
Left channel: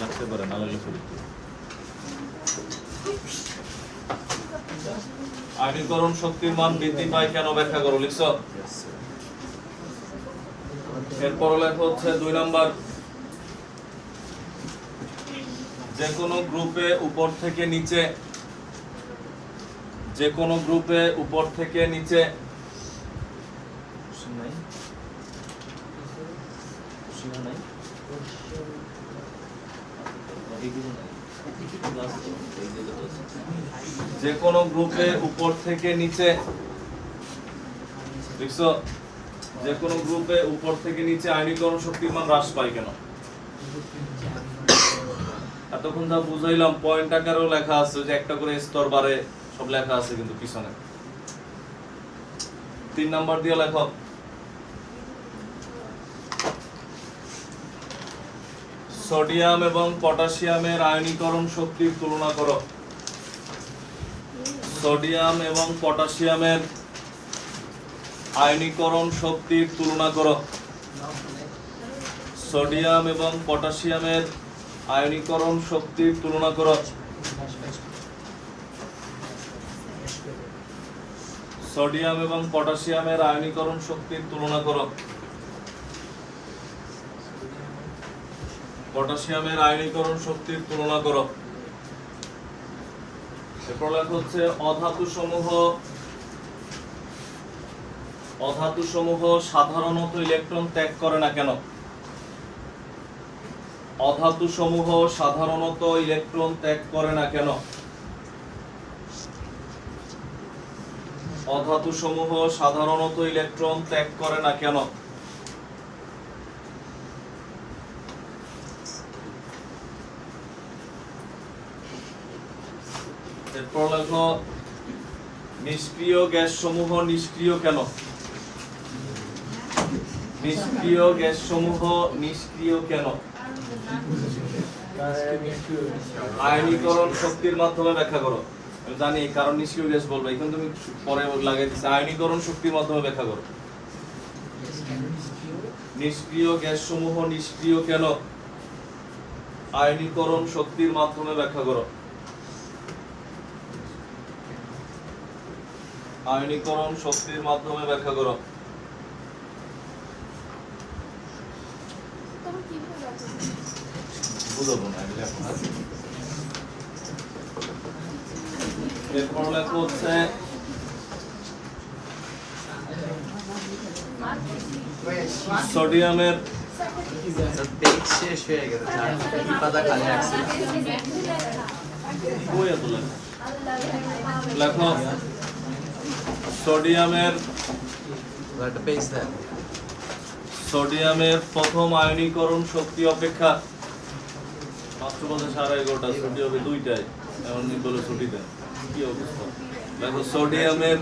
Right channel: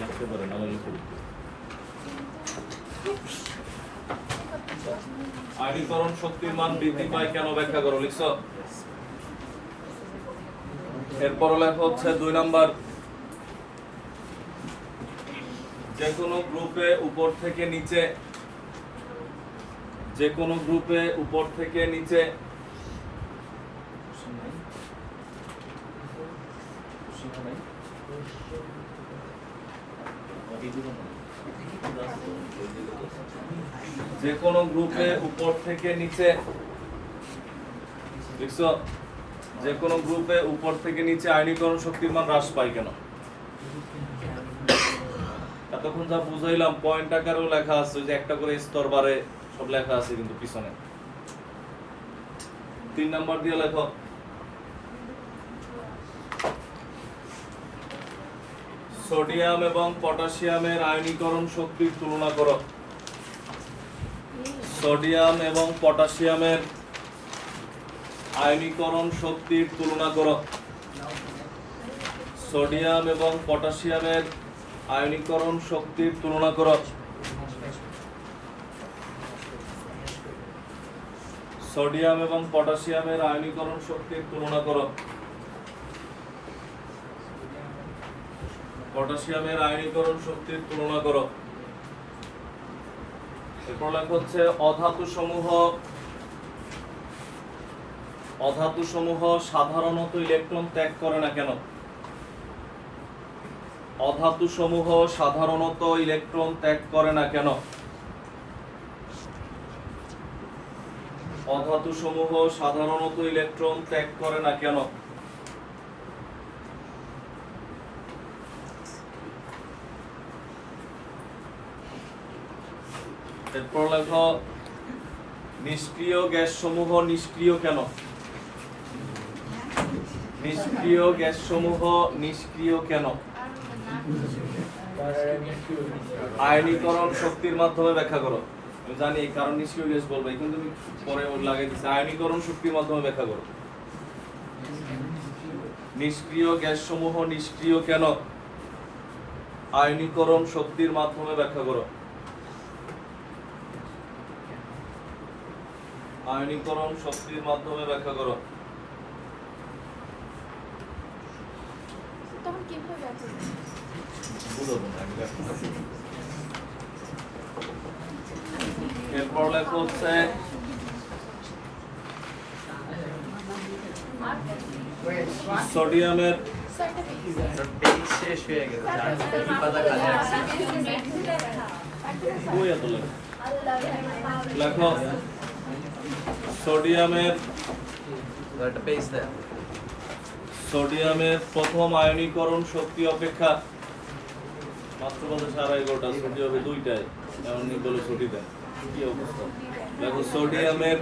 লাগতে পারে না লাগলে পড়তে। আয়নীকরণ শক্তির মান বৃদ্ধি পায় কেন ব্যাখ্যা করো, লিখছো। এরপর লেখা হচ্ছে 2 নাম্বার, যে কোনো গ্রুপে উপর থেকে নিচে, যে কোনো গ্রুপে উপর থেকে নিচে যে কোনো গ্রুপে উপর থেকে নিচে, দেখছো, যে কোনো গ্রুপে উপর থেকে নিচে আয়নীকরণ শক্তির মান হ্রাস পায় কেন। এতক্ষণ যা বুঝাইলাম পয়েন্ট আকারেও লেখা আছে, যে একটা করে স্তর বাড়ে, সব লেখা আছে কিন্তু পিছনে। 3 নাম্বার দিয়ে লেখো, সোডিয়াম এবং পটাশিয়ামের আয়নীকরণ শক্তির তুলনা করো। সোডিয়াম এবং পটাশিয়ামের আয়নীকরণ শক্তির তুলনা করো। সোডিয়াম এবং পটাশিয়ামের আয়নীকরণ শক্তির তুলনা করো। সোডিয়াম এবং পটাশিয়ামের আয়নীকরণ শক্তির তুলনা করো। পটাশিয়ামের আয়নীকরণ শক্তির তুলনা করো। এরপর লেখা হচ্ছে অধাতু সমূহ সাধারণত ইলেকট্রন ত্যাগ করে না কেন। অধাতু সমূহ সাধারণত ইলেকট্রন ত্যাগ করে না কেন। অধাতু সমূহ সাধারণত ইলেকট্রন ত্যাগ করে না কেন। এরপর লেখো, নিষ্ক্রিয় গ্যাস সমূহ নিষ্ক্রিয় কেন। নিষ্ক্রিয় গ্যাস সমূহ নিষ্ক্রিয় কেন। আয়নীকরণ শক্তির মাধ্যমে ব্যাখ্যা করো। আমি জানি কারণ নিষ্ক্রিয় গ্যাস বলবো, এখন তুমি পরে লাগিয়ে দিচ্ছি। আয়নীকরণ শক্তির মাধ্যমে ব্যাখ্যা করো। নিষ্ক্রিয় গ্যাস সমূহ নিষ্ক্রিয় কেন। আয়নীকরণ শক্তির মাধ্যমে ব্যাখ্যা করো। আয়নীকরণ শক্তির মাধ্যমে ব্যাখ্যা করো। এরপর লেখা হচ্ছে সোডিয়ামের পেজ শেষ হয়ে গেছে, এই পাতা খালি আছে। কই এত লেখো সোডিয়ামের একটা পেজ দেন। সোডিয়ামের প্রথম আয়নীকরণ শক্তি অপেক্ষা মাত্র বলতে 11:30 ছুটি হবে 2টায়, এমন বলে ছুটি দেন, কি অবস্থা? দেখো সোডিয়ামের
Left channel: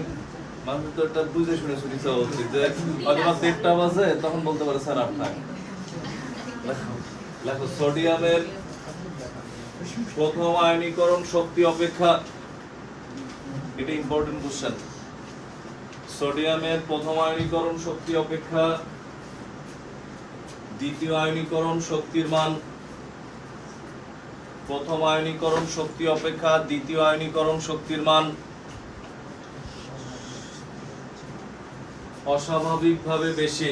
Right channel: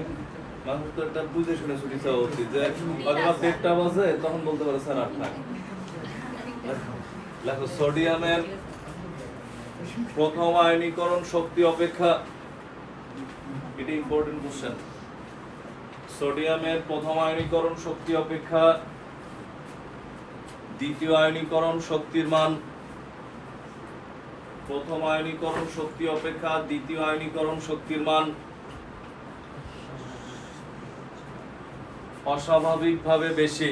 মানুষ তো একটা বুঝে শুনে ছুটি চাওয়া উচিত, যে হয়তো 1:30 বাজে তখন বলতে পারে স্যার আর থাক। দেখো সোডিয়ামের প্রথম আয়নীকরণ শক্তি অপেক্ষা, এটা ইম্পর্টেন্ট কোশ্চেন। সোডিয়ামের প্রথম আয়নীকরণ শক্তি অপেক্ষা দ্বিতীয় আয়নীকরণ শক্তির মান, প্রথম আয়নীকরণ শক্তি অপেক্ষা দ্বিতীয় আয়নীকরণ শক্তির মান অস্বাভাবিকভাবে বেশি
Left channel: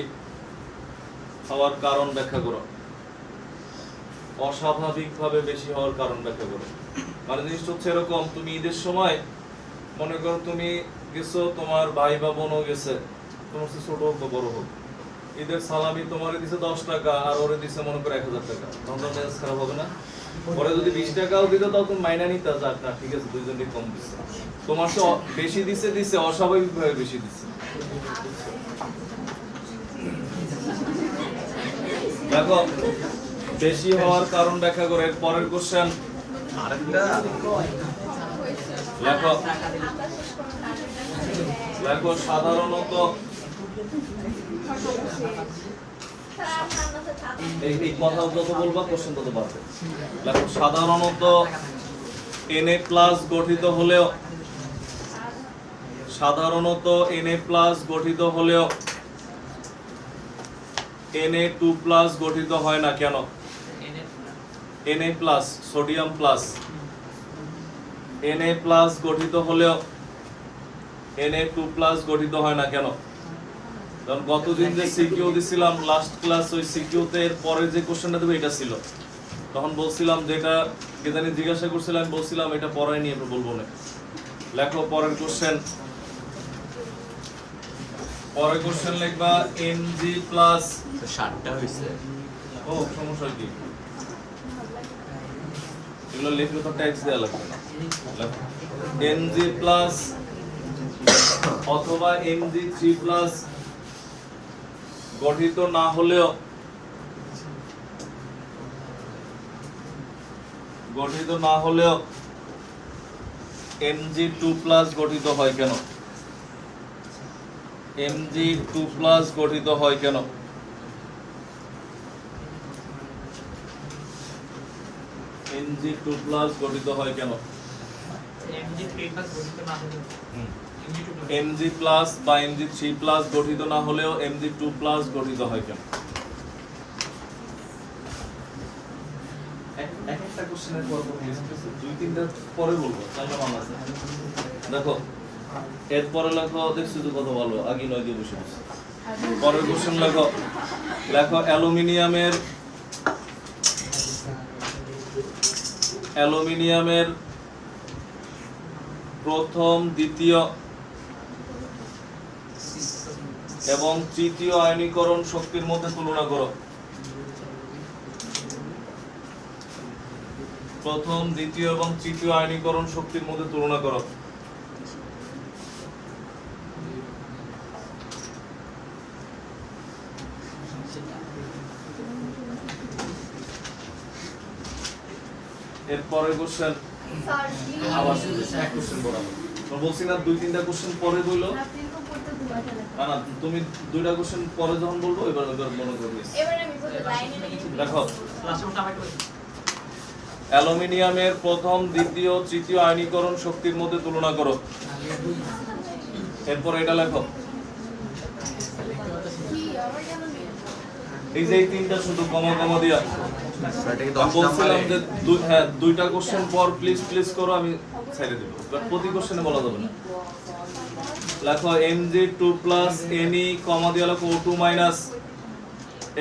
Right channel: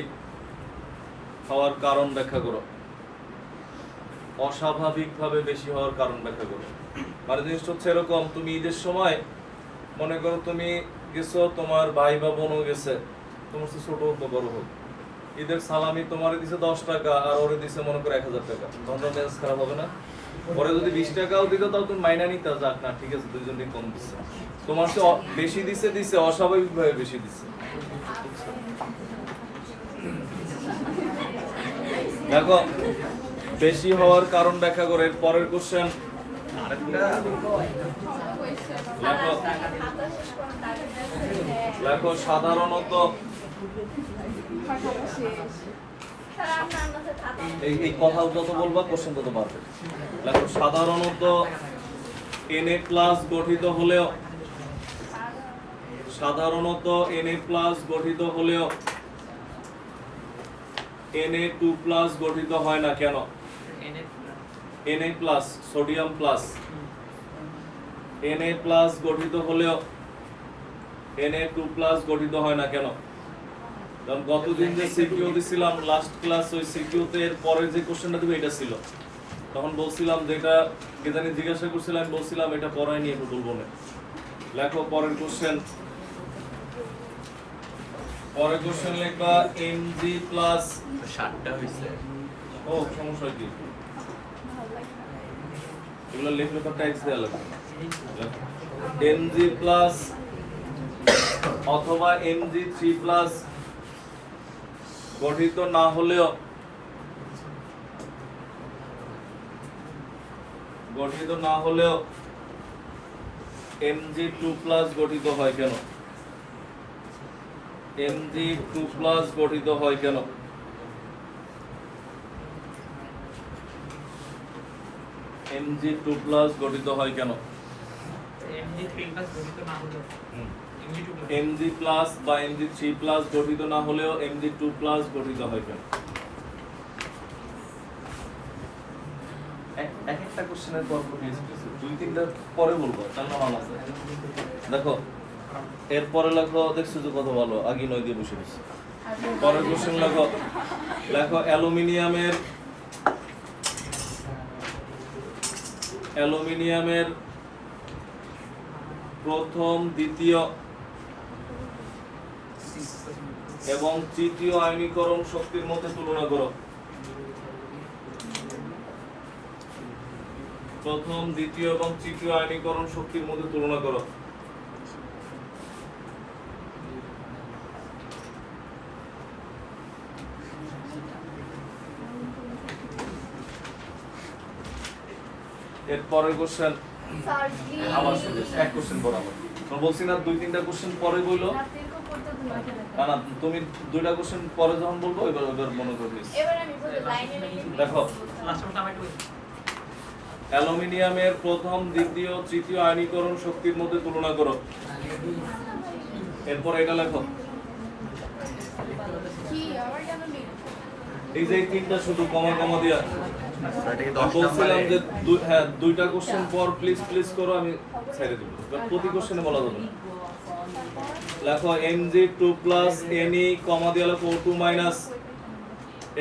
হওয়ার কারণ ব্যাখ্যা করো। অস্বাভাবিকভাবে বেশি হওয়ার কারণ ব্যাখ্যা করো। মানে জিনিসটা হচ্ছে এরকম, তুমি ঈদের সময় মনে করো তুমি গেছো, তোমার ভাই বা বোনও গেছে, তোমার চেয়ে ছোট হোক বা বড় হোক, ঈদের সালামি তোমার দিছে 10 টাকা আর ওরে দিছে মনে করো 1000 টাকা, তখন তো মেজাজ খারাপ হবে না? পরে যদি 20 টাকাও দিত তাও তুমি মাইনা নিতে, যাক না ঠিক আছে দুইজনকে কম দিচ্ছে, তোমার চেয়ে বেশি দিছে অস্বাভাবিকভাবে বেশি দিচ্ছে। দেখো বেশি হওয়ার কারণ ব্যাখ্যা করে। এর পরের কোশ্চেন আরেকটা লেখো। লেখো সাধারণত এই কথা যত বলবা কোশ্চেন তত বাড়বে। লেখো সাধারণত Na+ গঠিত হলেও, সাধারণত Na+ গঠিত হলেও Na2+ গঠিত হয় না কেন? Na+ সোডিয়াম প্লাস Na+ গঠিত হলেও Na2+ গঠিত হয় না কেন? কারণ গতদিন যে সিকিউ দিছিলাম লাস্ট ক্লাস, ওই সিকিউতে এর পরে যে কোশ্চেনটা দেবো এটা ছিল, তখন বলছিলাম যেটা যেখানে জিজ্ঞাসা করছিলাম বলছিলাম এটা পড়ায় নিয়ে বলবো না। লেখো পরের কোশ্চেন। পরের কোশ্চেন লিখবা Mg+। 60টা হইছে। ও সমস্যা কি? এগুলো লিখলে তো ট্যাক্স দেওয়া লাগবে না। Mg+ অথবা Mg3+ গঠিত না হলেও Mg2+ গঠিত হয় কেন? Mg2+ গঠিত হয় কেন? Mg2+ গঠিত হয় কেন? Mg+ বা Mg3+ গঠিত না হলেও Mg2+ গঠিত হয় কেন? একটা কোশ্চেনের পর দুই তিনটা পরে বলবো, তাহলে ভালো আছে। দেখো এরপরে লেখো, দেখছো তো কত ভালো, আগে 9 দিয়ে বসে দিচ্ছি। পরের কোশ্চেন লেখো। লেখো অ্যালুমিনিয়ামের প্রথম দ্বিতীয় এবং তৃতীয় আয়নীকরণ শক্তির মধ্যে তুলনা করো। প্রথম দ্বিতীয় এবং তৃতীয় আয়নীকরণ শক্তির মধ্যে তুলনা করো। এর পরের কোশ্চেন আবার এক কোশ্চেন পড়াবো। আমি বলছি না 2-3টা কোশ্চেন পরে বললো, না না তুমি 2টা কোশ্চেন পরে যখন বলবো এবার মনে করবে। দেখো অ্যালুমিনিয়ামের প্রথম দ্বিতীয় তৃতীয় আয়নীকরণ শক্তির মধ্যে তুলনা করো। এরপর এটা লেখো। এই যে 3টা শুধু কমা দিয়া বলছিলাম যে 2টা কোশ্চেন পর প্লিজ করো, আমি ছেড়ে দিব, প্রতি কোশ্চেনে বলা যাবে না। লেখো Mg2+ Ne কমা দিয়া লেখো O2-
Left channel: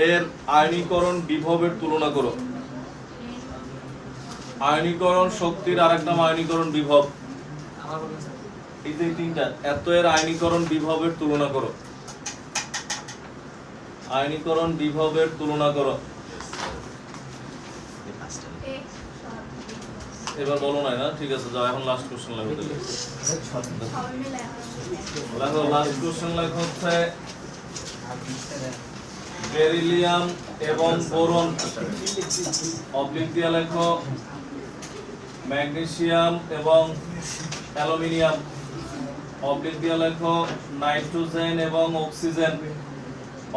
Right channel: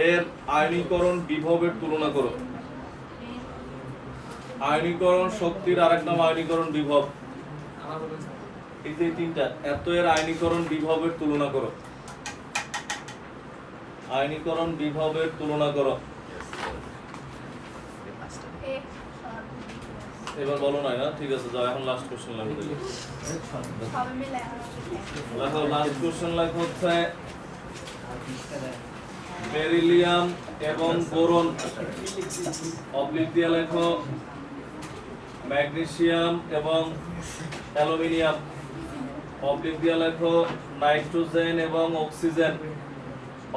এর আয়নীকরণ বিভবের তুলনা করো। আয়নীকরণ শক্তির আরেক নাম আয়নীকরণ বিভব। এই যে 3টা এত এর আয়নীকরণ বিভবের তুলনা করো। আয়নীকরণ বিভবের তুলনা করো। এবার বলো না ঠিক আছে যাও এখন লাস্ট কোশ্চেন লাগবে দেখো লাস্ট কোশ্চেন লাগবে হচ্ছে বেরিলিয়াম এবং বোরন অবলিক দিয়ে লেখো ম্যাগনেসিয়াম এবং অ্যালুমিনিয়াম অবলিক দিয়ে লেখো নাইট্রোজেন এবং অক্সিজেন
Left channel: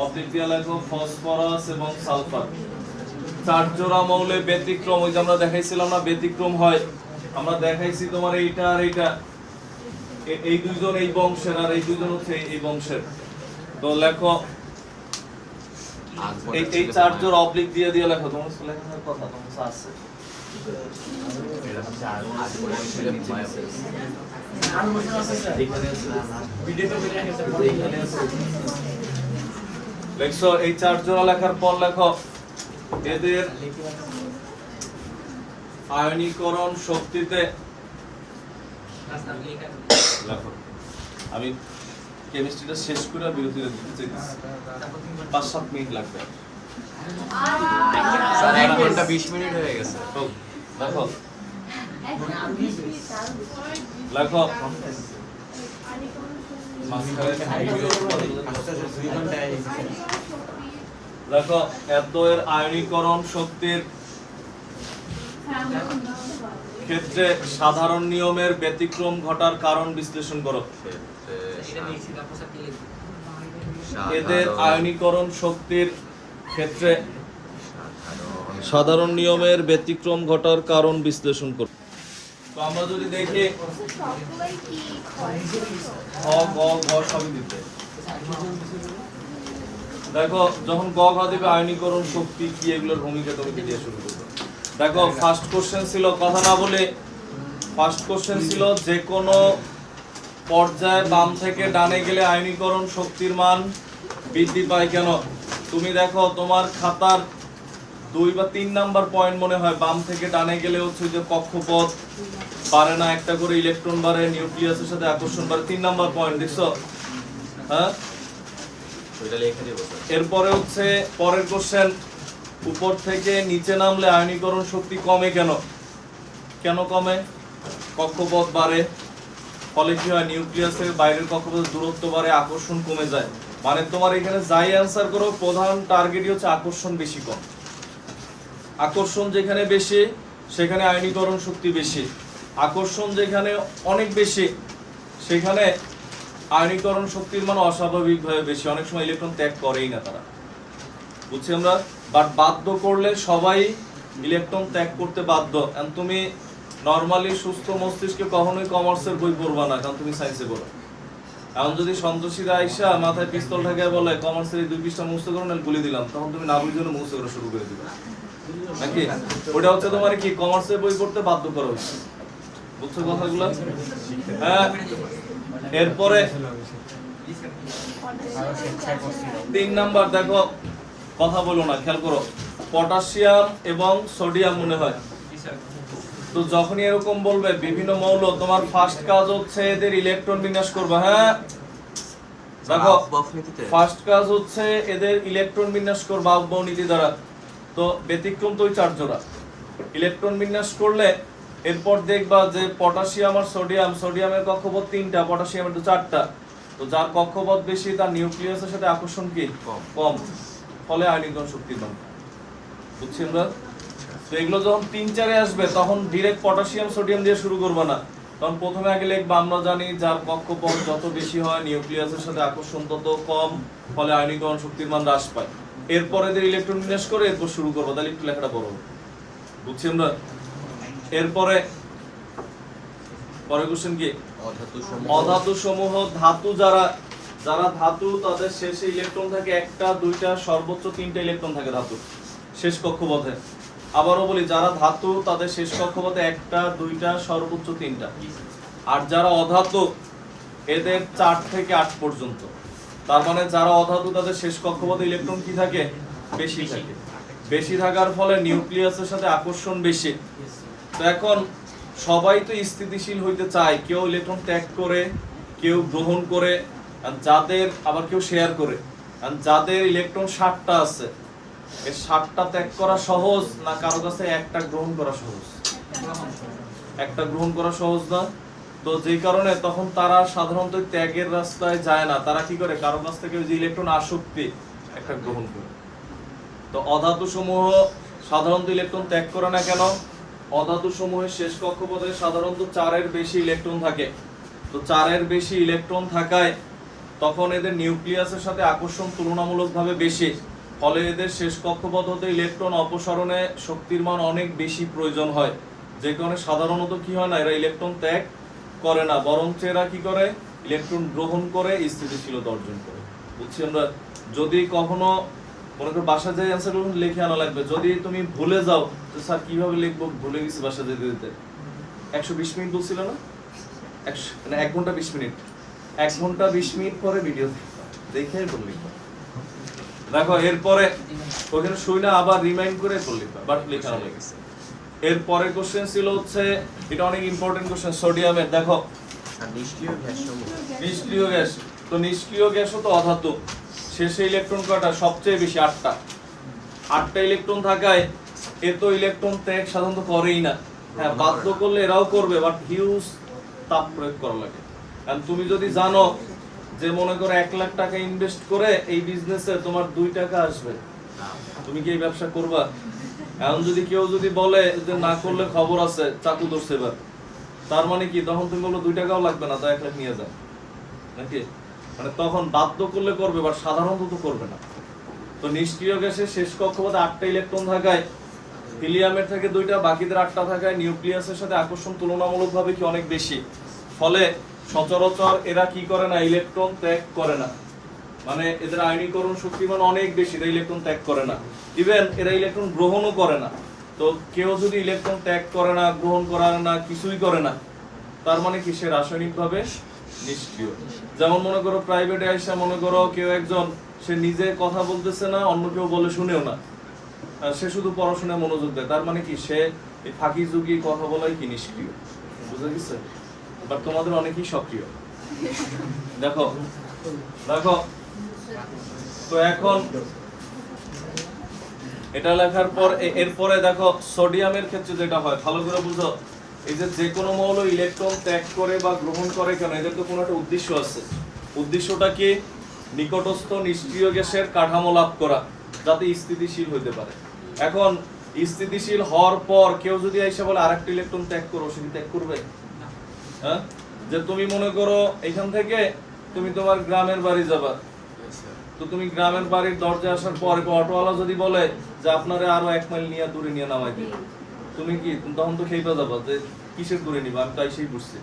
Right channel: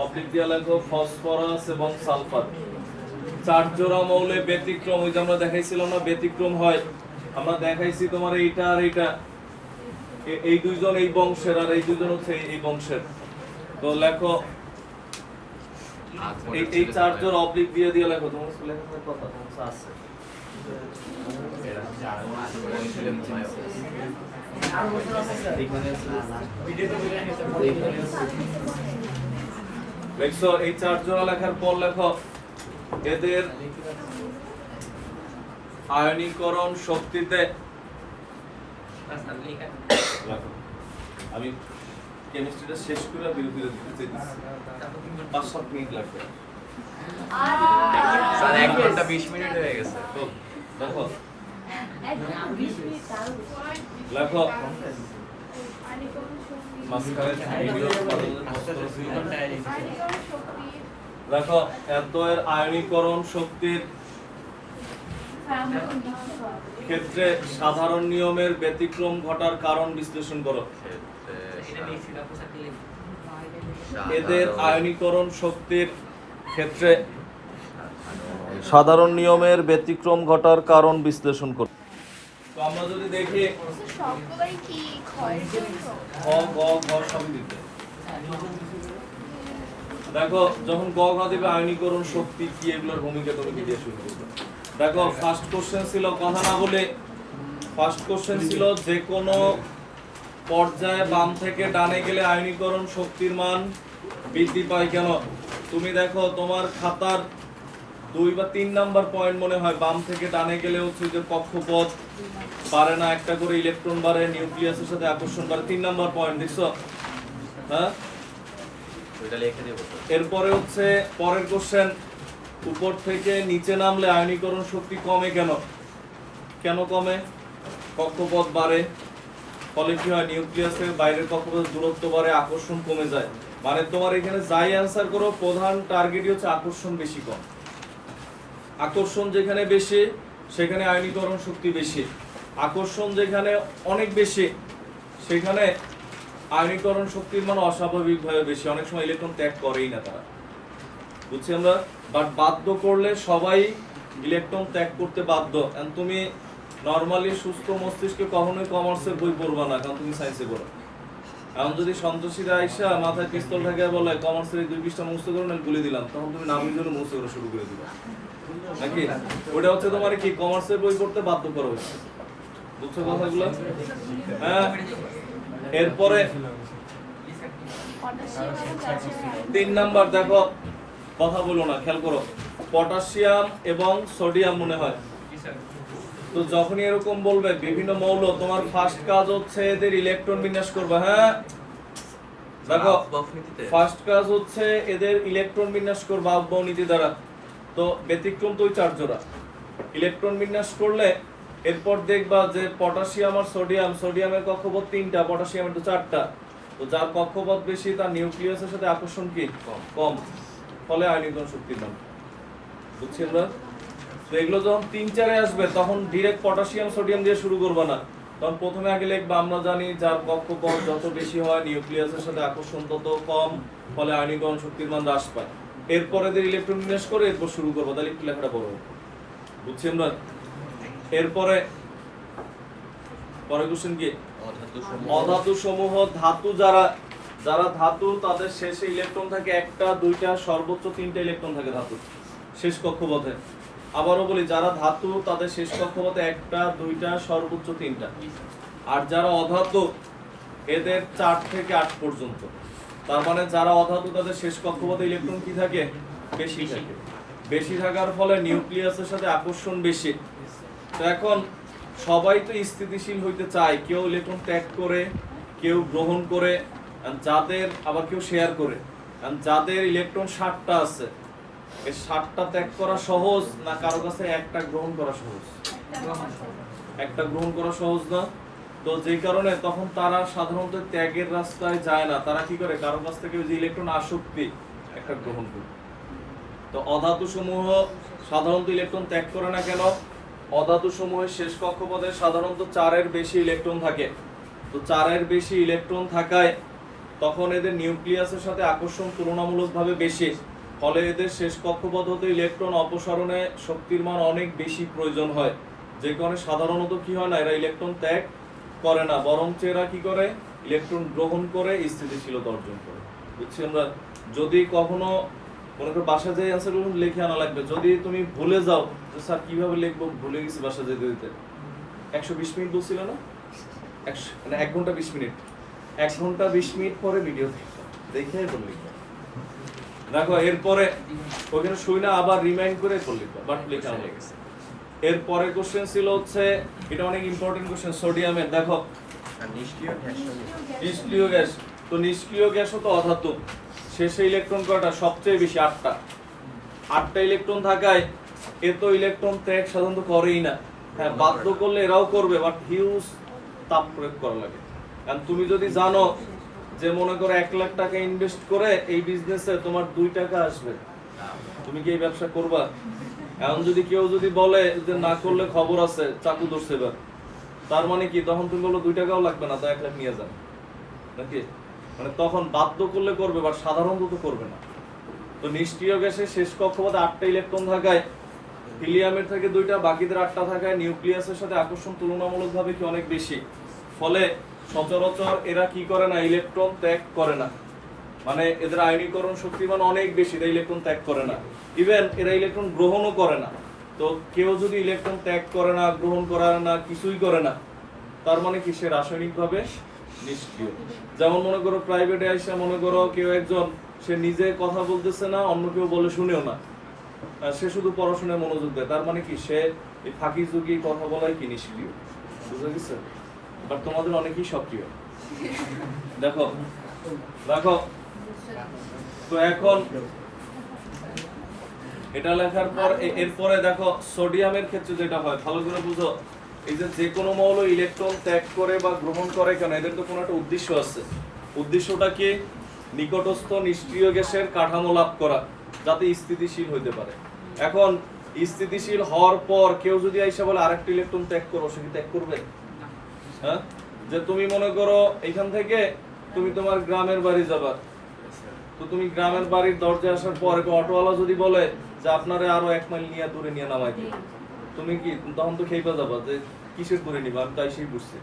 অবলিক দিয়ে লেখো ফসফরাস এবং সালফার। 4 জোড়া মৌলে ব্যতিক্রম, ওই যে আমরা দেখাইছিলাম না ব্যতিক্রম হয়, আমরা দেখাইছি তোমার এইটা আর এইটা, এই দুইজন এই বংশের আর এই দুইজন হচ্ছে এই বংশের। তো লেখো এই 4 জোড়া অবলিক দিয়ে দিয়ে লেখো, তোমার লেখার কথা তোমার আছে লেখছো। এই 4 জোড়া লেখার পর লেখো এদের আয়নীকরণ শক্তিতে, লেখো আমি কেমিস্ট্রিটা শেষ করে বিরতি দিতে চাইছি, 5-7 মিনিট লাগবে স্যার 1 ঘন্টা 20 মিনিট হয়ে গেছে। দেখো লেখো মাঝখানে ভিডিও দেখো এর আয়নীকরণ শক্তির ক্ষেত্রে সাধারণ নিয়মের ব্যতিক্রম ঘটার কারণ বিশ্লেষণ করো। এদের আয়নীকরণ শক্তির ক্ষেত্রে সাধারণ নিয়মের ব্যতিক্রম ঘটার কারণ বিশ্লেষণ করো। তো আমরা যদি দেখি গ গ ঘ সবই দিতে দেখো, যখন গ ঘ দিবে আয়নীকরণ শক্তি কি এগুলোর ভূমিকা তোমাকে দিয়ে শুরু করবো। দেখো ফার্স্ট কোশ্চেন ছিল, কথা না বলে ফার্স্ট কোশ্চেন ছিল যে কোনো পর্যায়ে বাম থেকে ডানে গেলে আয়নীকরণ শক্তির মান বৃদ্ধি পায় কেন। তুমি দেখো তোমার খাতার 2 বা 3 নাম্বার পয়েন্ট মনে হয়, বাম থেকে ডানে গেলে হচ্ছে যে কক্ষপথ বাড়ে না, একটা করে ইলেকট্রন বাড়ে, নিউক্লিয়াসের সাথে আকর্ষণ বাড়ে, 3 নাম্বার পয়েন্ট দেখছো। হ্যাঁ, এরপরে হচ্ছে পরের কোশ্চেন, উপর থেকে নিচে নামলে আয়নীকরণ শক্তি কমে কেন। কেন কমে? কক্ষপথ বাড়ে, ফলে কি হয় নিউক্লিয়াসের বাইরের কক্ষপথের দূরত্ব বাড়ে, আকর্ষণ কমে যায়। মানে তোমার এখানে যাই অ্যান্সার করো প্রধান টার্গেটই হচ্ছে আকর্ষণ বেশি কম। আকর্ষণ যেখানে বেশি সেখানে আয়নীকরণ শক্তি বেশি, আকর্ষণ যেখানে অনেক বেশি সেখানে আয়নীকরণ শক্তির মান অস্বাভাবিকভাবে বেশি, অনেক সময় ইলেকট্রন ত্যাগ করেই না তারা, বুঝছি আমরা। বাট বাধ্য করলে সবাই ইলেকট্রন ত্যাগ করতে বাধ্য। তুমি নর্মালি সুস্থ মস্তিষ্কে কখনোই কমার্সের বই পড়বা না, কারণ তুমি সায়েন্সে পড়ো। এখন যদি সন্তোষীরা আইসা মাথায় পিস্তল ঠেকায় বলে কমার্সের এই 2 পৃষ্ঠা মুখস্থ করো না গুলি দিলাম, তখন তুমি না বুঝে মুখস্থ করা শুরু করে দিবে নাকি। ওটা হচ্ছে তোমার কি কমার্সের বই পড়তে বাধ্য করা হচ্ছে, বুঝছো কথাগুলো। হ্যাঁ, এরপরে 3 নাম্বার দেখো, কথা বলো না, খেয়াল করো, পটাশিয়াম এবং সোডিয়াম মনে হয়। তো যখনই এরকম বলবে বিভিন্ন মৌল, তোমার ফার্স্ট কাজ হচ্ছে এদের ইলেকট্রন বিন্যাস করবা। হ্যাঁ দেখো, ফার্স্ট কাজ হচ্ছে এদের ইলেকট্রন বিন্যাস করবা আফবাও নীতি দ্বারা। তো ব্যতিক্রম তো ওই 4 জোড়া ইলেকট্রন বিন্যাস করলে এরপর দেখবা যে পটাশিয়াম আর সোডিয়াম, সোডিয়ামের কক্ষপথ 3টা, পটাশিয়ামের তো 4টা। তো যার কক্ষপথ বেশি তার নিউক্লিয়াসের সাথে আকর্ষণ কি কম, ফলে আয়নীকরণ শক্তির মান। বুঝছি আমরা। তো এগুলো যখন 3-4-এ আসবে তখন ডিরেক্ট পটাশিয়াম সোডিয়াম দিয়ে শুরু করবা না, তখন প্রথমে আগে লিখবা আমরা জানি যার কক্ষপথ যত বেশি হয় নিউক্লিয়াসের সাথে আকর্ষণ তত কম, ফলে আয়নীকরণ শক্তির মান হ্রাস পায়। এরপরে এদের ইলেকট্রন বিন্যাস করে এরপর শুরু করবো, তাহলে একটু লেখাটা বড় হবে, বুঝছি আমরা। এরপরে পরের কোশ্চেন কি, অধাতু সমূহ। ধাতু যারা ধাতু তাদের শেষে ইলেকট্রন থাকে 1টা 2টা সর্বোচ্চ 3টা ইলেকট্রন থাকে ধাতুর শেষ কক্ষপথে। আবারও বলি, যারা ধাতু তাদের শেষ কক্ষপথে 1টা 2টা সর্বোচ্চ 3টা। আর যারা অধাতু এদের 4 থেকে 8 পর্যন্ত। তার মানে যারা অধাতু তাদের শেষ কক্ষপথে ইলেকট্রন কি থাকে বেশি থাকে, বেশি থাকার ফলে নিউক্লিয়াসের সাথে আকর্ষণ বেশি। তো এখন সবাই তো স্থিতিশীল হইতে চায়, কেউ ইলেকট্রন ত্যাগ করে, কেউ গ্রহণ করে, যাদের আবার কেউ শেয়ার করে। যাদের ইলেকট্রন 60টা আছে, এই 60টা ত্যাগ করা সহজ না কারো কাছে একটা গ্রহণ করা সহজ? একটা গ্রহণ করা সহজ না। তো যেই কারণে তখন তারা সাধারণত ত্যাগের রাস্তায় যায় না, তারা কি করে কারো কাছ থেকে ওই যে ইলেকট্রন আসক্তি একটা গ্রহণ করে। তো অধাতু সমূহ সাধারণত ইলেকট্রন ত্যাগ করে না কেন? অধাতু সমূহের শেষ কক্ষপথে সাধারণত 4-এর বেশি ইলেকট্রন থাকে। তো 4-এর বেশি ইলেকট্রন থাকায় তখন এদের নিউক্লিয়াসের সাথে আকর্ষণ তুলনামূলকভাবে বেশি, ফলে এদের শেষ কক্ষপথ হতে ইলেকট্রন অপসারণে শক্তির মান অনেক বেশি প্রয়োজন হয়। যে কারণে সাধারণত কি হয় না, এরা ইলেকট্রন ত্যাগ করে না, বরঞ্চ এরা কি করে ইলেকট্রন গ্রহণ করে স্থিতিশীলতা অর্জন করে। বুঝছি আমরা? যদি কখনো মনে করো বাসা যাই অ্যান্সারগুলো লিখে আনা লাগবে, যদি তুমি ভুলে যাও যে স্যার কিভাবে লিখবো, ভুলে গেছি বাসা যেতে যেতে, 120 মিনিট বলছিল না, 1 ঘন্টা 20 মিনিট, 1 ঘন্টা 20 মিনিট পরে ভিডিও দেখে এরপর লিখবা। দেখো এরপরে ওখানে শুই না আবার রিমাইন্ড করে এরপর লিখবা, বাট লেখানো লেগেছে। এরপরে কোশ্চেন ছিল হচ্ছে, এটা অনেক ইম্পর্টেন্ট কোশ্চেন, সোডিয়ামের। দেখো আর নিষ্ক্রিয় গ্যাস সমূহ। নিষ্ক্রিয় গ্যাস, তো নিষ্ক্রিয় গ্যাসও তো অধাতু, শেষে ইলেকট্রন কয়টা? সবচেয়ে বেশি 8টা। 8টা ইলেকট্রন থাকায় এ তো ইলেকট্রন ত্যাগ সাধারণত করেই না। হ্যাঁ, বাধ্য করলে এরাও করবে, বাট হিউজ তাপ প্রয়োগ করা লাগে। আর তুমি যদি জানো যে মনে করো 1 লাখ টাকা ইনভেস্ট করে এই বিজনেসে তোমার 2 টাকা আসবে, তুমি কি এই ব্যবসা করবা? এখন যদি কেউ যদি বলে যে না করলে খবর আছে, চাকু ধরছে এবার, তার মানে কি তখন তুমি বললো 2 টাকাও লাগবে না, তো 1 লাখ নিয়ে যাও নাকি? মানে তখন বাধ্য করলে করবে, বাট সাধারণত তো করবে না। তো নিষ্ক্রিয় গ্যাসের শেষ কক্ষপথে 8টা ইলেকট্রন থাকায়, হিলিয়ামের থেকে 2টা, বাকিদের 8টা থাকায় নিউক্লিয়াসের সাথে আকর্ষণ তুলনামূলকভাবে কি অনেক বেশি, ফলে সচরাচর এরা কি করে না, ইলেকট্রন ত্যাগ করে না। মানে এদের আয়নীকরণ শক্তিমান অনেক বেশি, এরা ইলেকট্রন ত্যাগ করে না, ইভেন এরা ইলেকট্রন গ্রহণও করে না। তো কেউ যদি ইলেকট্রন ত্যাগ করে না, গ্রহণ করে না, কিছুই করে না, তার মানে কি সে রাসায়নিকভাবে নিষ্ক্রিয়। যেমন মনে করো প্রাইভেটে আইসা মনে করো কেউ একজন, সে নিজে কথা বলতেছে না, অন্য কেউ বলে শুনেও না, সে শুধু পড়াশোনায় মনোযোগ দেয়, তার মানে কি সে এই ফাঁকি ঝুঁকি কথা বলাই কি নিষ্ক্রিয়। বুঝা গেছে? বাট তোমাদের অনেকেই সক্রিয়। দেখো দেখো, তো এখন এটা লেখার পর এরপরে দেখো সোডিয়ামের ক্ষেত্রে যেটা হয়, ভালো করে বুঝো। এই যে কোনো মৌল ইলেকট্রন ত্যাগ করে বা গ্রহণ করে কেন, এদের তো কোনো একটা উদ্দেশ্য আছে। উদ্দেশ্যটা কি? নিকটস্থ নিষ্ক্রিয় গ্যাসের কাঠামো লাভ করা, যাতে স্থিতিশীল হইতে পারে। এখন স্থিতিশীল হওয়ার পর কেউ যদি আইসা বলে আরেকটা ইলেকট্রন ত্যাগ করো, সে কি ত্যাগ করবে? হ্যাঁ, যে তুমি মনে করো এখান থেকে তুমি তোমার গ্রামের বাড়ি যাবা, তো তুমি গ্রামের বাড়ির দরজায় আসার পর অটোওয়ালা যদি বলে যে আপনারে আরো 1 মাইল নিয়ে দূরে নিয়ে নামাই দিই, তুমি কি তখন তো খেয়ে যাবা যে কিসের দূরে নিবা, আমি তাই সেই বুঝছি।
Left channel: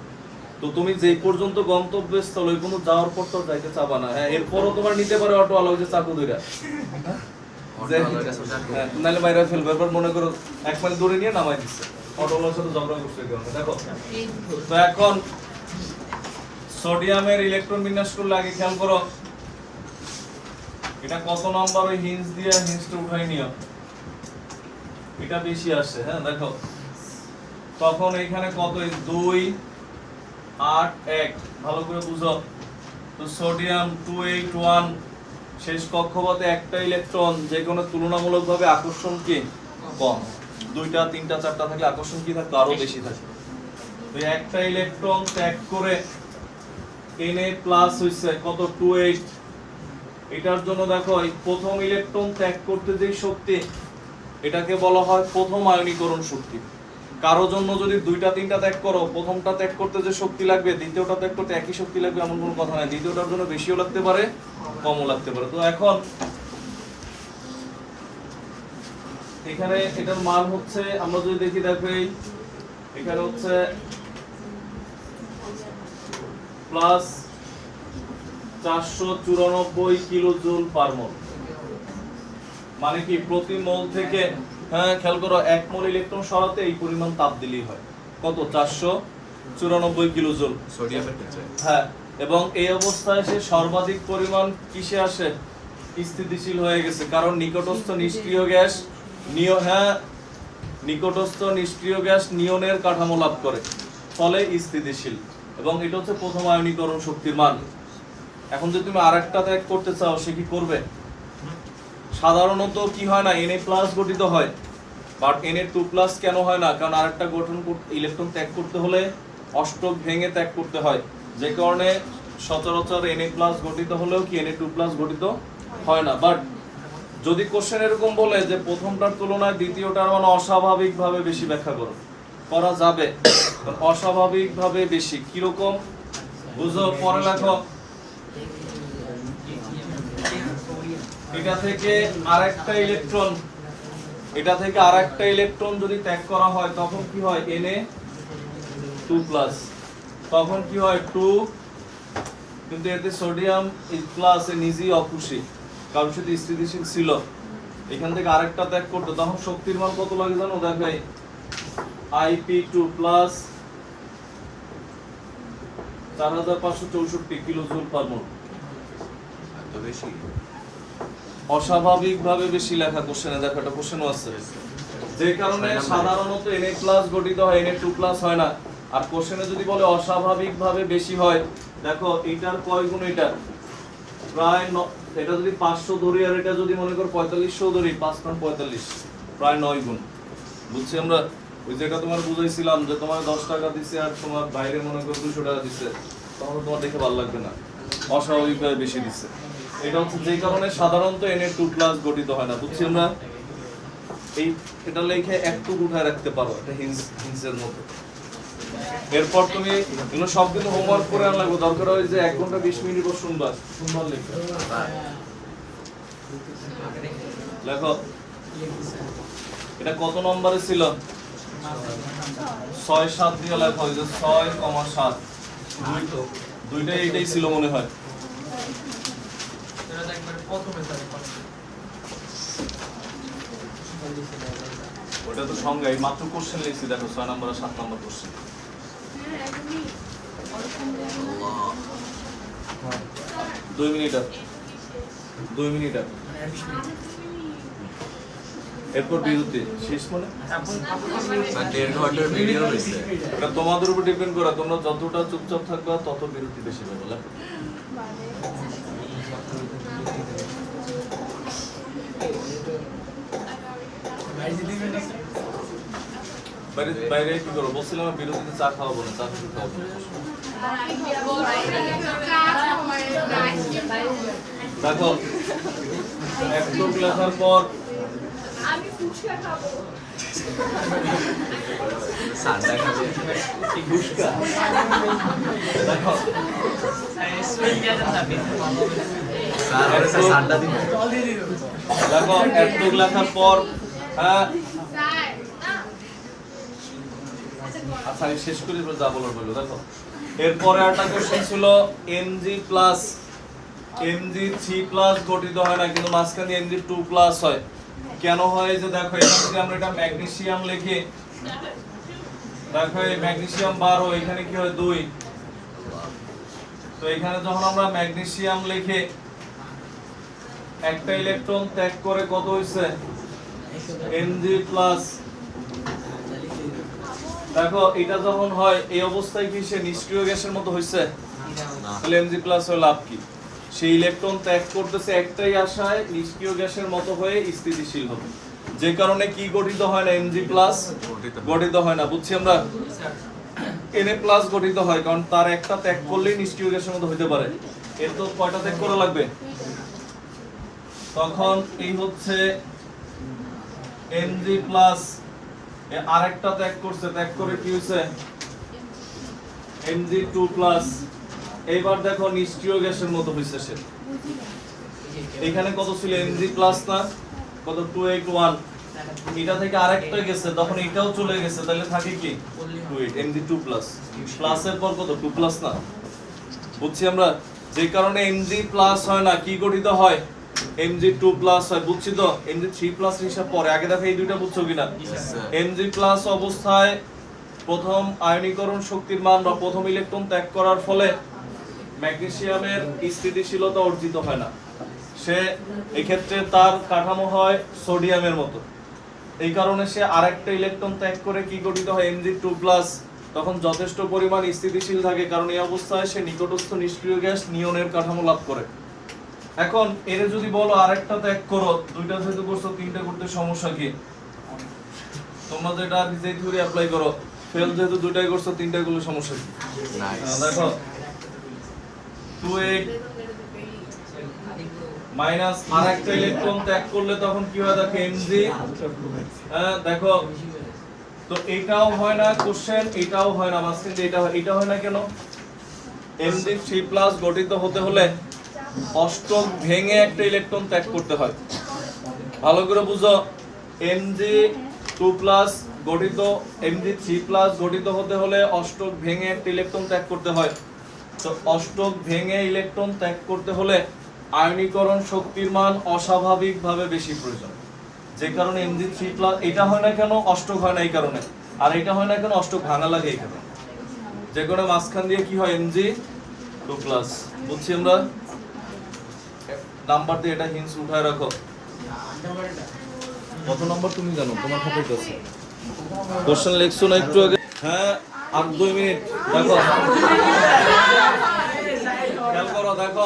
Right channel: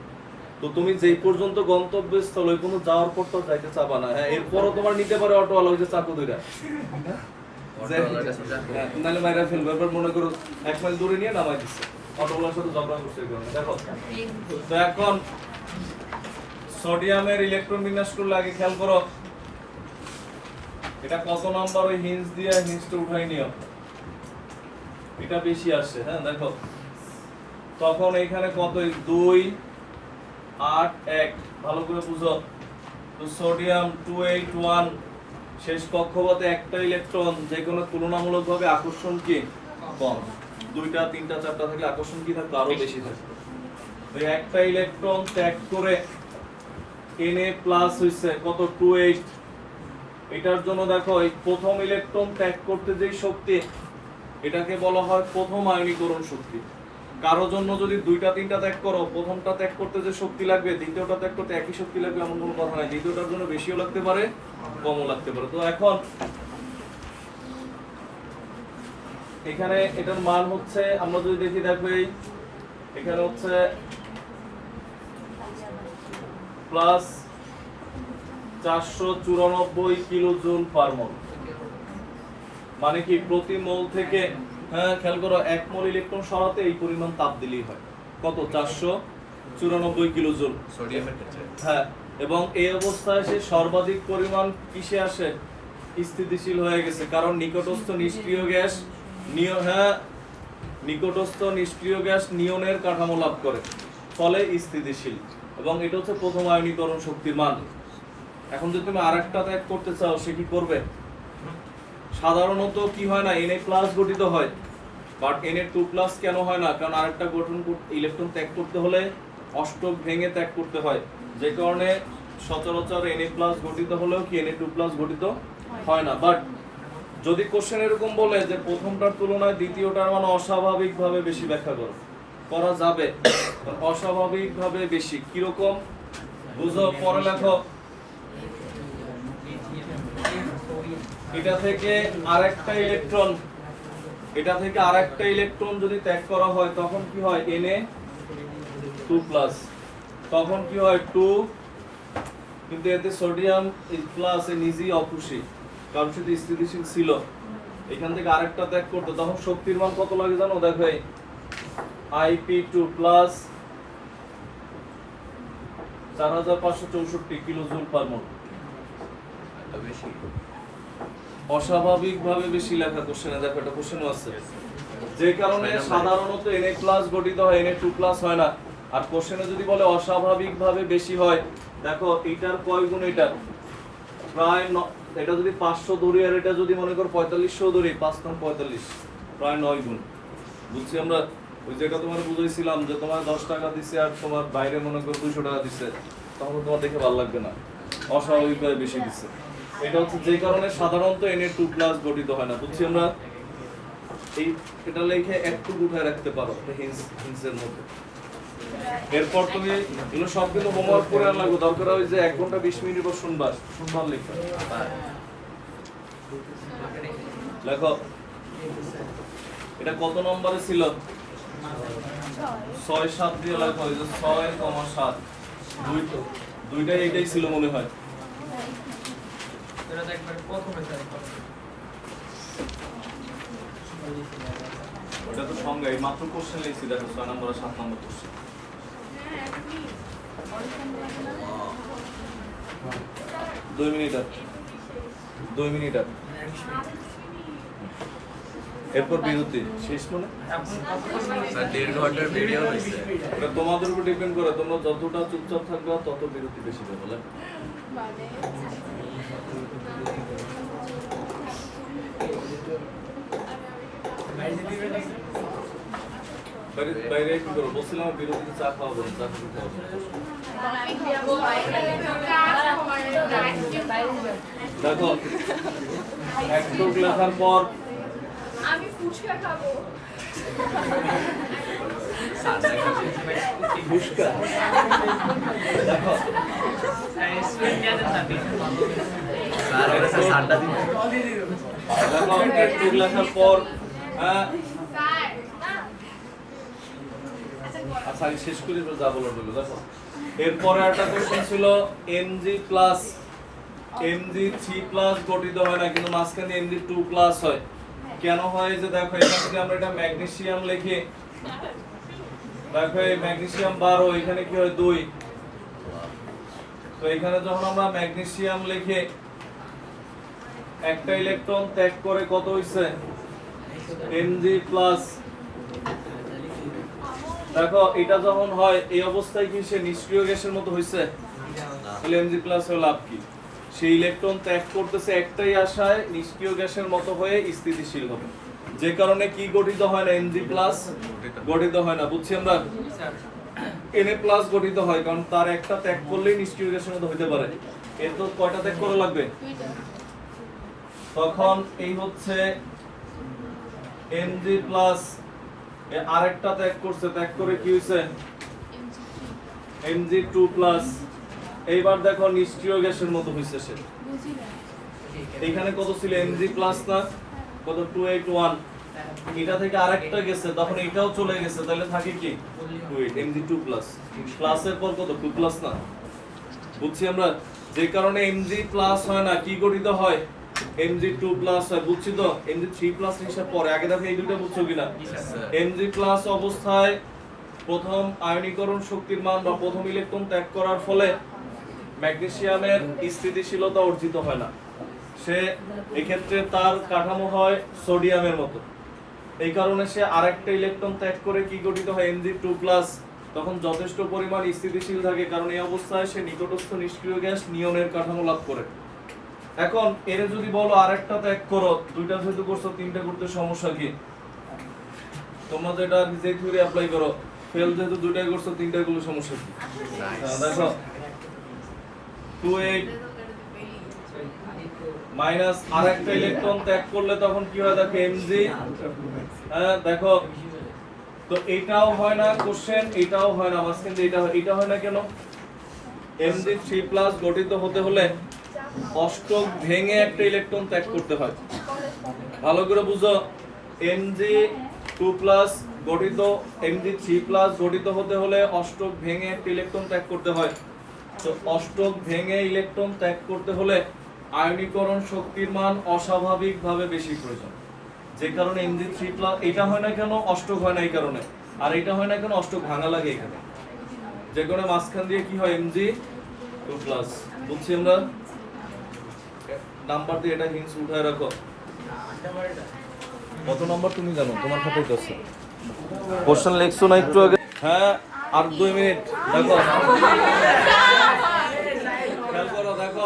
তো তুমি যেই পর্যন্ত গন্তব্যস্থল ওই পর্যন্ত যাওয়ার পর তো যাইতে চাবা না। হ্যাঁ, এরপরও তোমার নিতে পারে অটোওয়ালা ওই যে চাকু ধইরা, নাহলে বাইরে ফেলবে। এবার মনে করো 1 মাইল দূরে নিয়ে নামাই দিচ্ছে, অটোওয়ালার সাথে ঝগড়া করছে কেউ। দেখো তো এখন সোডিয়ামের ইলেকট্রন বিন্যাস করলে আগে খেয়াল করো এটা কত নাম্বার, ওই হিঞ্জ দিয়ে হিঞ্জটা উঠাই নিও, এটা বেশি আসে। হ্যাঁ দেখো তখন এখানে কত, 2 8 1, ভালো করে বুঝো। তো সোডিয়াম 281, শেষ কক্ষপথে একটা ইলেকট্রন, যে কোনো তুলনামূলকভাবে আকর্ষণ কি কম, 2টা 3টা 4টা থাকলে আকর্ষণ কি থাকতো আরো বেশি থাকে। ওই একটা ইলেকট্রন ত্যাগ করে Na+ হইছে কত, 28। এটার জন্য দেখো এই প্রথম ইলেকট্রন ত্যাগ করতে যে শক্তি, এটাকে বলা হয় প্রথম আয়নীকরণ শক্তি। কারো জন্য যদি 2টা 3টা ত্যাগ করো, প্রথমটা ত্যাগ করতে যে শক্তি লাগবে, দ্বিতীয়টা ত্যাগ করতে একই শক্তি লাগবে এমন কোনো কথা নেই, দ্বিতীয়টার জন্য বেশিও লাগতে পারে, কমও লাগতে পারে। তো এখন এখানে এটার মান হচ্ছে, আমরা যদি দেখি, দেখো এখানে হচ্ছে প্লাস 494 কিলো জুল পার মোল। মানে কি প্রতি মোল থেকে, হ্যাঁ খেয়াল করো, 1 মোল ইলেকট্রন সরাতে এই পরিমাণ তাপ দিলেই হয়। কত? 494 কিলো জুল সোডিয়ামের ক্ষেত্রে। হ্যাঁ, এবং এই অবস্থায় সে সর্বাধিক পরিমাণ কিসে আসে? স্থিতিশীল হয়ে গেছে, কারণ নিকটস্থ নিষ্ক্রিয় গ্যাস নিকটস্থ নিষ্ক্রিয় গ্যাস নিয়নের কাঠামো লাভ করে, ফলে স্থিতিশীল। এবং এটা হচ্ছে প্রথম আয়নীকরণ শক্তির মান। এখন যদি তুমি আরেকটা ত্যাগ করতে চাও, সে কি করবে? সাধারণত কি হয় না, Na+ গঠিত হয়, বাট Na2+ কেন হয় না? কারণ আরেকটা গঠন ইলেকট্রন ত্যাগ করতে হলে অষ্টক ভেঙে ত্যাগ করতে হয়, যে কারণে সচরাচর Na+ গঠিত হলেও কি Na2+ গঠিত হয় না। বাট যদি কোশ্চেন এরকম বলে যে প্রথমটার তুলনায় দ্বিতীয়টার মান অস্বাভাবিকভাবে বেশি ব্যাখ্যা করো, করা যাবে। অস্বাভাবিকভাবে বেশি কিরকম বুঝো, পরে লেখো। এটা থেকে আরেকটা ইলেকট্রন যদি ত্যাগ করা হয় তখন কি হয়? Na2+। তখন কি হয়? 2, কিন্তু এতে সোডিয়াম প্লাস নিজেই অখুশি, কারণ সেটা স্থিতিশীল ছিল। এখান থেকে আরেকটা ত্যাগ করতে তখন শক্তির মান কত লাগে জানো? দেখো এই Ip2+ 4564 কিলোজুল পার মোল। অস্বাভাবিকভাবে বেশি লেখা কোশ্চেনে, দেখো এটা কোশ্চেনও আছে। যে কারণে সাধারণত Na+ গঠিত হয়, Na2+ হয় না। আর কোশ্চেনে যদি বলে অস্বাভাবিকভাবে বেশি হয়, দেখো এটার কয় গুণ? এটার প্রায় এটা যদি 500 ধরি আর এটা যদি মনে করো 4500 ধরি, 5 × 45 প্রায় 9 গুণ। বুঝছি আমরা? ওই যেটা তোমার বুঝাইছিলাম যে তোমার 10 টাকা দিছে আর তোমার বাইরে মনে করো 200 টাকা দিছে, তখন তোমার দেখে ভালো লাগবে না, অস্বাভাবিকভাবে বেশি দিচ্ছে। এটা হচ্ছে যে কারণে সাধারণত Na2+ গঠিত হয় না। বুঝছি আমরা? এটা লিখে একটু উঠায় রাখতে পারো, এটা হিন্সের মতো। এরপর তুমি এগুলো সব কিন্তু হোমওয়ার্ক করে আনা লাগবে, দরকার হয় যে 1 ঘন্টা 20 মিনিট পর শুনবার লিখবে। লেখো এটা কত নম্বরে ছিল? 6, 7 দিয়ে লেখো। 6,7 দুইটাই এইটাই ছিল মনে হয়। ওটা তো সঙ্গে মাত্র কোশ্চেন লিখছি, দেখো 6 নম্বর আর 7 নম্বর কোশ্চেন। 2 মিনিট আর এরপর বিরতি শেষ মানে ভিডিও হয়েছে। এটা তোমাদের উপর ডিপেন্ড করে, তোমরা যতটা চুপচাপ থাকবা তত বিরতি বেশি পাবে। বাইরে কি করো? বলছিলাম বিরতিতে চা খাওয়াবো না, চা খেতে খাওয়াবো। দেখো একটু লেখার পর ফুচকা। দেখো দেখো একটু লেখার পর আচ্ছা আমি শেষ করি, যা বলার বললো। দেখো এরপরে একটা কোশ্চেন ছিল Mg3+ গঠিত হয় না, কিন্তু মাঝখানে Mg2+ হয়। কেন হয়? যে দেখো এখান থেকে আমরা এটা ম্যাগনেসিয়াম লিখি, দেখো এই ম্যাগনেসিয়াম 12, এখানে কি হয় 2। তো এখানে যখন আমরা ম্যাগনেসিয়াম লিখে একটা ইলেকট্রন ত্যাগ করে কত হইছে? Mg+। দেখো এটা যখন হয় এই অবস্থায় কি সে নিষ্ক্রিয় গ্যাসের মতো হইছে? তাহলে Mg+ হয়ে লাভ কি? সেই ইলেকট্রন ত্যাগ করতেছে একটাই আশায়, নিষ্ক্রিয় গ্যাসের মতো হয়ে স্থিতিশীল হবে, যে কারণে কি গঠিত হয় না? Mg+ গঠিত হয় না। বুঝছি আমরা? Na+ গঠিত হয়, কারণ তার একটা ত্যাগ করলেই নিষ্ক্রিয় গ্যাসের মতো হইতে পারে। এর তো কয়টা ত্যাগ করা লাগবে? তখন এই হচ্ছে Mg+ আরেকটা ত্যাগ করছে, ত্যাগ করে কি হইছে? Mg2+। এইবার দেখো নিষ্ক্রিয় গ্যাসের মতো হইছে সে। এখানে কত ছিল? Mg+ না কত? 281। এটা থেকে আরেকটা গেছে, তখন এটাও চলে গেছে, তাহলে থাকে কি? 28 Mg2+। প্লাসের পর কত? 2+ না? বুঝছি আমরা? যে কারণে Mg+ হয় না, কি গঠিত হয়? Mg2+ হয়। বুঝছি তো? Mg3+ হিসাব পরে, আগে দেখো এই দুইটা বুঝছো কিনা? Mg+ অবস্থায় প্রথম আয়নীকরণ শক্তির মান বা প্রথম ইলেকট্রন ত্যাগ করার ফলে ম্যাগনেসিয়ামের স্থিতিশীলতা অর্জিত হয় না, সে এক্ষেত্রে তার কাঠামো হয় সোডিয়ামের মতো। এই কারণে সে আরেকটা ইলেকট্রন ত্যাগ করে কি গঠিত হয়? Mg2+। তখন যথেষ্ট পরিমাণ স্থিতিশীল থাকে, কারণ এই অবস্থায় সে নিকটস্থ নিষ্ক্রিয় গ্যাস নিয়নের কাঠামো লাভ করে। এখন এর যদি বলো আরেকটা ত্যাগ করো, দুইটা যেহেতু করছো, 3টা করতে সমস্যা কি? তোমরা যেটা আর কি যে থিওরি অ্যাপ্লাই করো, ফেল যেহেতু দুইটাই করছো, তিনটাই গুলো সমস্যা কি? দেখো 2 মাইনাস আর একটা ইলেকট্রন ত্যাগ করলে তখন কি হয় দেখো mg। হ্যাঁ দেখো, তো এটাও হয় না কোশ্চেন, এটাও হয় না, মাঝখান দিয়ে এটা হয় না কেন? mg3+ গঠিত হতে হলে অষ্টক ভেঙে একটা ইলেকট্রন ত্যাগ করতে হয়। ভালো করে বুঝো, mg2+ গঠিত mg3+ গঠিত হতে হলে অষ্টক ভেঙে একটা ইলেকট্রন ত্যাগ করতে হয়। তো অষ্টক ভেঙে ইলেকট্রন ত্যাগ করতে হলে আয়নীকরণ শক্তির মান অস্বাভাবিকভাবে বেশি প্রয়োজন, যে কারণে mg3+ এটা হয় না কেন? অষ্টক হয় না এই কারণে। আর এটা হয় না কেন? অষ্টক ভাঙা লাগে এই কারণে। যে কারণে মাঝখান দিয়ে কি হয়? mg2+। বুঝছি আমরা? নাম্বার দিয়ে এটা হিন্টস উঠায় রাখো। কত নাম্বার তুমি জানো? তোমার খাতায় তো আছে। কোশ্চেন লিখছো না একটু আগে? হ্যাঁ, আর 2 মিনিট। দেখো, খেয়াল করো, দেখো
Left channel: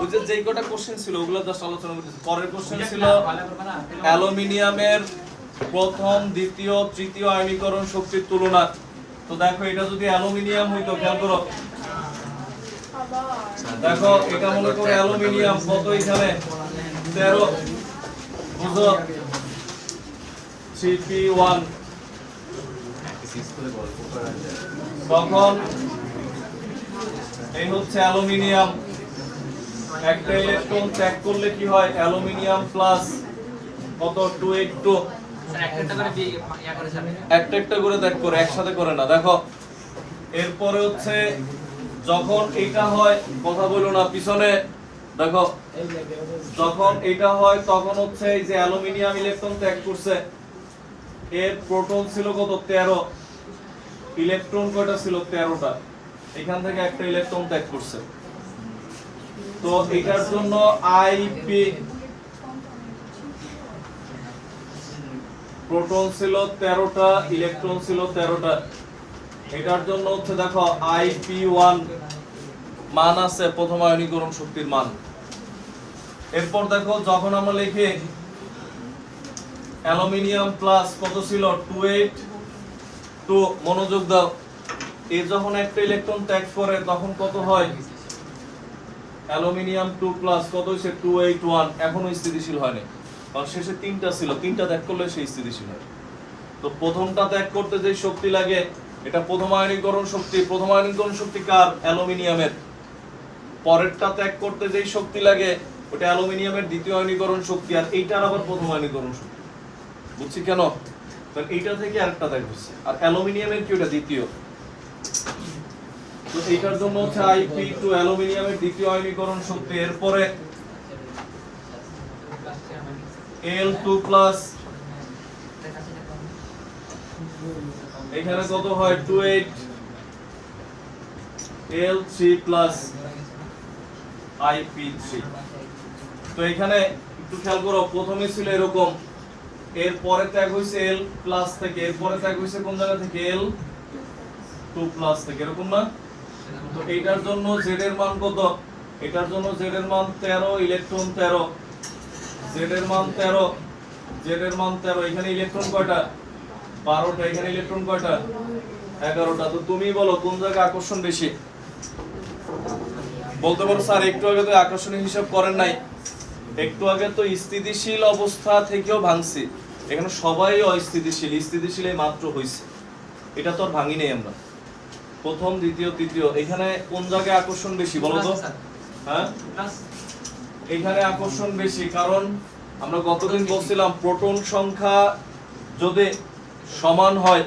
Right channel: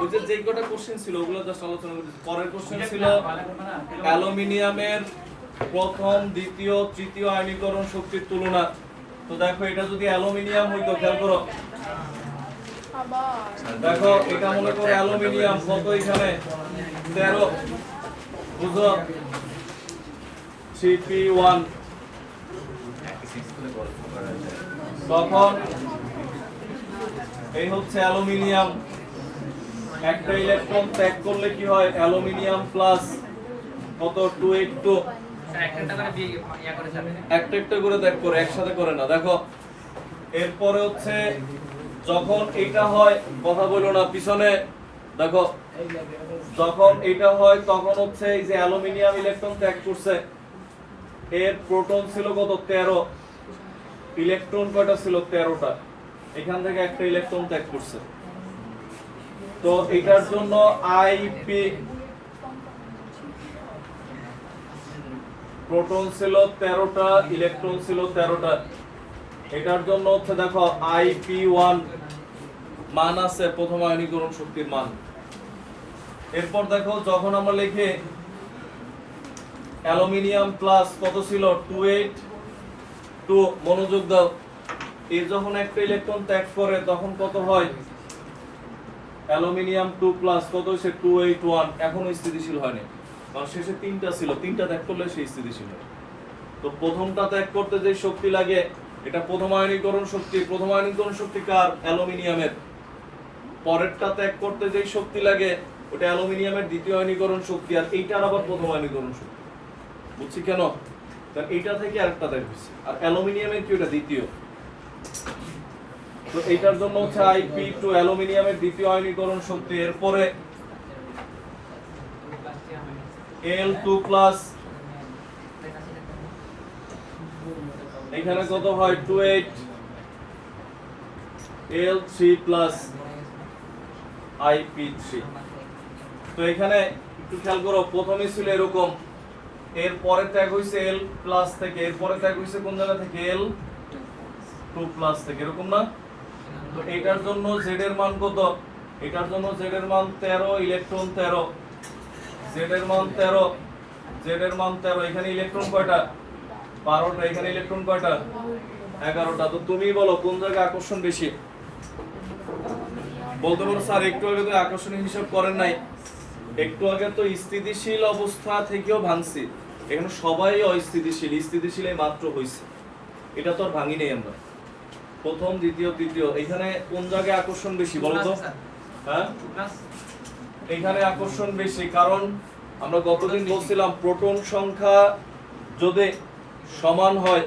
ওই যে যেই কটা কোশ্চেন ছিল ওগুলো জাস্ট আলোচনা করেছি। পরের কোশ্চেন ছিল অ্যালুমিনিয়ামের প্রথম, দ্বিতীয়, তৃতীয় আয়নীকরণ শক্তির তুলনা। তো দেখো, এটা যদি অ্যালুমিনিয়াম হইতো, খেয়াল করো, দেখো এটা মনে করো অ্যালুমিনিয়াম, কত এখানে 13, বুঝো 3p1, তখন এই হচ্ছে অ্যালুমিনিয়াম। একটা ইলেকট্রন ত্যাগ করলে কি হয়? অ্যালুমিনিয়াম প্লাস কত 282, একটা একটা করে ত্যাগ করে, একসাথে করে না। দেখো এরপরে হচ্ছে যখন এইটা হয়, কথা বলো না পিছনে, দেখো যখন এইটা হয় তখন হচ্ছে এই যে অ্যালুমিনিয়াম ইলেকট্রন ত্যাগ করছে, এর প্রোটন ছিল কত? 13, ইলেকট্রন কয়টা ছিল? 13টা। এখান থেকে একটা ইলেকট্রন ত্যাগ করছে। তো এটার জন্য আইপি প্রোটন ছিল 13টা, ইলেকট্রন ছিল 13টা। এটার জন্য হচ্ছে দেখো আইপি1 মান আছে প্রথম আয়নীকরণ শক্তির মান। এরপর দেখো যখন আমরা লিখি অ্যালুমিনিয়াম প্লাস কত ছিল? 282, মনোযোগ দাও, এ যখন একটা ইলেকট্রন ত্যাগ করে তখন কত হয়? অ্যালুমিনিয়াম 2+ কত হইছে? 281, এখনো স্থিতিশীল হয়নি, কারণ শেষে 3টা ছিল, 3টা ত্যাগ করলে সেই স্থিতিশীল হয়। তো প্রথমটা ত্যাগ করতে যে শক্তি লাগে, এটা প্রথম আয়নীকরণ শক্তি। প্রথম আয়নীকরণ শক্তি কার? অ্যালুমিনিয়ামের। পরেরটা ত্যাগ করতে যেই শক্তি লাগে ওটা অ্যালুমিনিয়ামের দ্বিতীয় আয়নীকরণ শক্তি, আর এইটার আবার প্রথম আয়নীকরণ শক্তি। বুঝছি কেন? কারণ এইটা থেকে আরেকটা ত্যাগ হচ্ছে, আর অ্যালুমিনিয়ামের কি ওটা দ্বিতীয়। তো এইটার জন্য হচ্ছে Ip2 অ্যালুমিনিয়ামের দ্বিতীয় আয়নীকরণ শক্তি। এরপরে Al2+, এখানে কত হয়? 28, Al3+ Ip3। তো এখানে একটু খেয়াল করো, প্রথমে ছিল এরকম, এরপরে ত্যাগ হইছে L+ থেকে, এরপরে ত্যাগ হইছে কোন জায়গা থেকে? L2+ থেকে, এরকম না? তো এইটার জন্য z এর মান কত? এটার জন্য z এর মান 13, ইলেকট্রন 13, z এর মান 13, z এর মান 13। এখানে ইলেকট্রন কয়টা? 12টা। এখানে ইলেকট্রন কয়টা? 11টা। তো তুমি বলো কোন জায়গায় আকর্ষণ বেশি? বলতে পারো স্যার একটু আগে তো আকর্ষণের হিসাব করেন নাই, একটু আগে তো স্থিতিশীল অবস্থা থেকেও ভাঙছি, এখানে সবাই অস্থিতিশীল, স্থিতিশীল এই মাত্র হইছে, এটা তো আর ভাঙি নেই আমরা। প্রথম, দ্বিতীয়, তৃতীয়, এখানে কোন জায়গায় আকর্ষণ বেশি বলো তো? হ্যাঁ, এখানে আকর্ষণ বেশি, কারণ আমরা গতদিন বলছিলাম প্রোটন সংখ্যা যদি সমান হয়,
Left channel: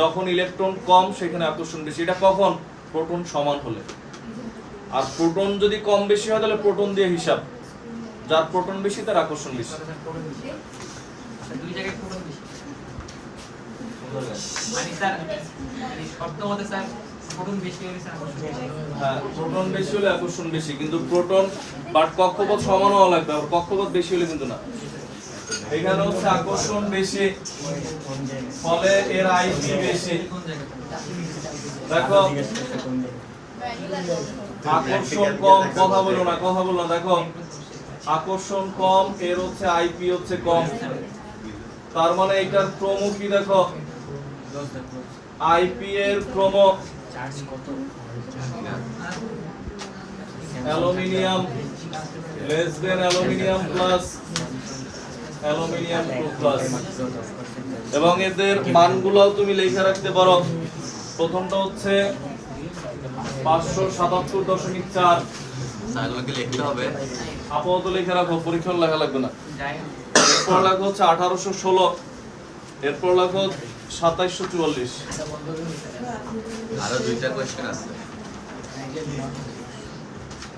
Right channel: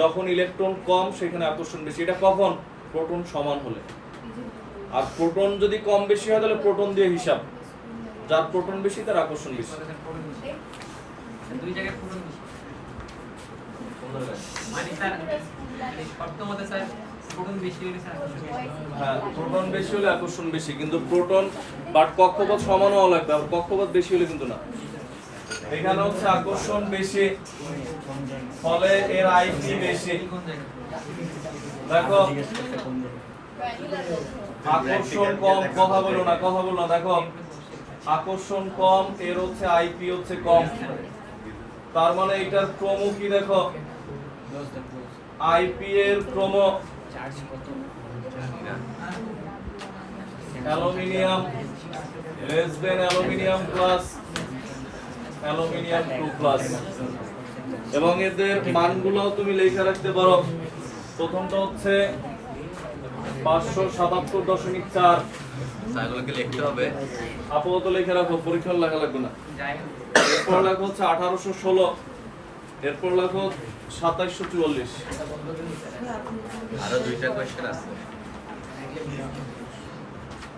যখন ইলেকট্রন কম সেখানে আকর্ষণ বেশি। এটা কখন? প্রোটন সমান হলে। আর প্রোটন যদি কম বেশি হয় তাহলে প্রোটন দিয়ে হিসাব, যার প্রোটন বেশি তার আকর্ষণ বেশি। দুই জায়গায় প্রোটন বেশি, মানে স্যার মানে শর্ত মতে স্যার প্রোটন বেশি হলে স্যার আকর্ষণ বেশি। হ্যাঁ, প্রোটন বেশি হলে আকর্ষণ বেশি, কিন্তু প্রোটন বাট কক্ষপথ সমান হওয়া লাগবে, আর কক্ষপথ বেশি হলে কিন্তু না। এখানে হচ্ছে আকর্ষণ বেশি, ফলে এর আইপি বেশি। দেখো আকর্ষণ কম, কথা বলো না, কথা বলো না। দেখো আকর্ষণ কম, এর হচ্ছে আইপি হচ্ছে কম। তার মানে এটার ক্রম কি দেখো, আইপি এর ক্রম aluminium less than aluminium plus aluminium 2 plus, এবং এদের মানগুলো তুমি লিখে রাখতে পারো। প্রথমটা হচ্ছে 577.4, সাইকেলকে লিখতে হবে। আপাতত লিখে রাখো, পরীক্ষা লেখা লাগবে না। যাই হোক, এরপর লেখো হচ্ছে 1816, এরপর লেখো 2744। আরো দুইটা কোশ্চেন আছে।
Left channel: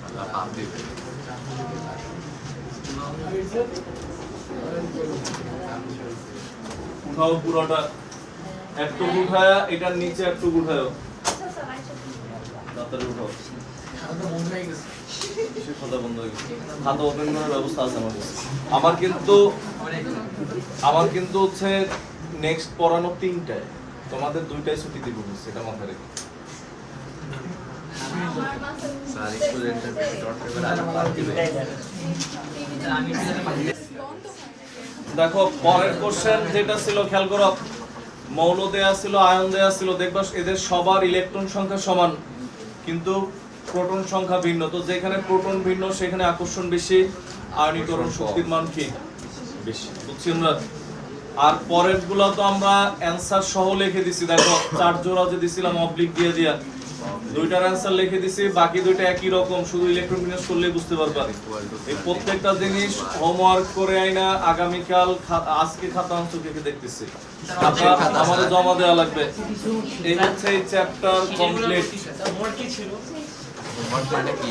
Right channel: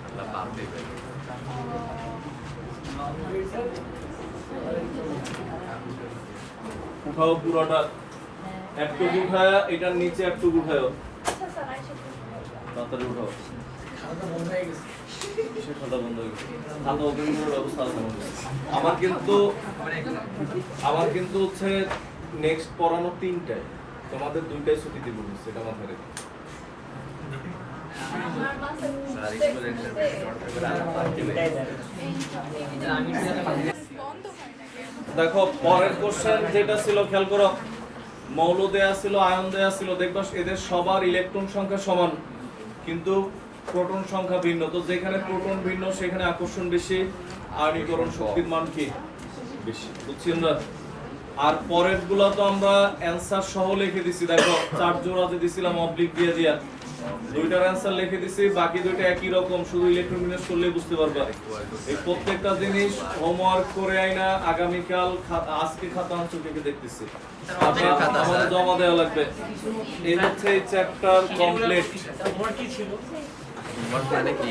আল্লাহ পাপ দিবে। উঠাও পুরোটা, একটু উঠায়া এটার নিচে একটু উঠায়ও, তাড়াতাড়ি উঠাও। কিসের খাতা বন্ধ হয়ে গেছে? খাতা ওপেন করার ব্যবস্থা আছে আমার কাছে। আমার কিন্তু হচ্ছে নেক্সট পড়ানো 3টায়, তোমাদের 2টায় ছুটি দিব, সেটা মাথায় রেখে। স্যার স্টুডেন্টদের চর্চা করে আল্লাহ পাপ দিবে। দেখো পরের কোশ্চেন যেটা ছিল, খেয়াল করো, মৌল দেয়া ছিল, আয়ন দেয়া ছিল, দেখবা এদের সবার ইলেকট্রন সংখ্যা সমান, কিন্তু প্রোটন সংখ্যা ভিন্ন। তো যেখানে প্রোটন ভিন্ন সেখানে আকর্ষণ বেশি, আয়নীকরণ শক্তির মান কি বেশি, বুঝছি আমরা। আর পরের গুলো তো আমরা অ্যানসার সহ লিখে দিছি, দেখো 4 জোড়া যে দিছিলাম অবলিক দিয়ে দিয়া, 2টার অ্যানসার লিখে দিছি, বাকি 2টা একই রকম, শুধু ইলেকট্রন বিন্যাস করলেই বুঝতে পারবা। এই প্রত্যেকটা জিনিস হোমওয়ার্ক করে আইনা আগামীকাল আজকে খাতা অংশ থেকে দেখতেছি, আমাদের জমা দেওয়া লাগবে। এই হচ্ছে এই চ্যাপ্টার কমপ্লিট। মোর কি ছিল? তোমার কি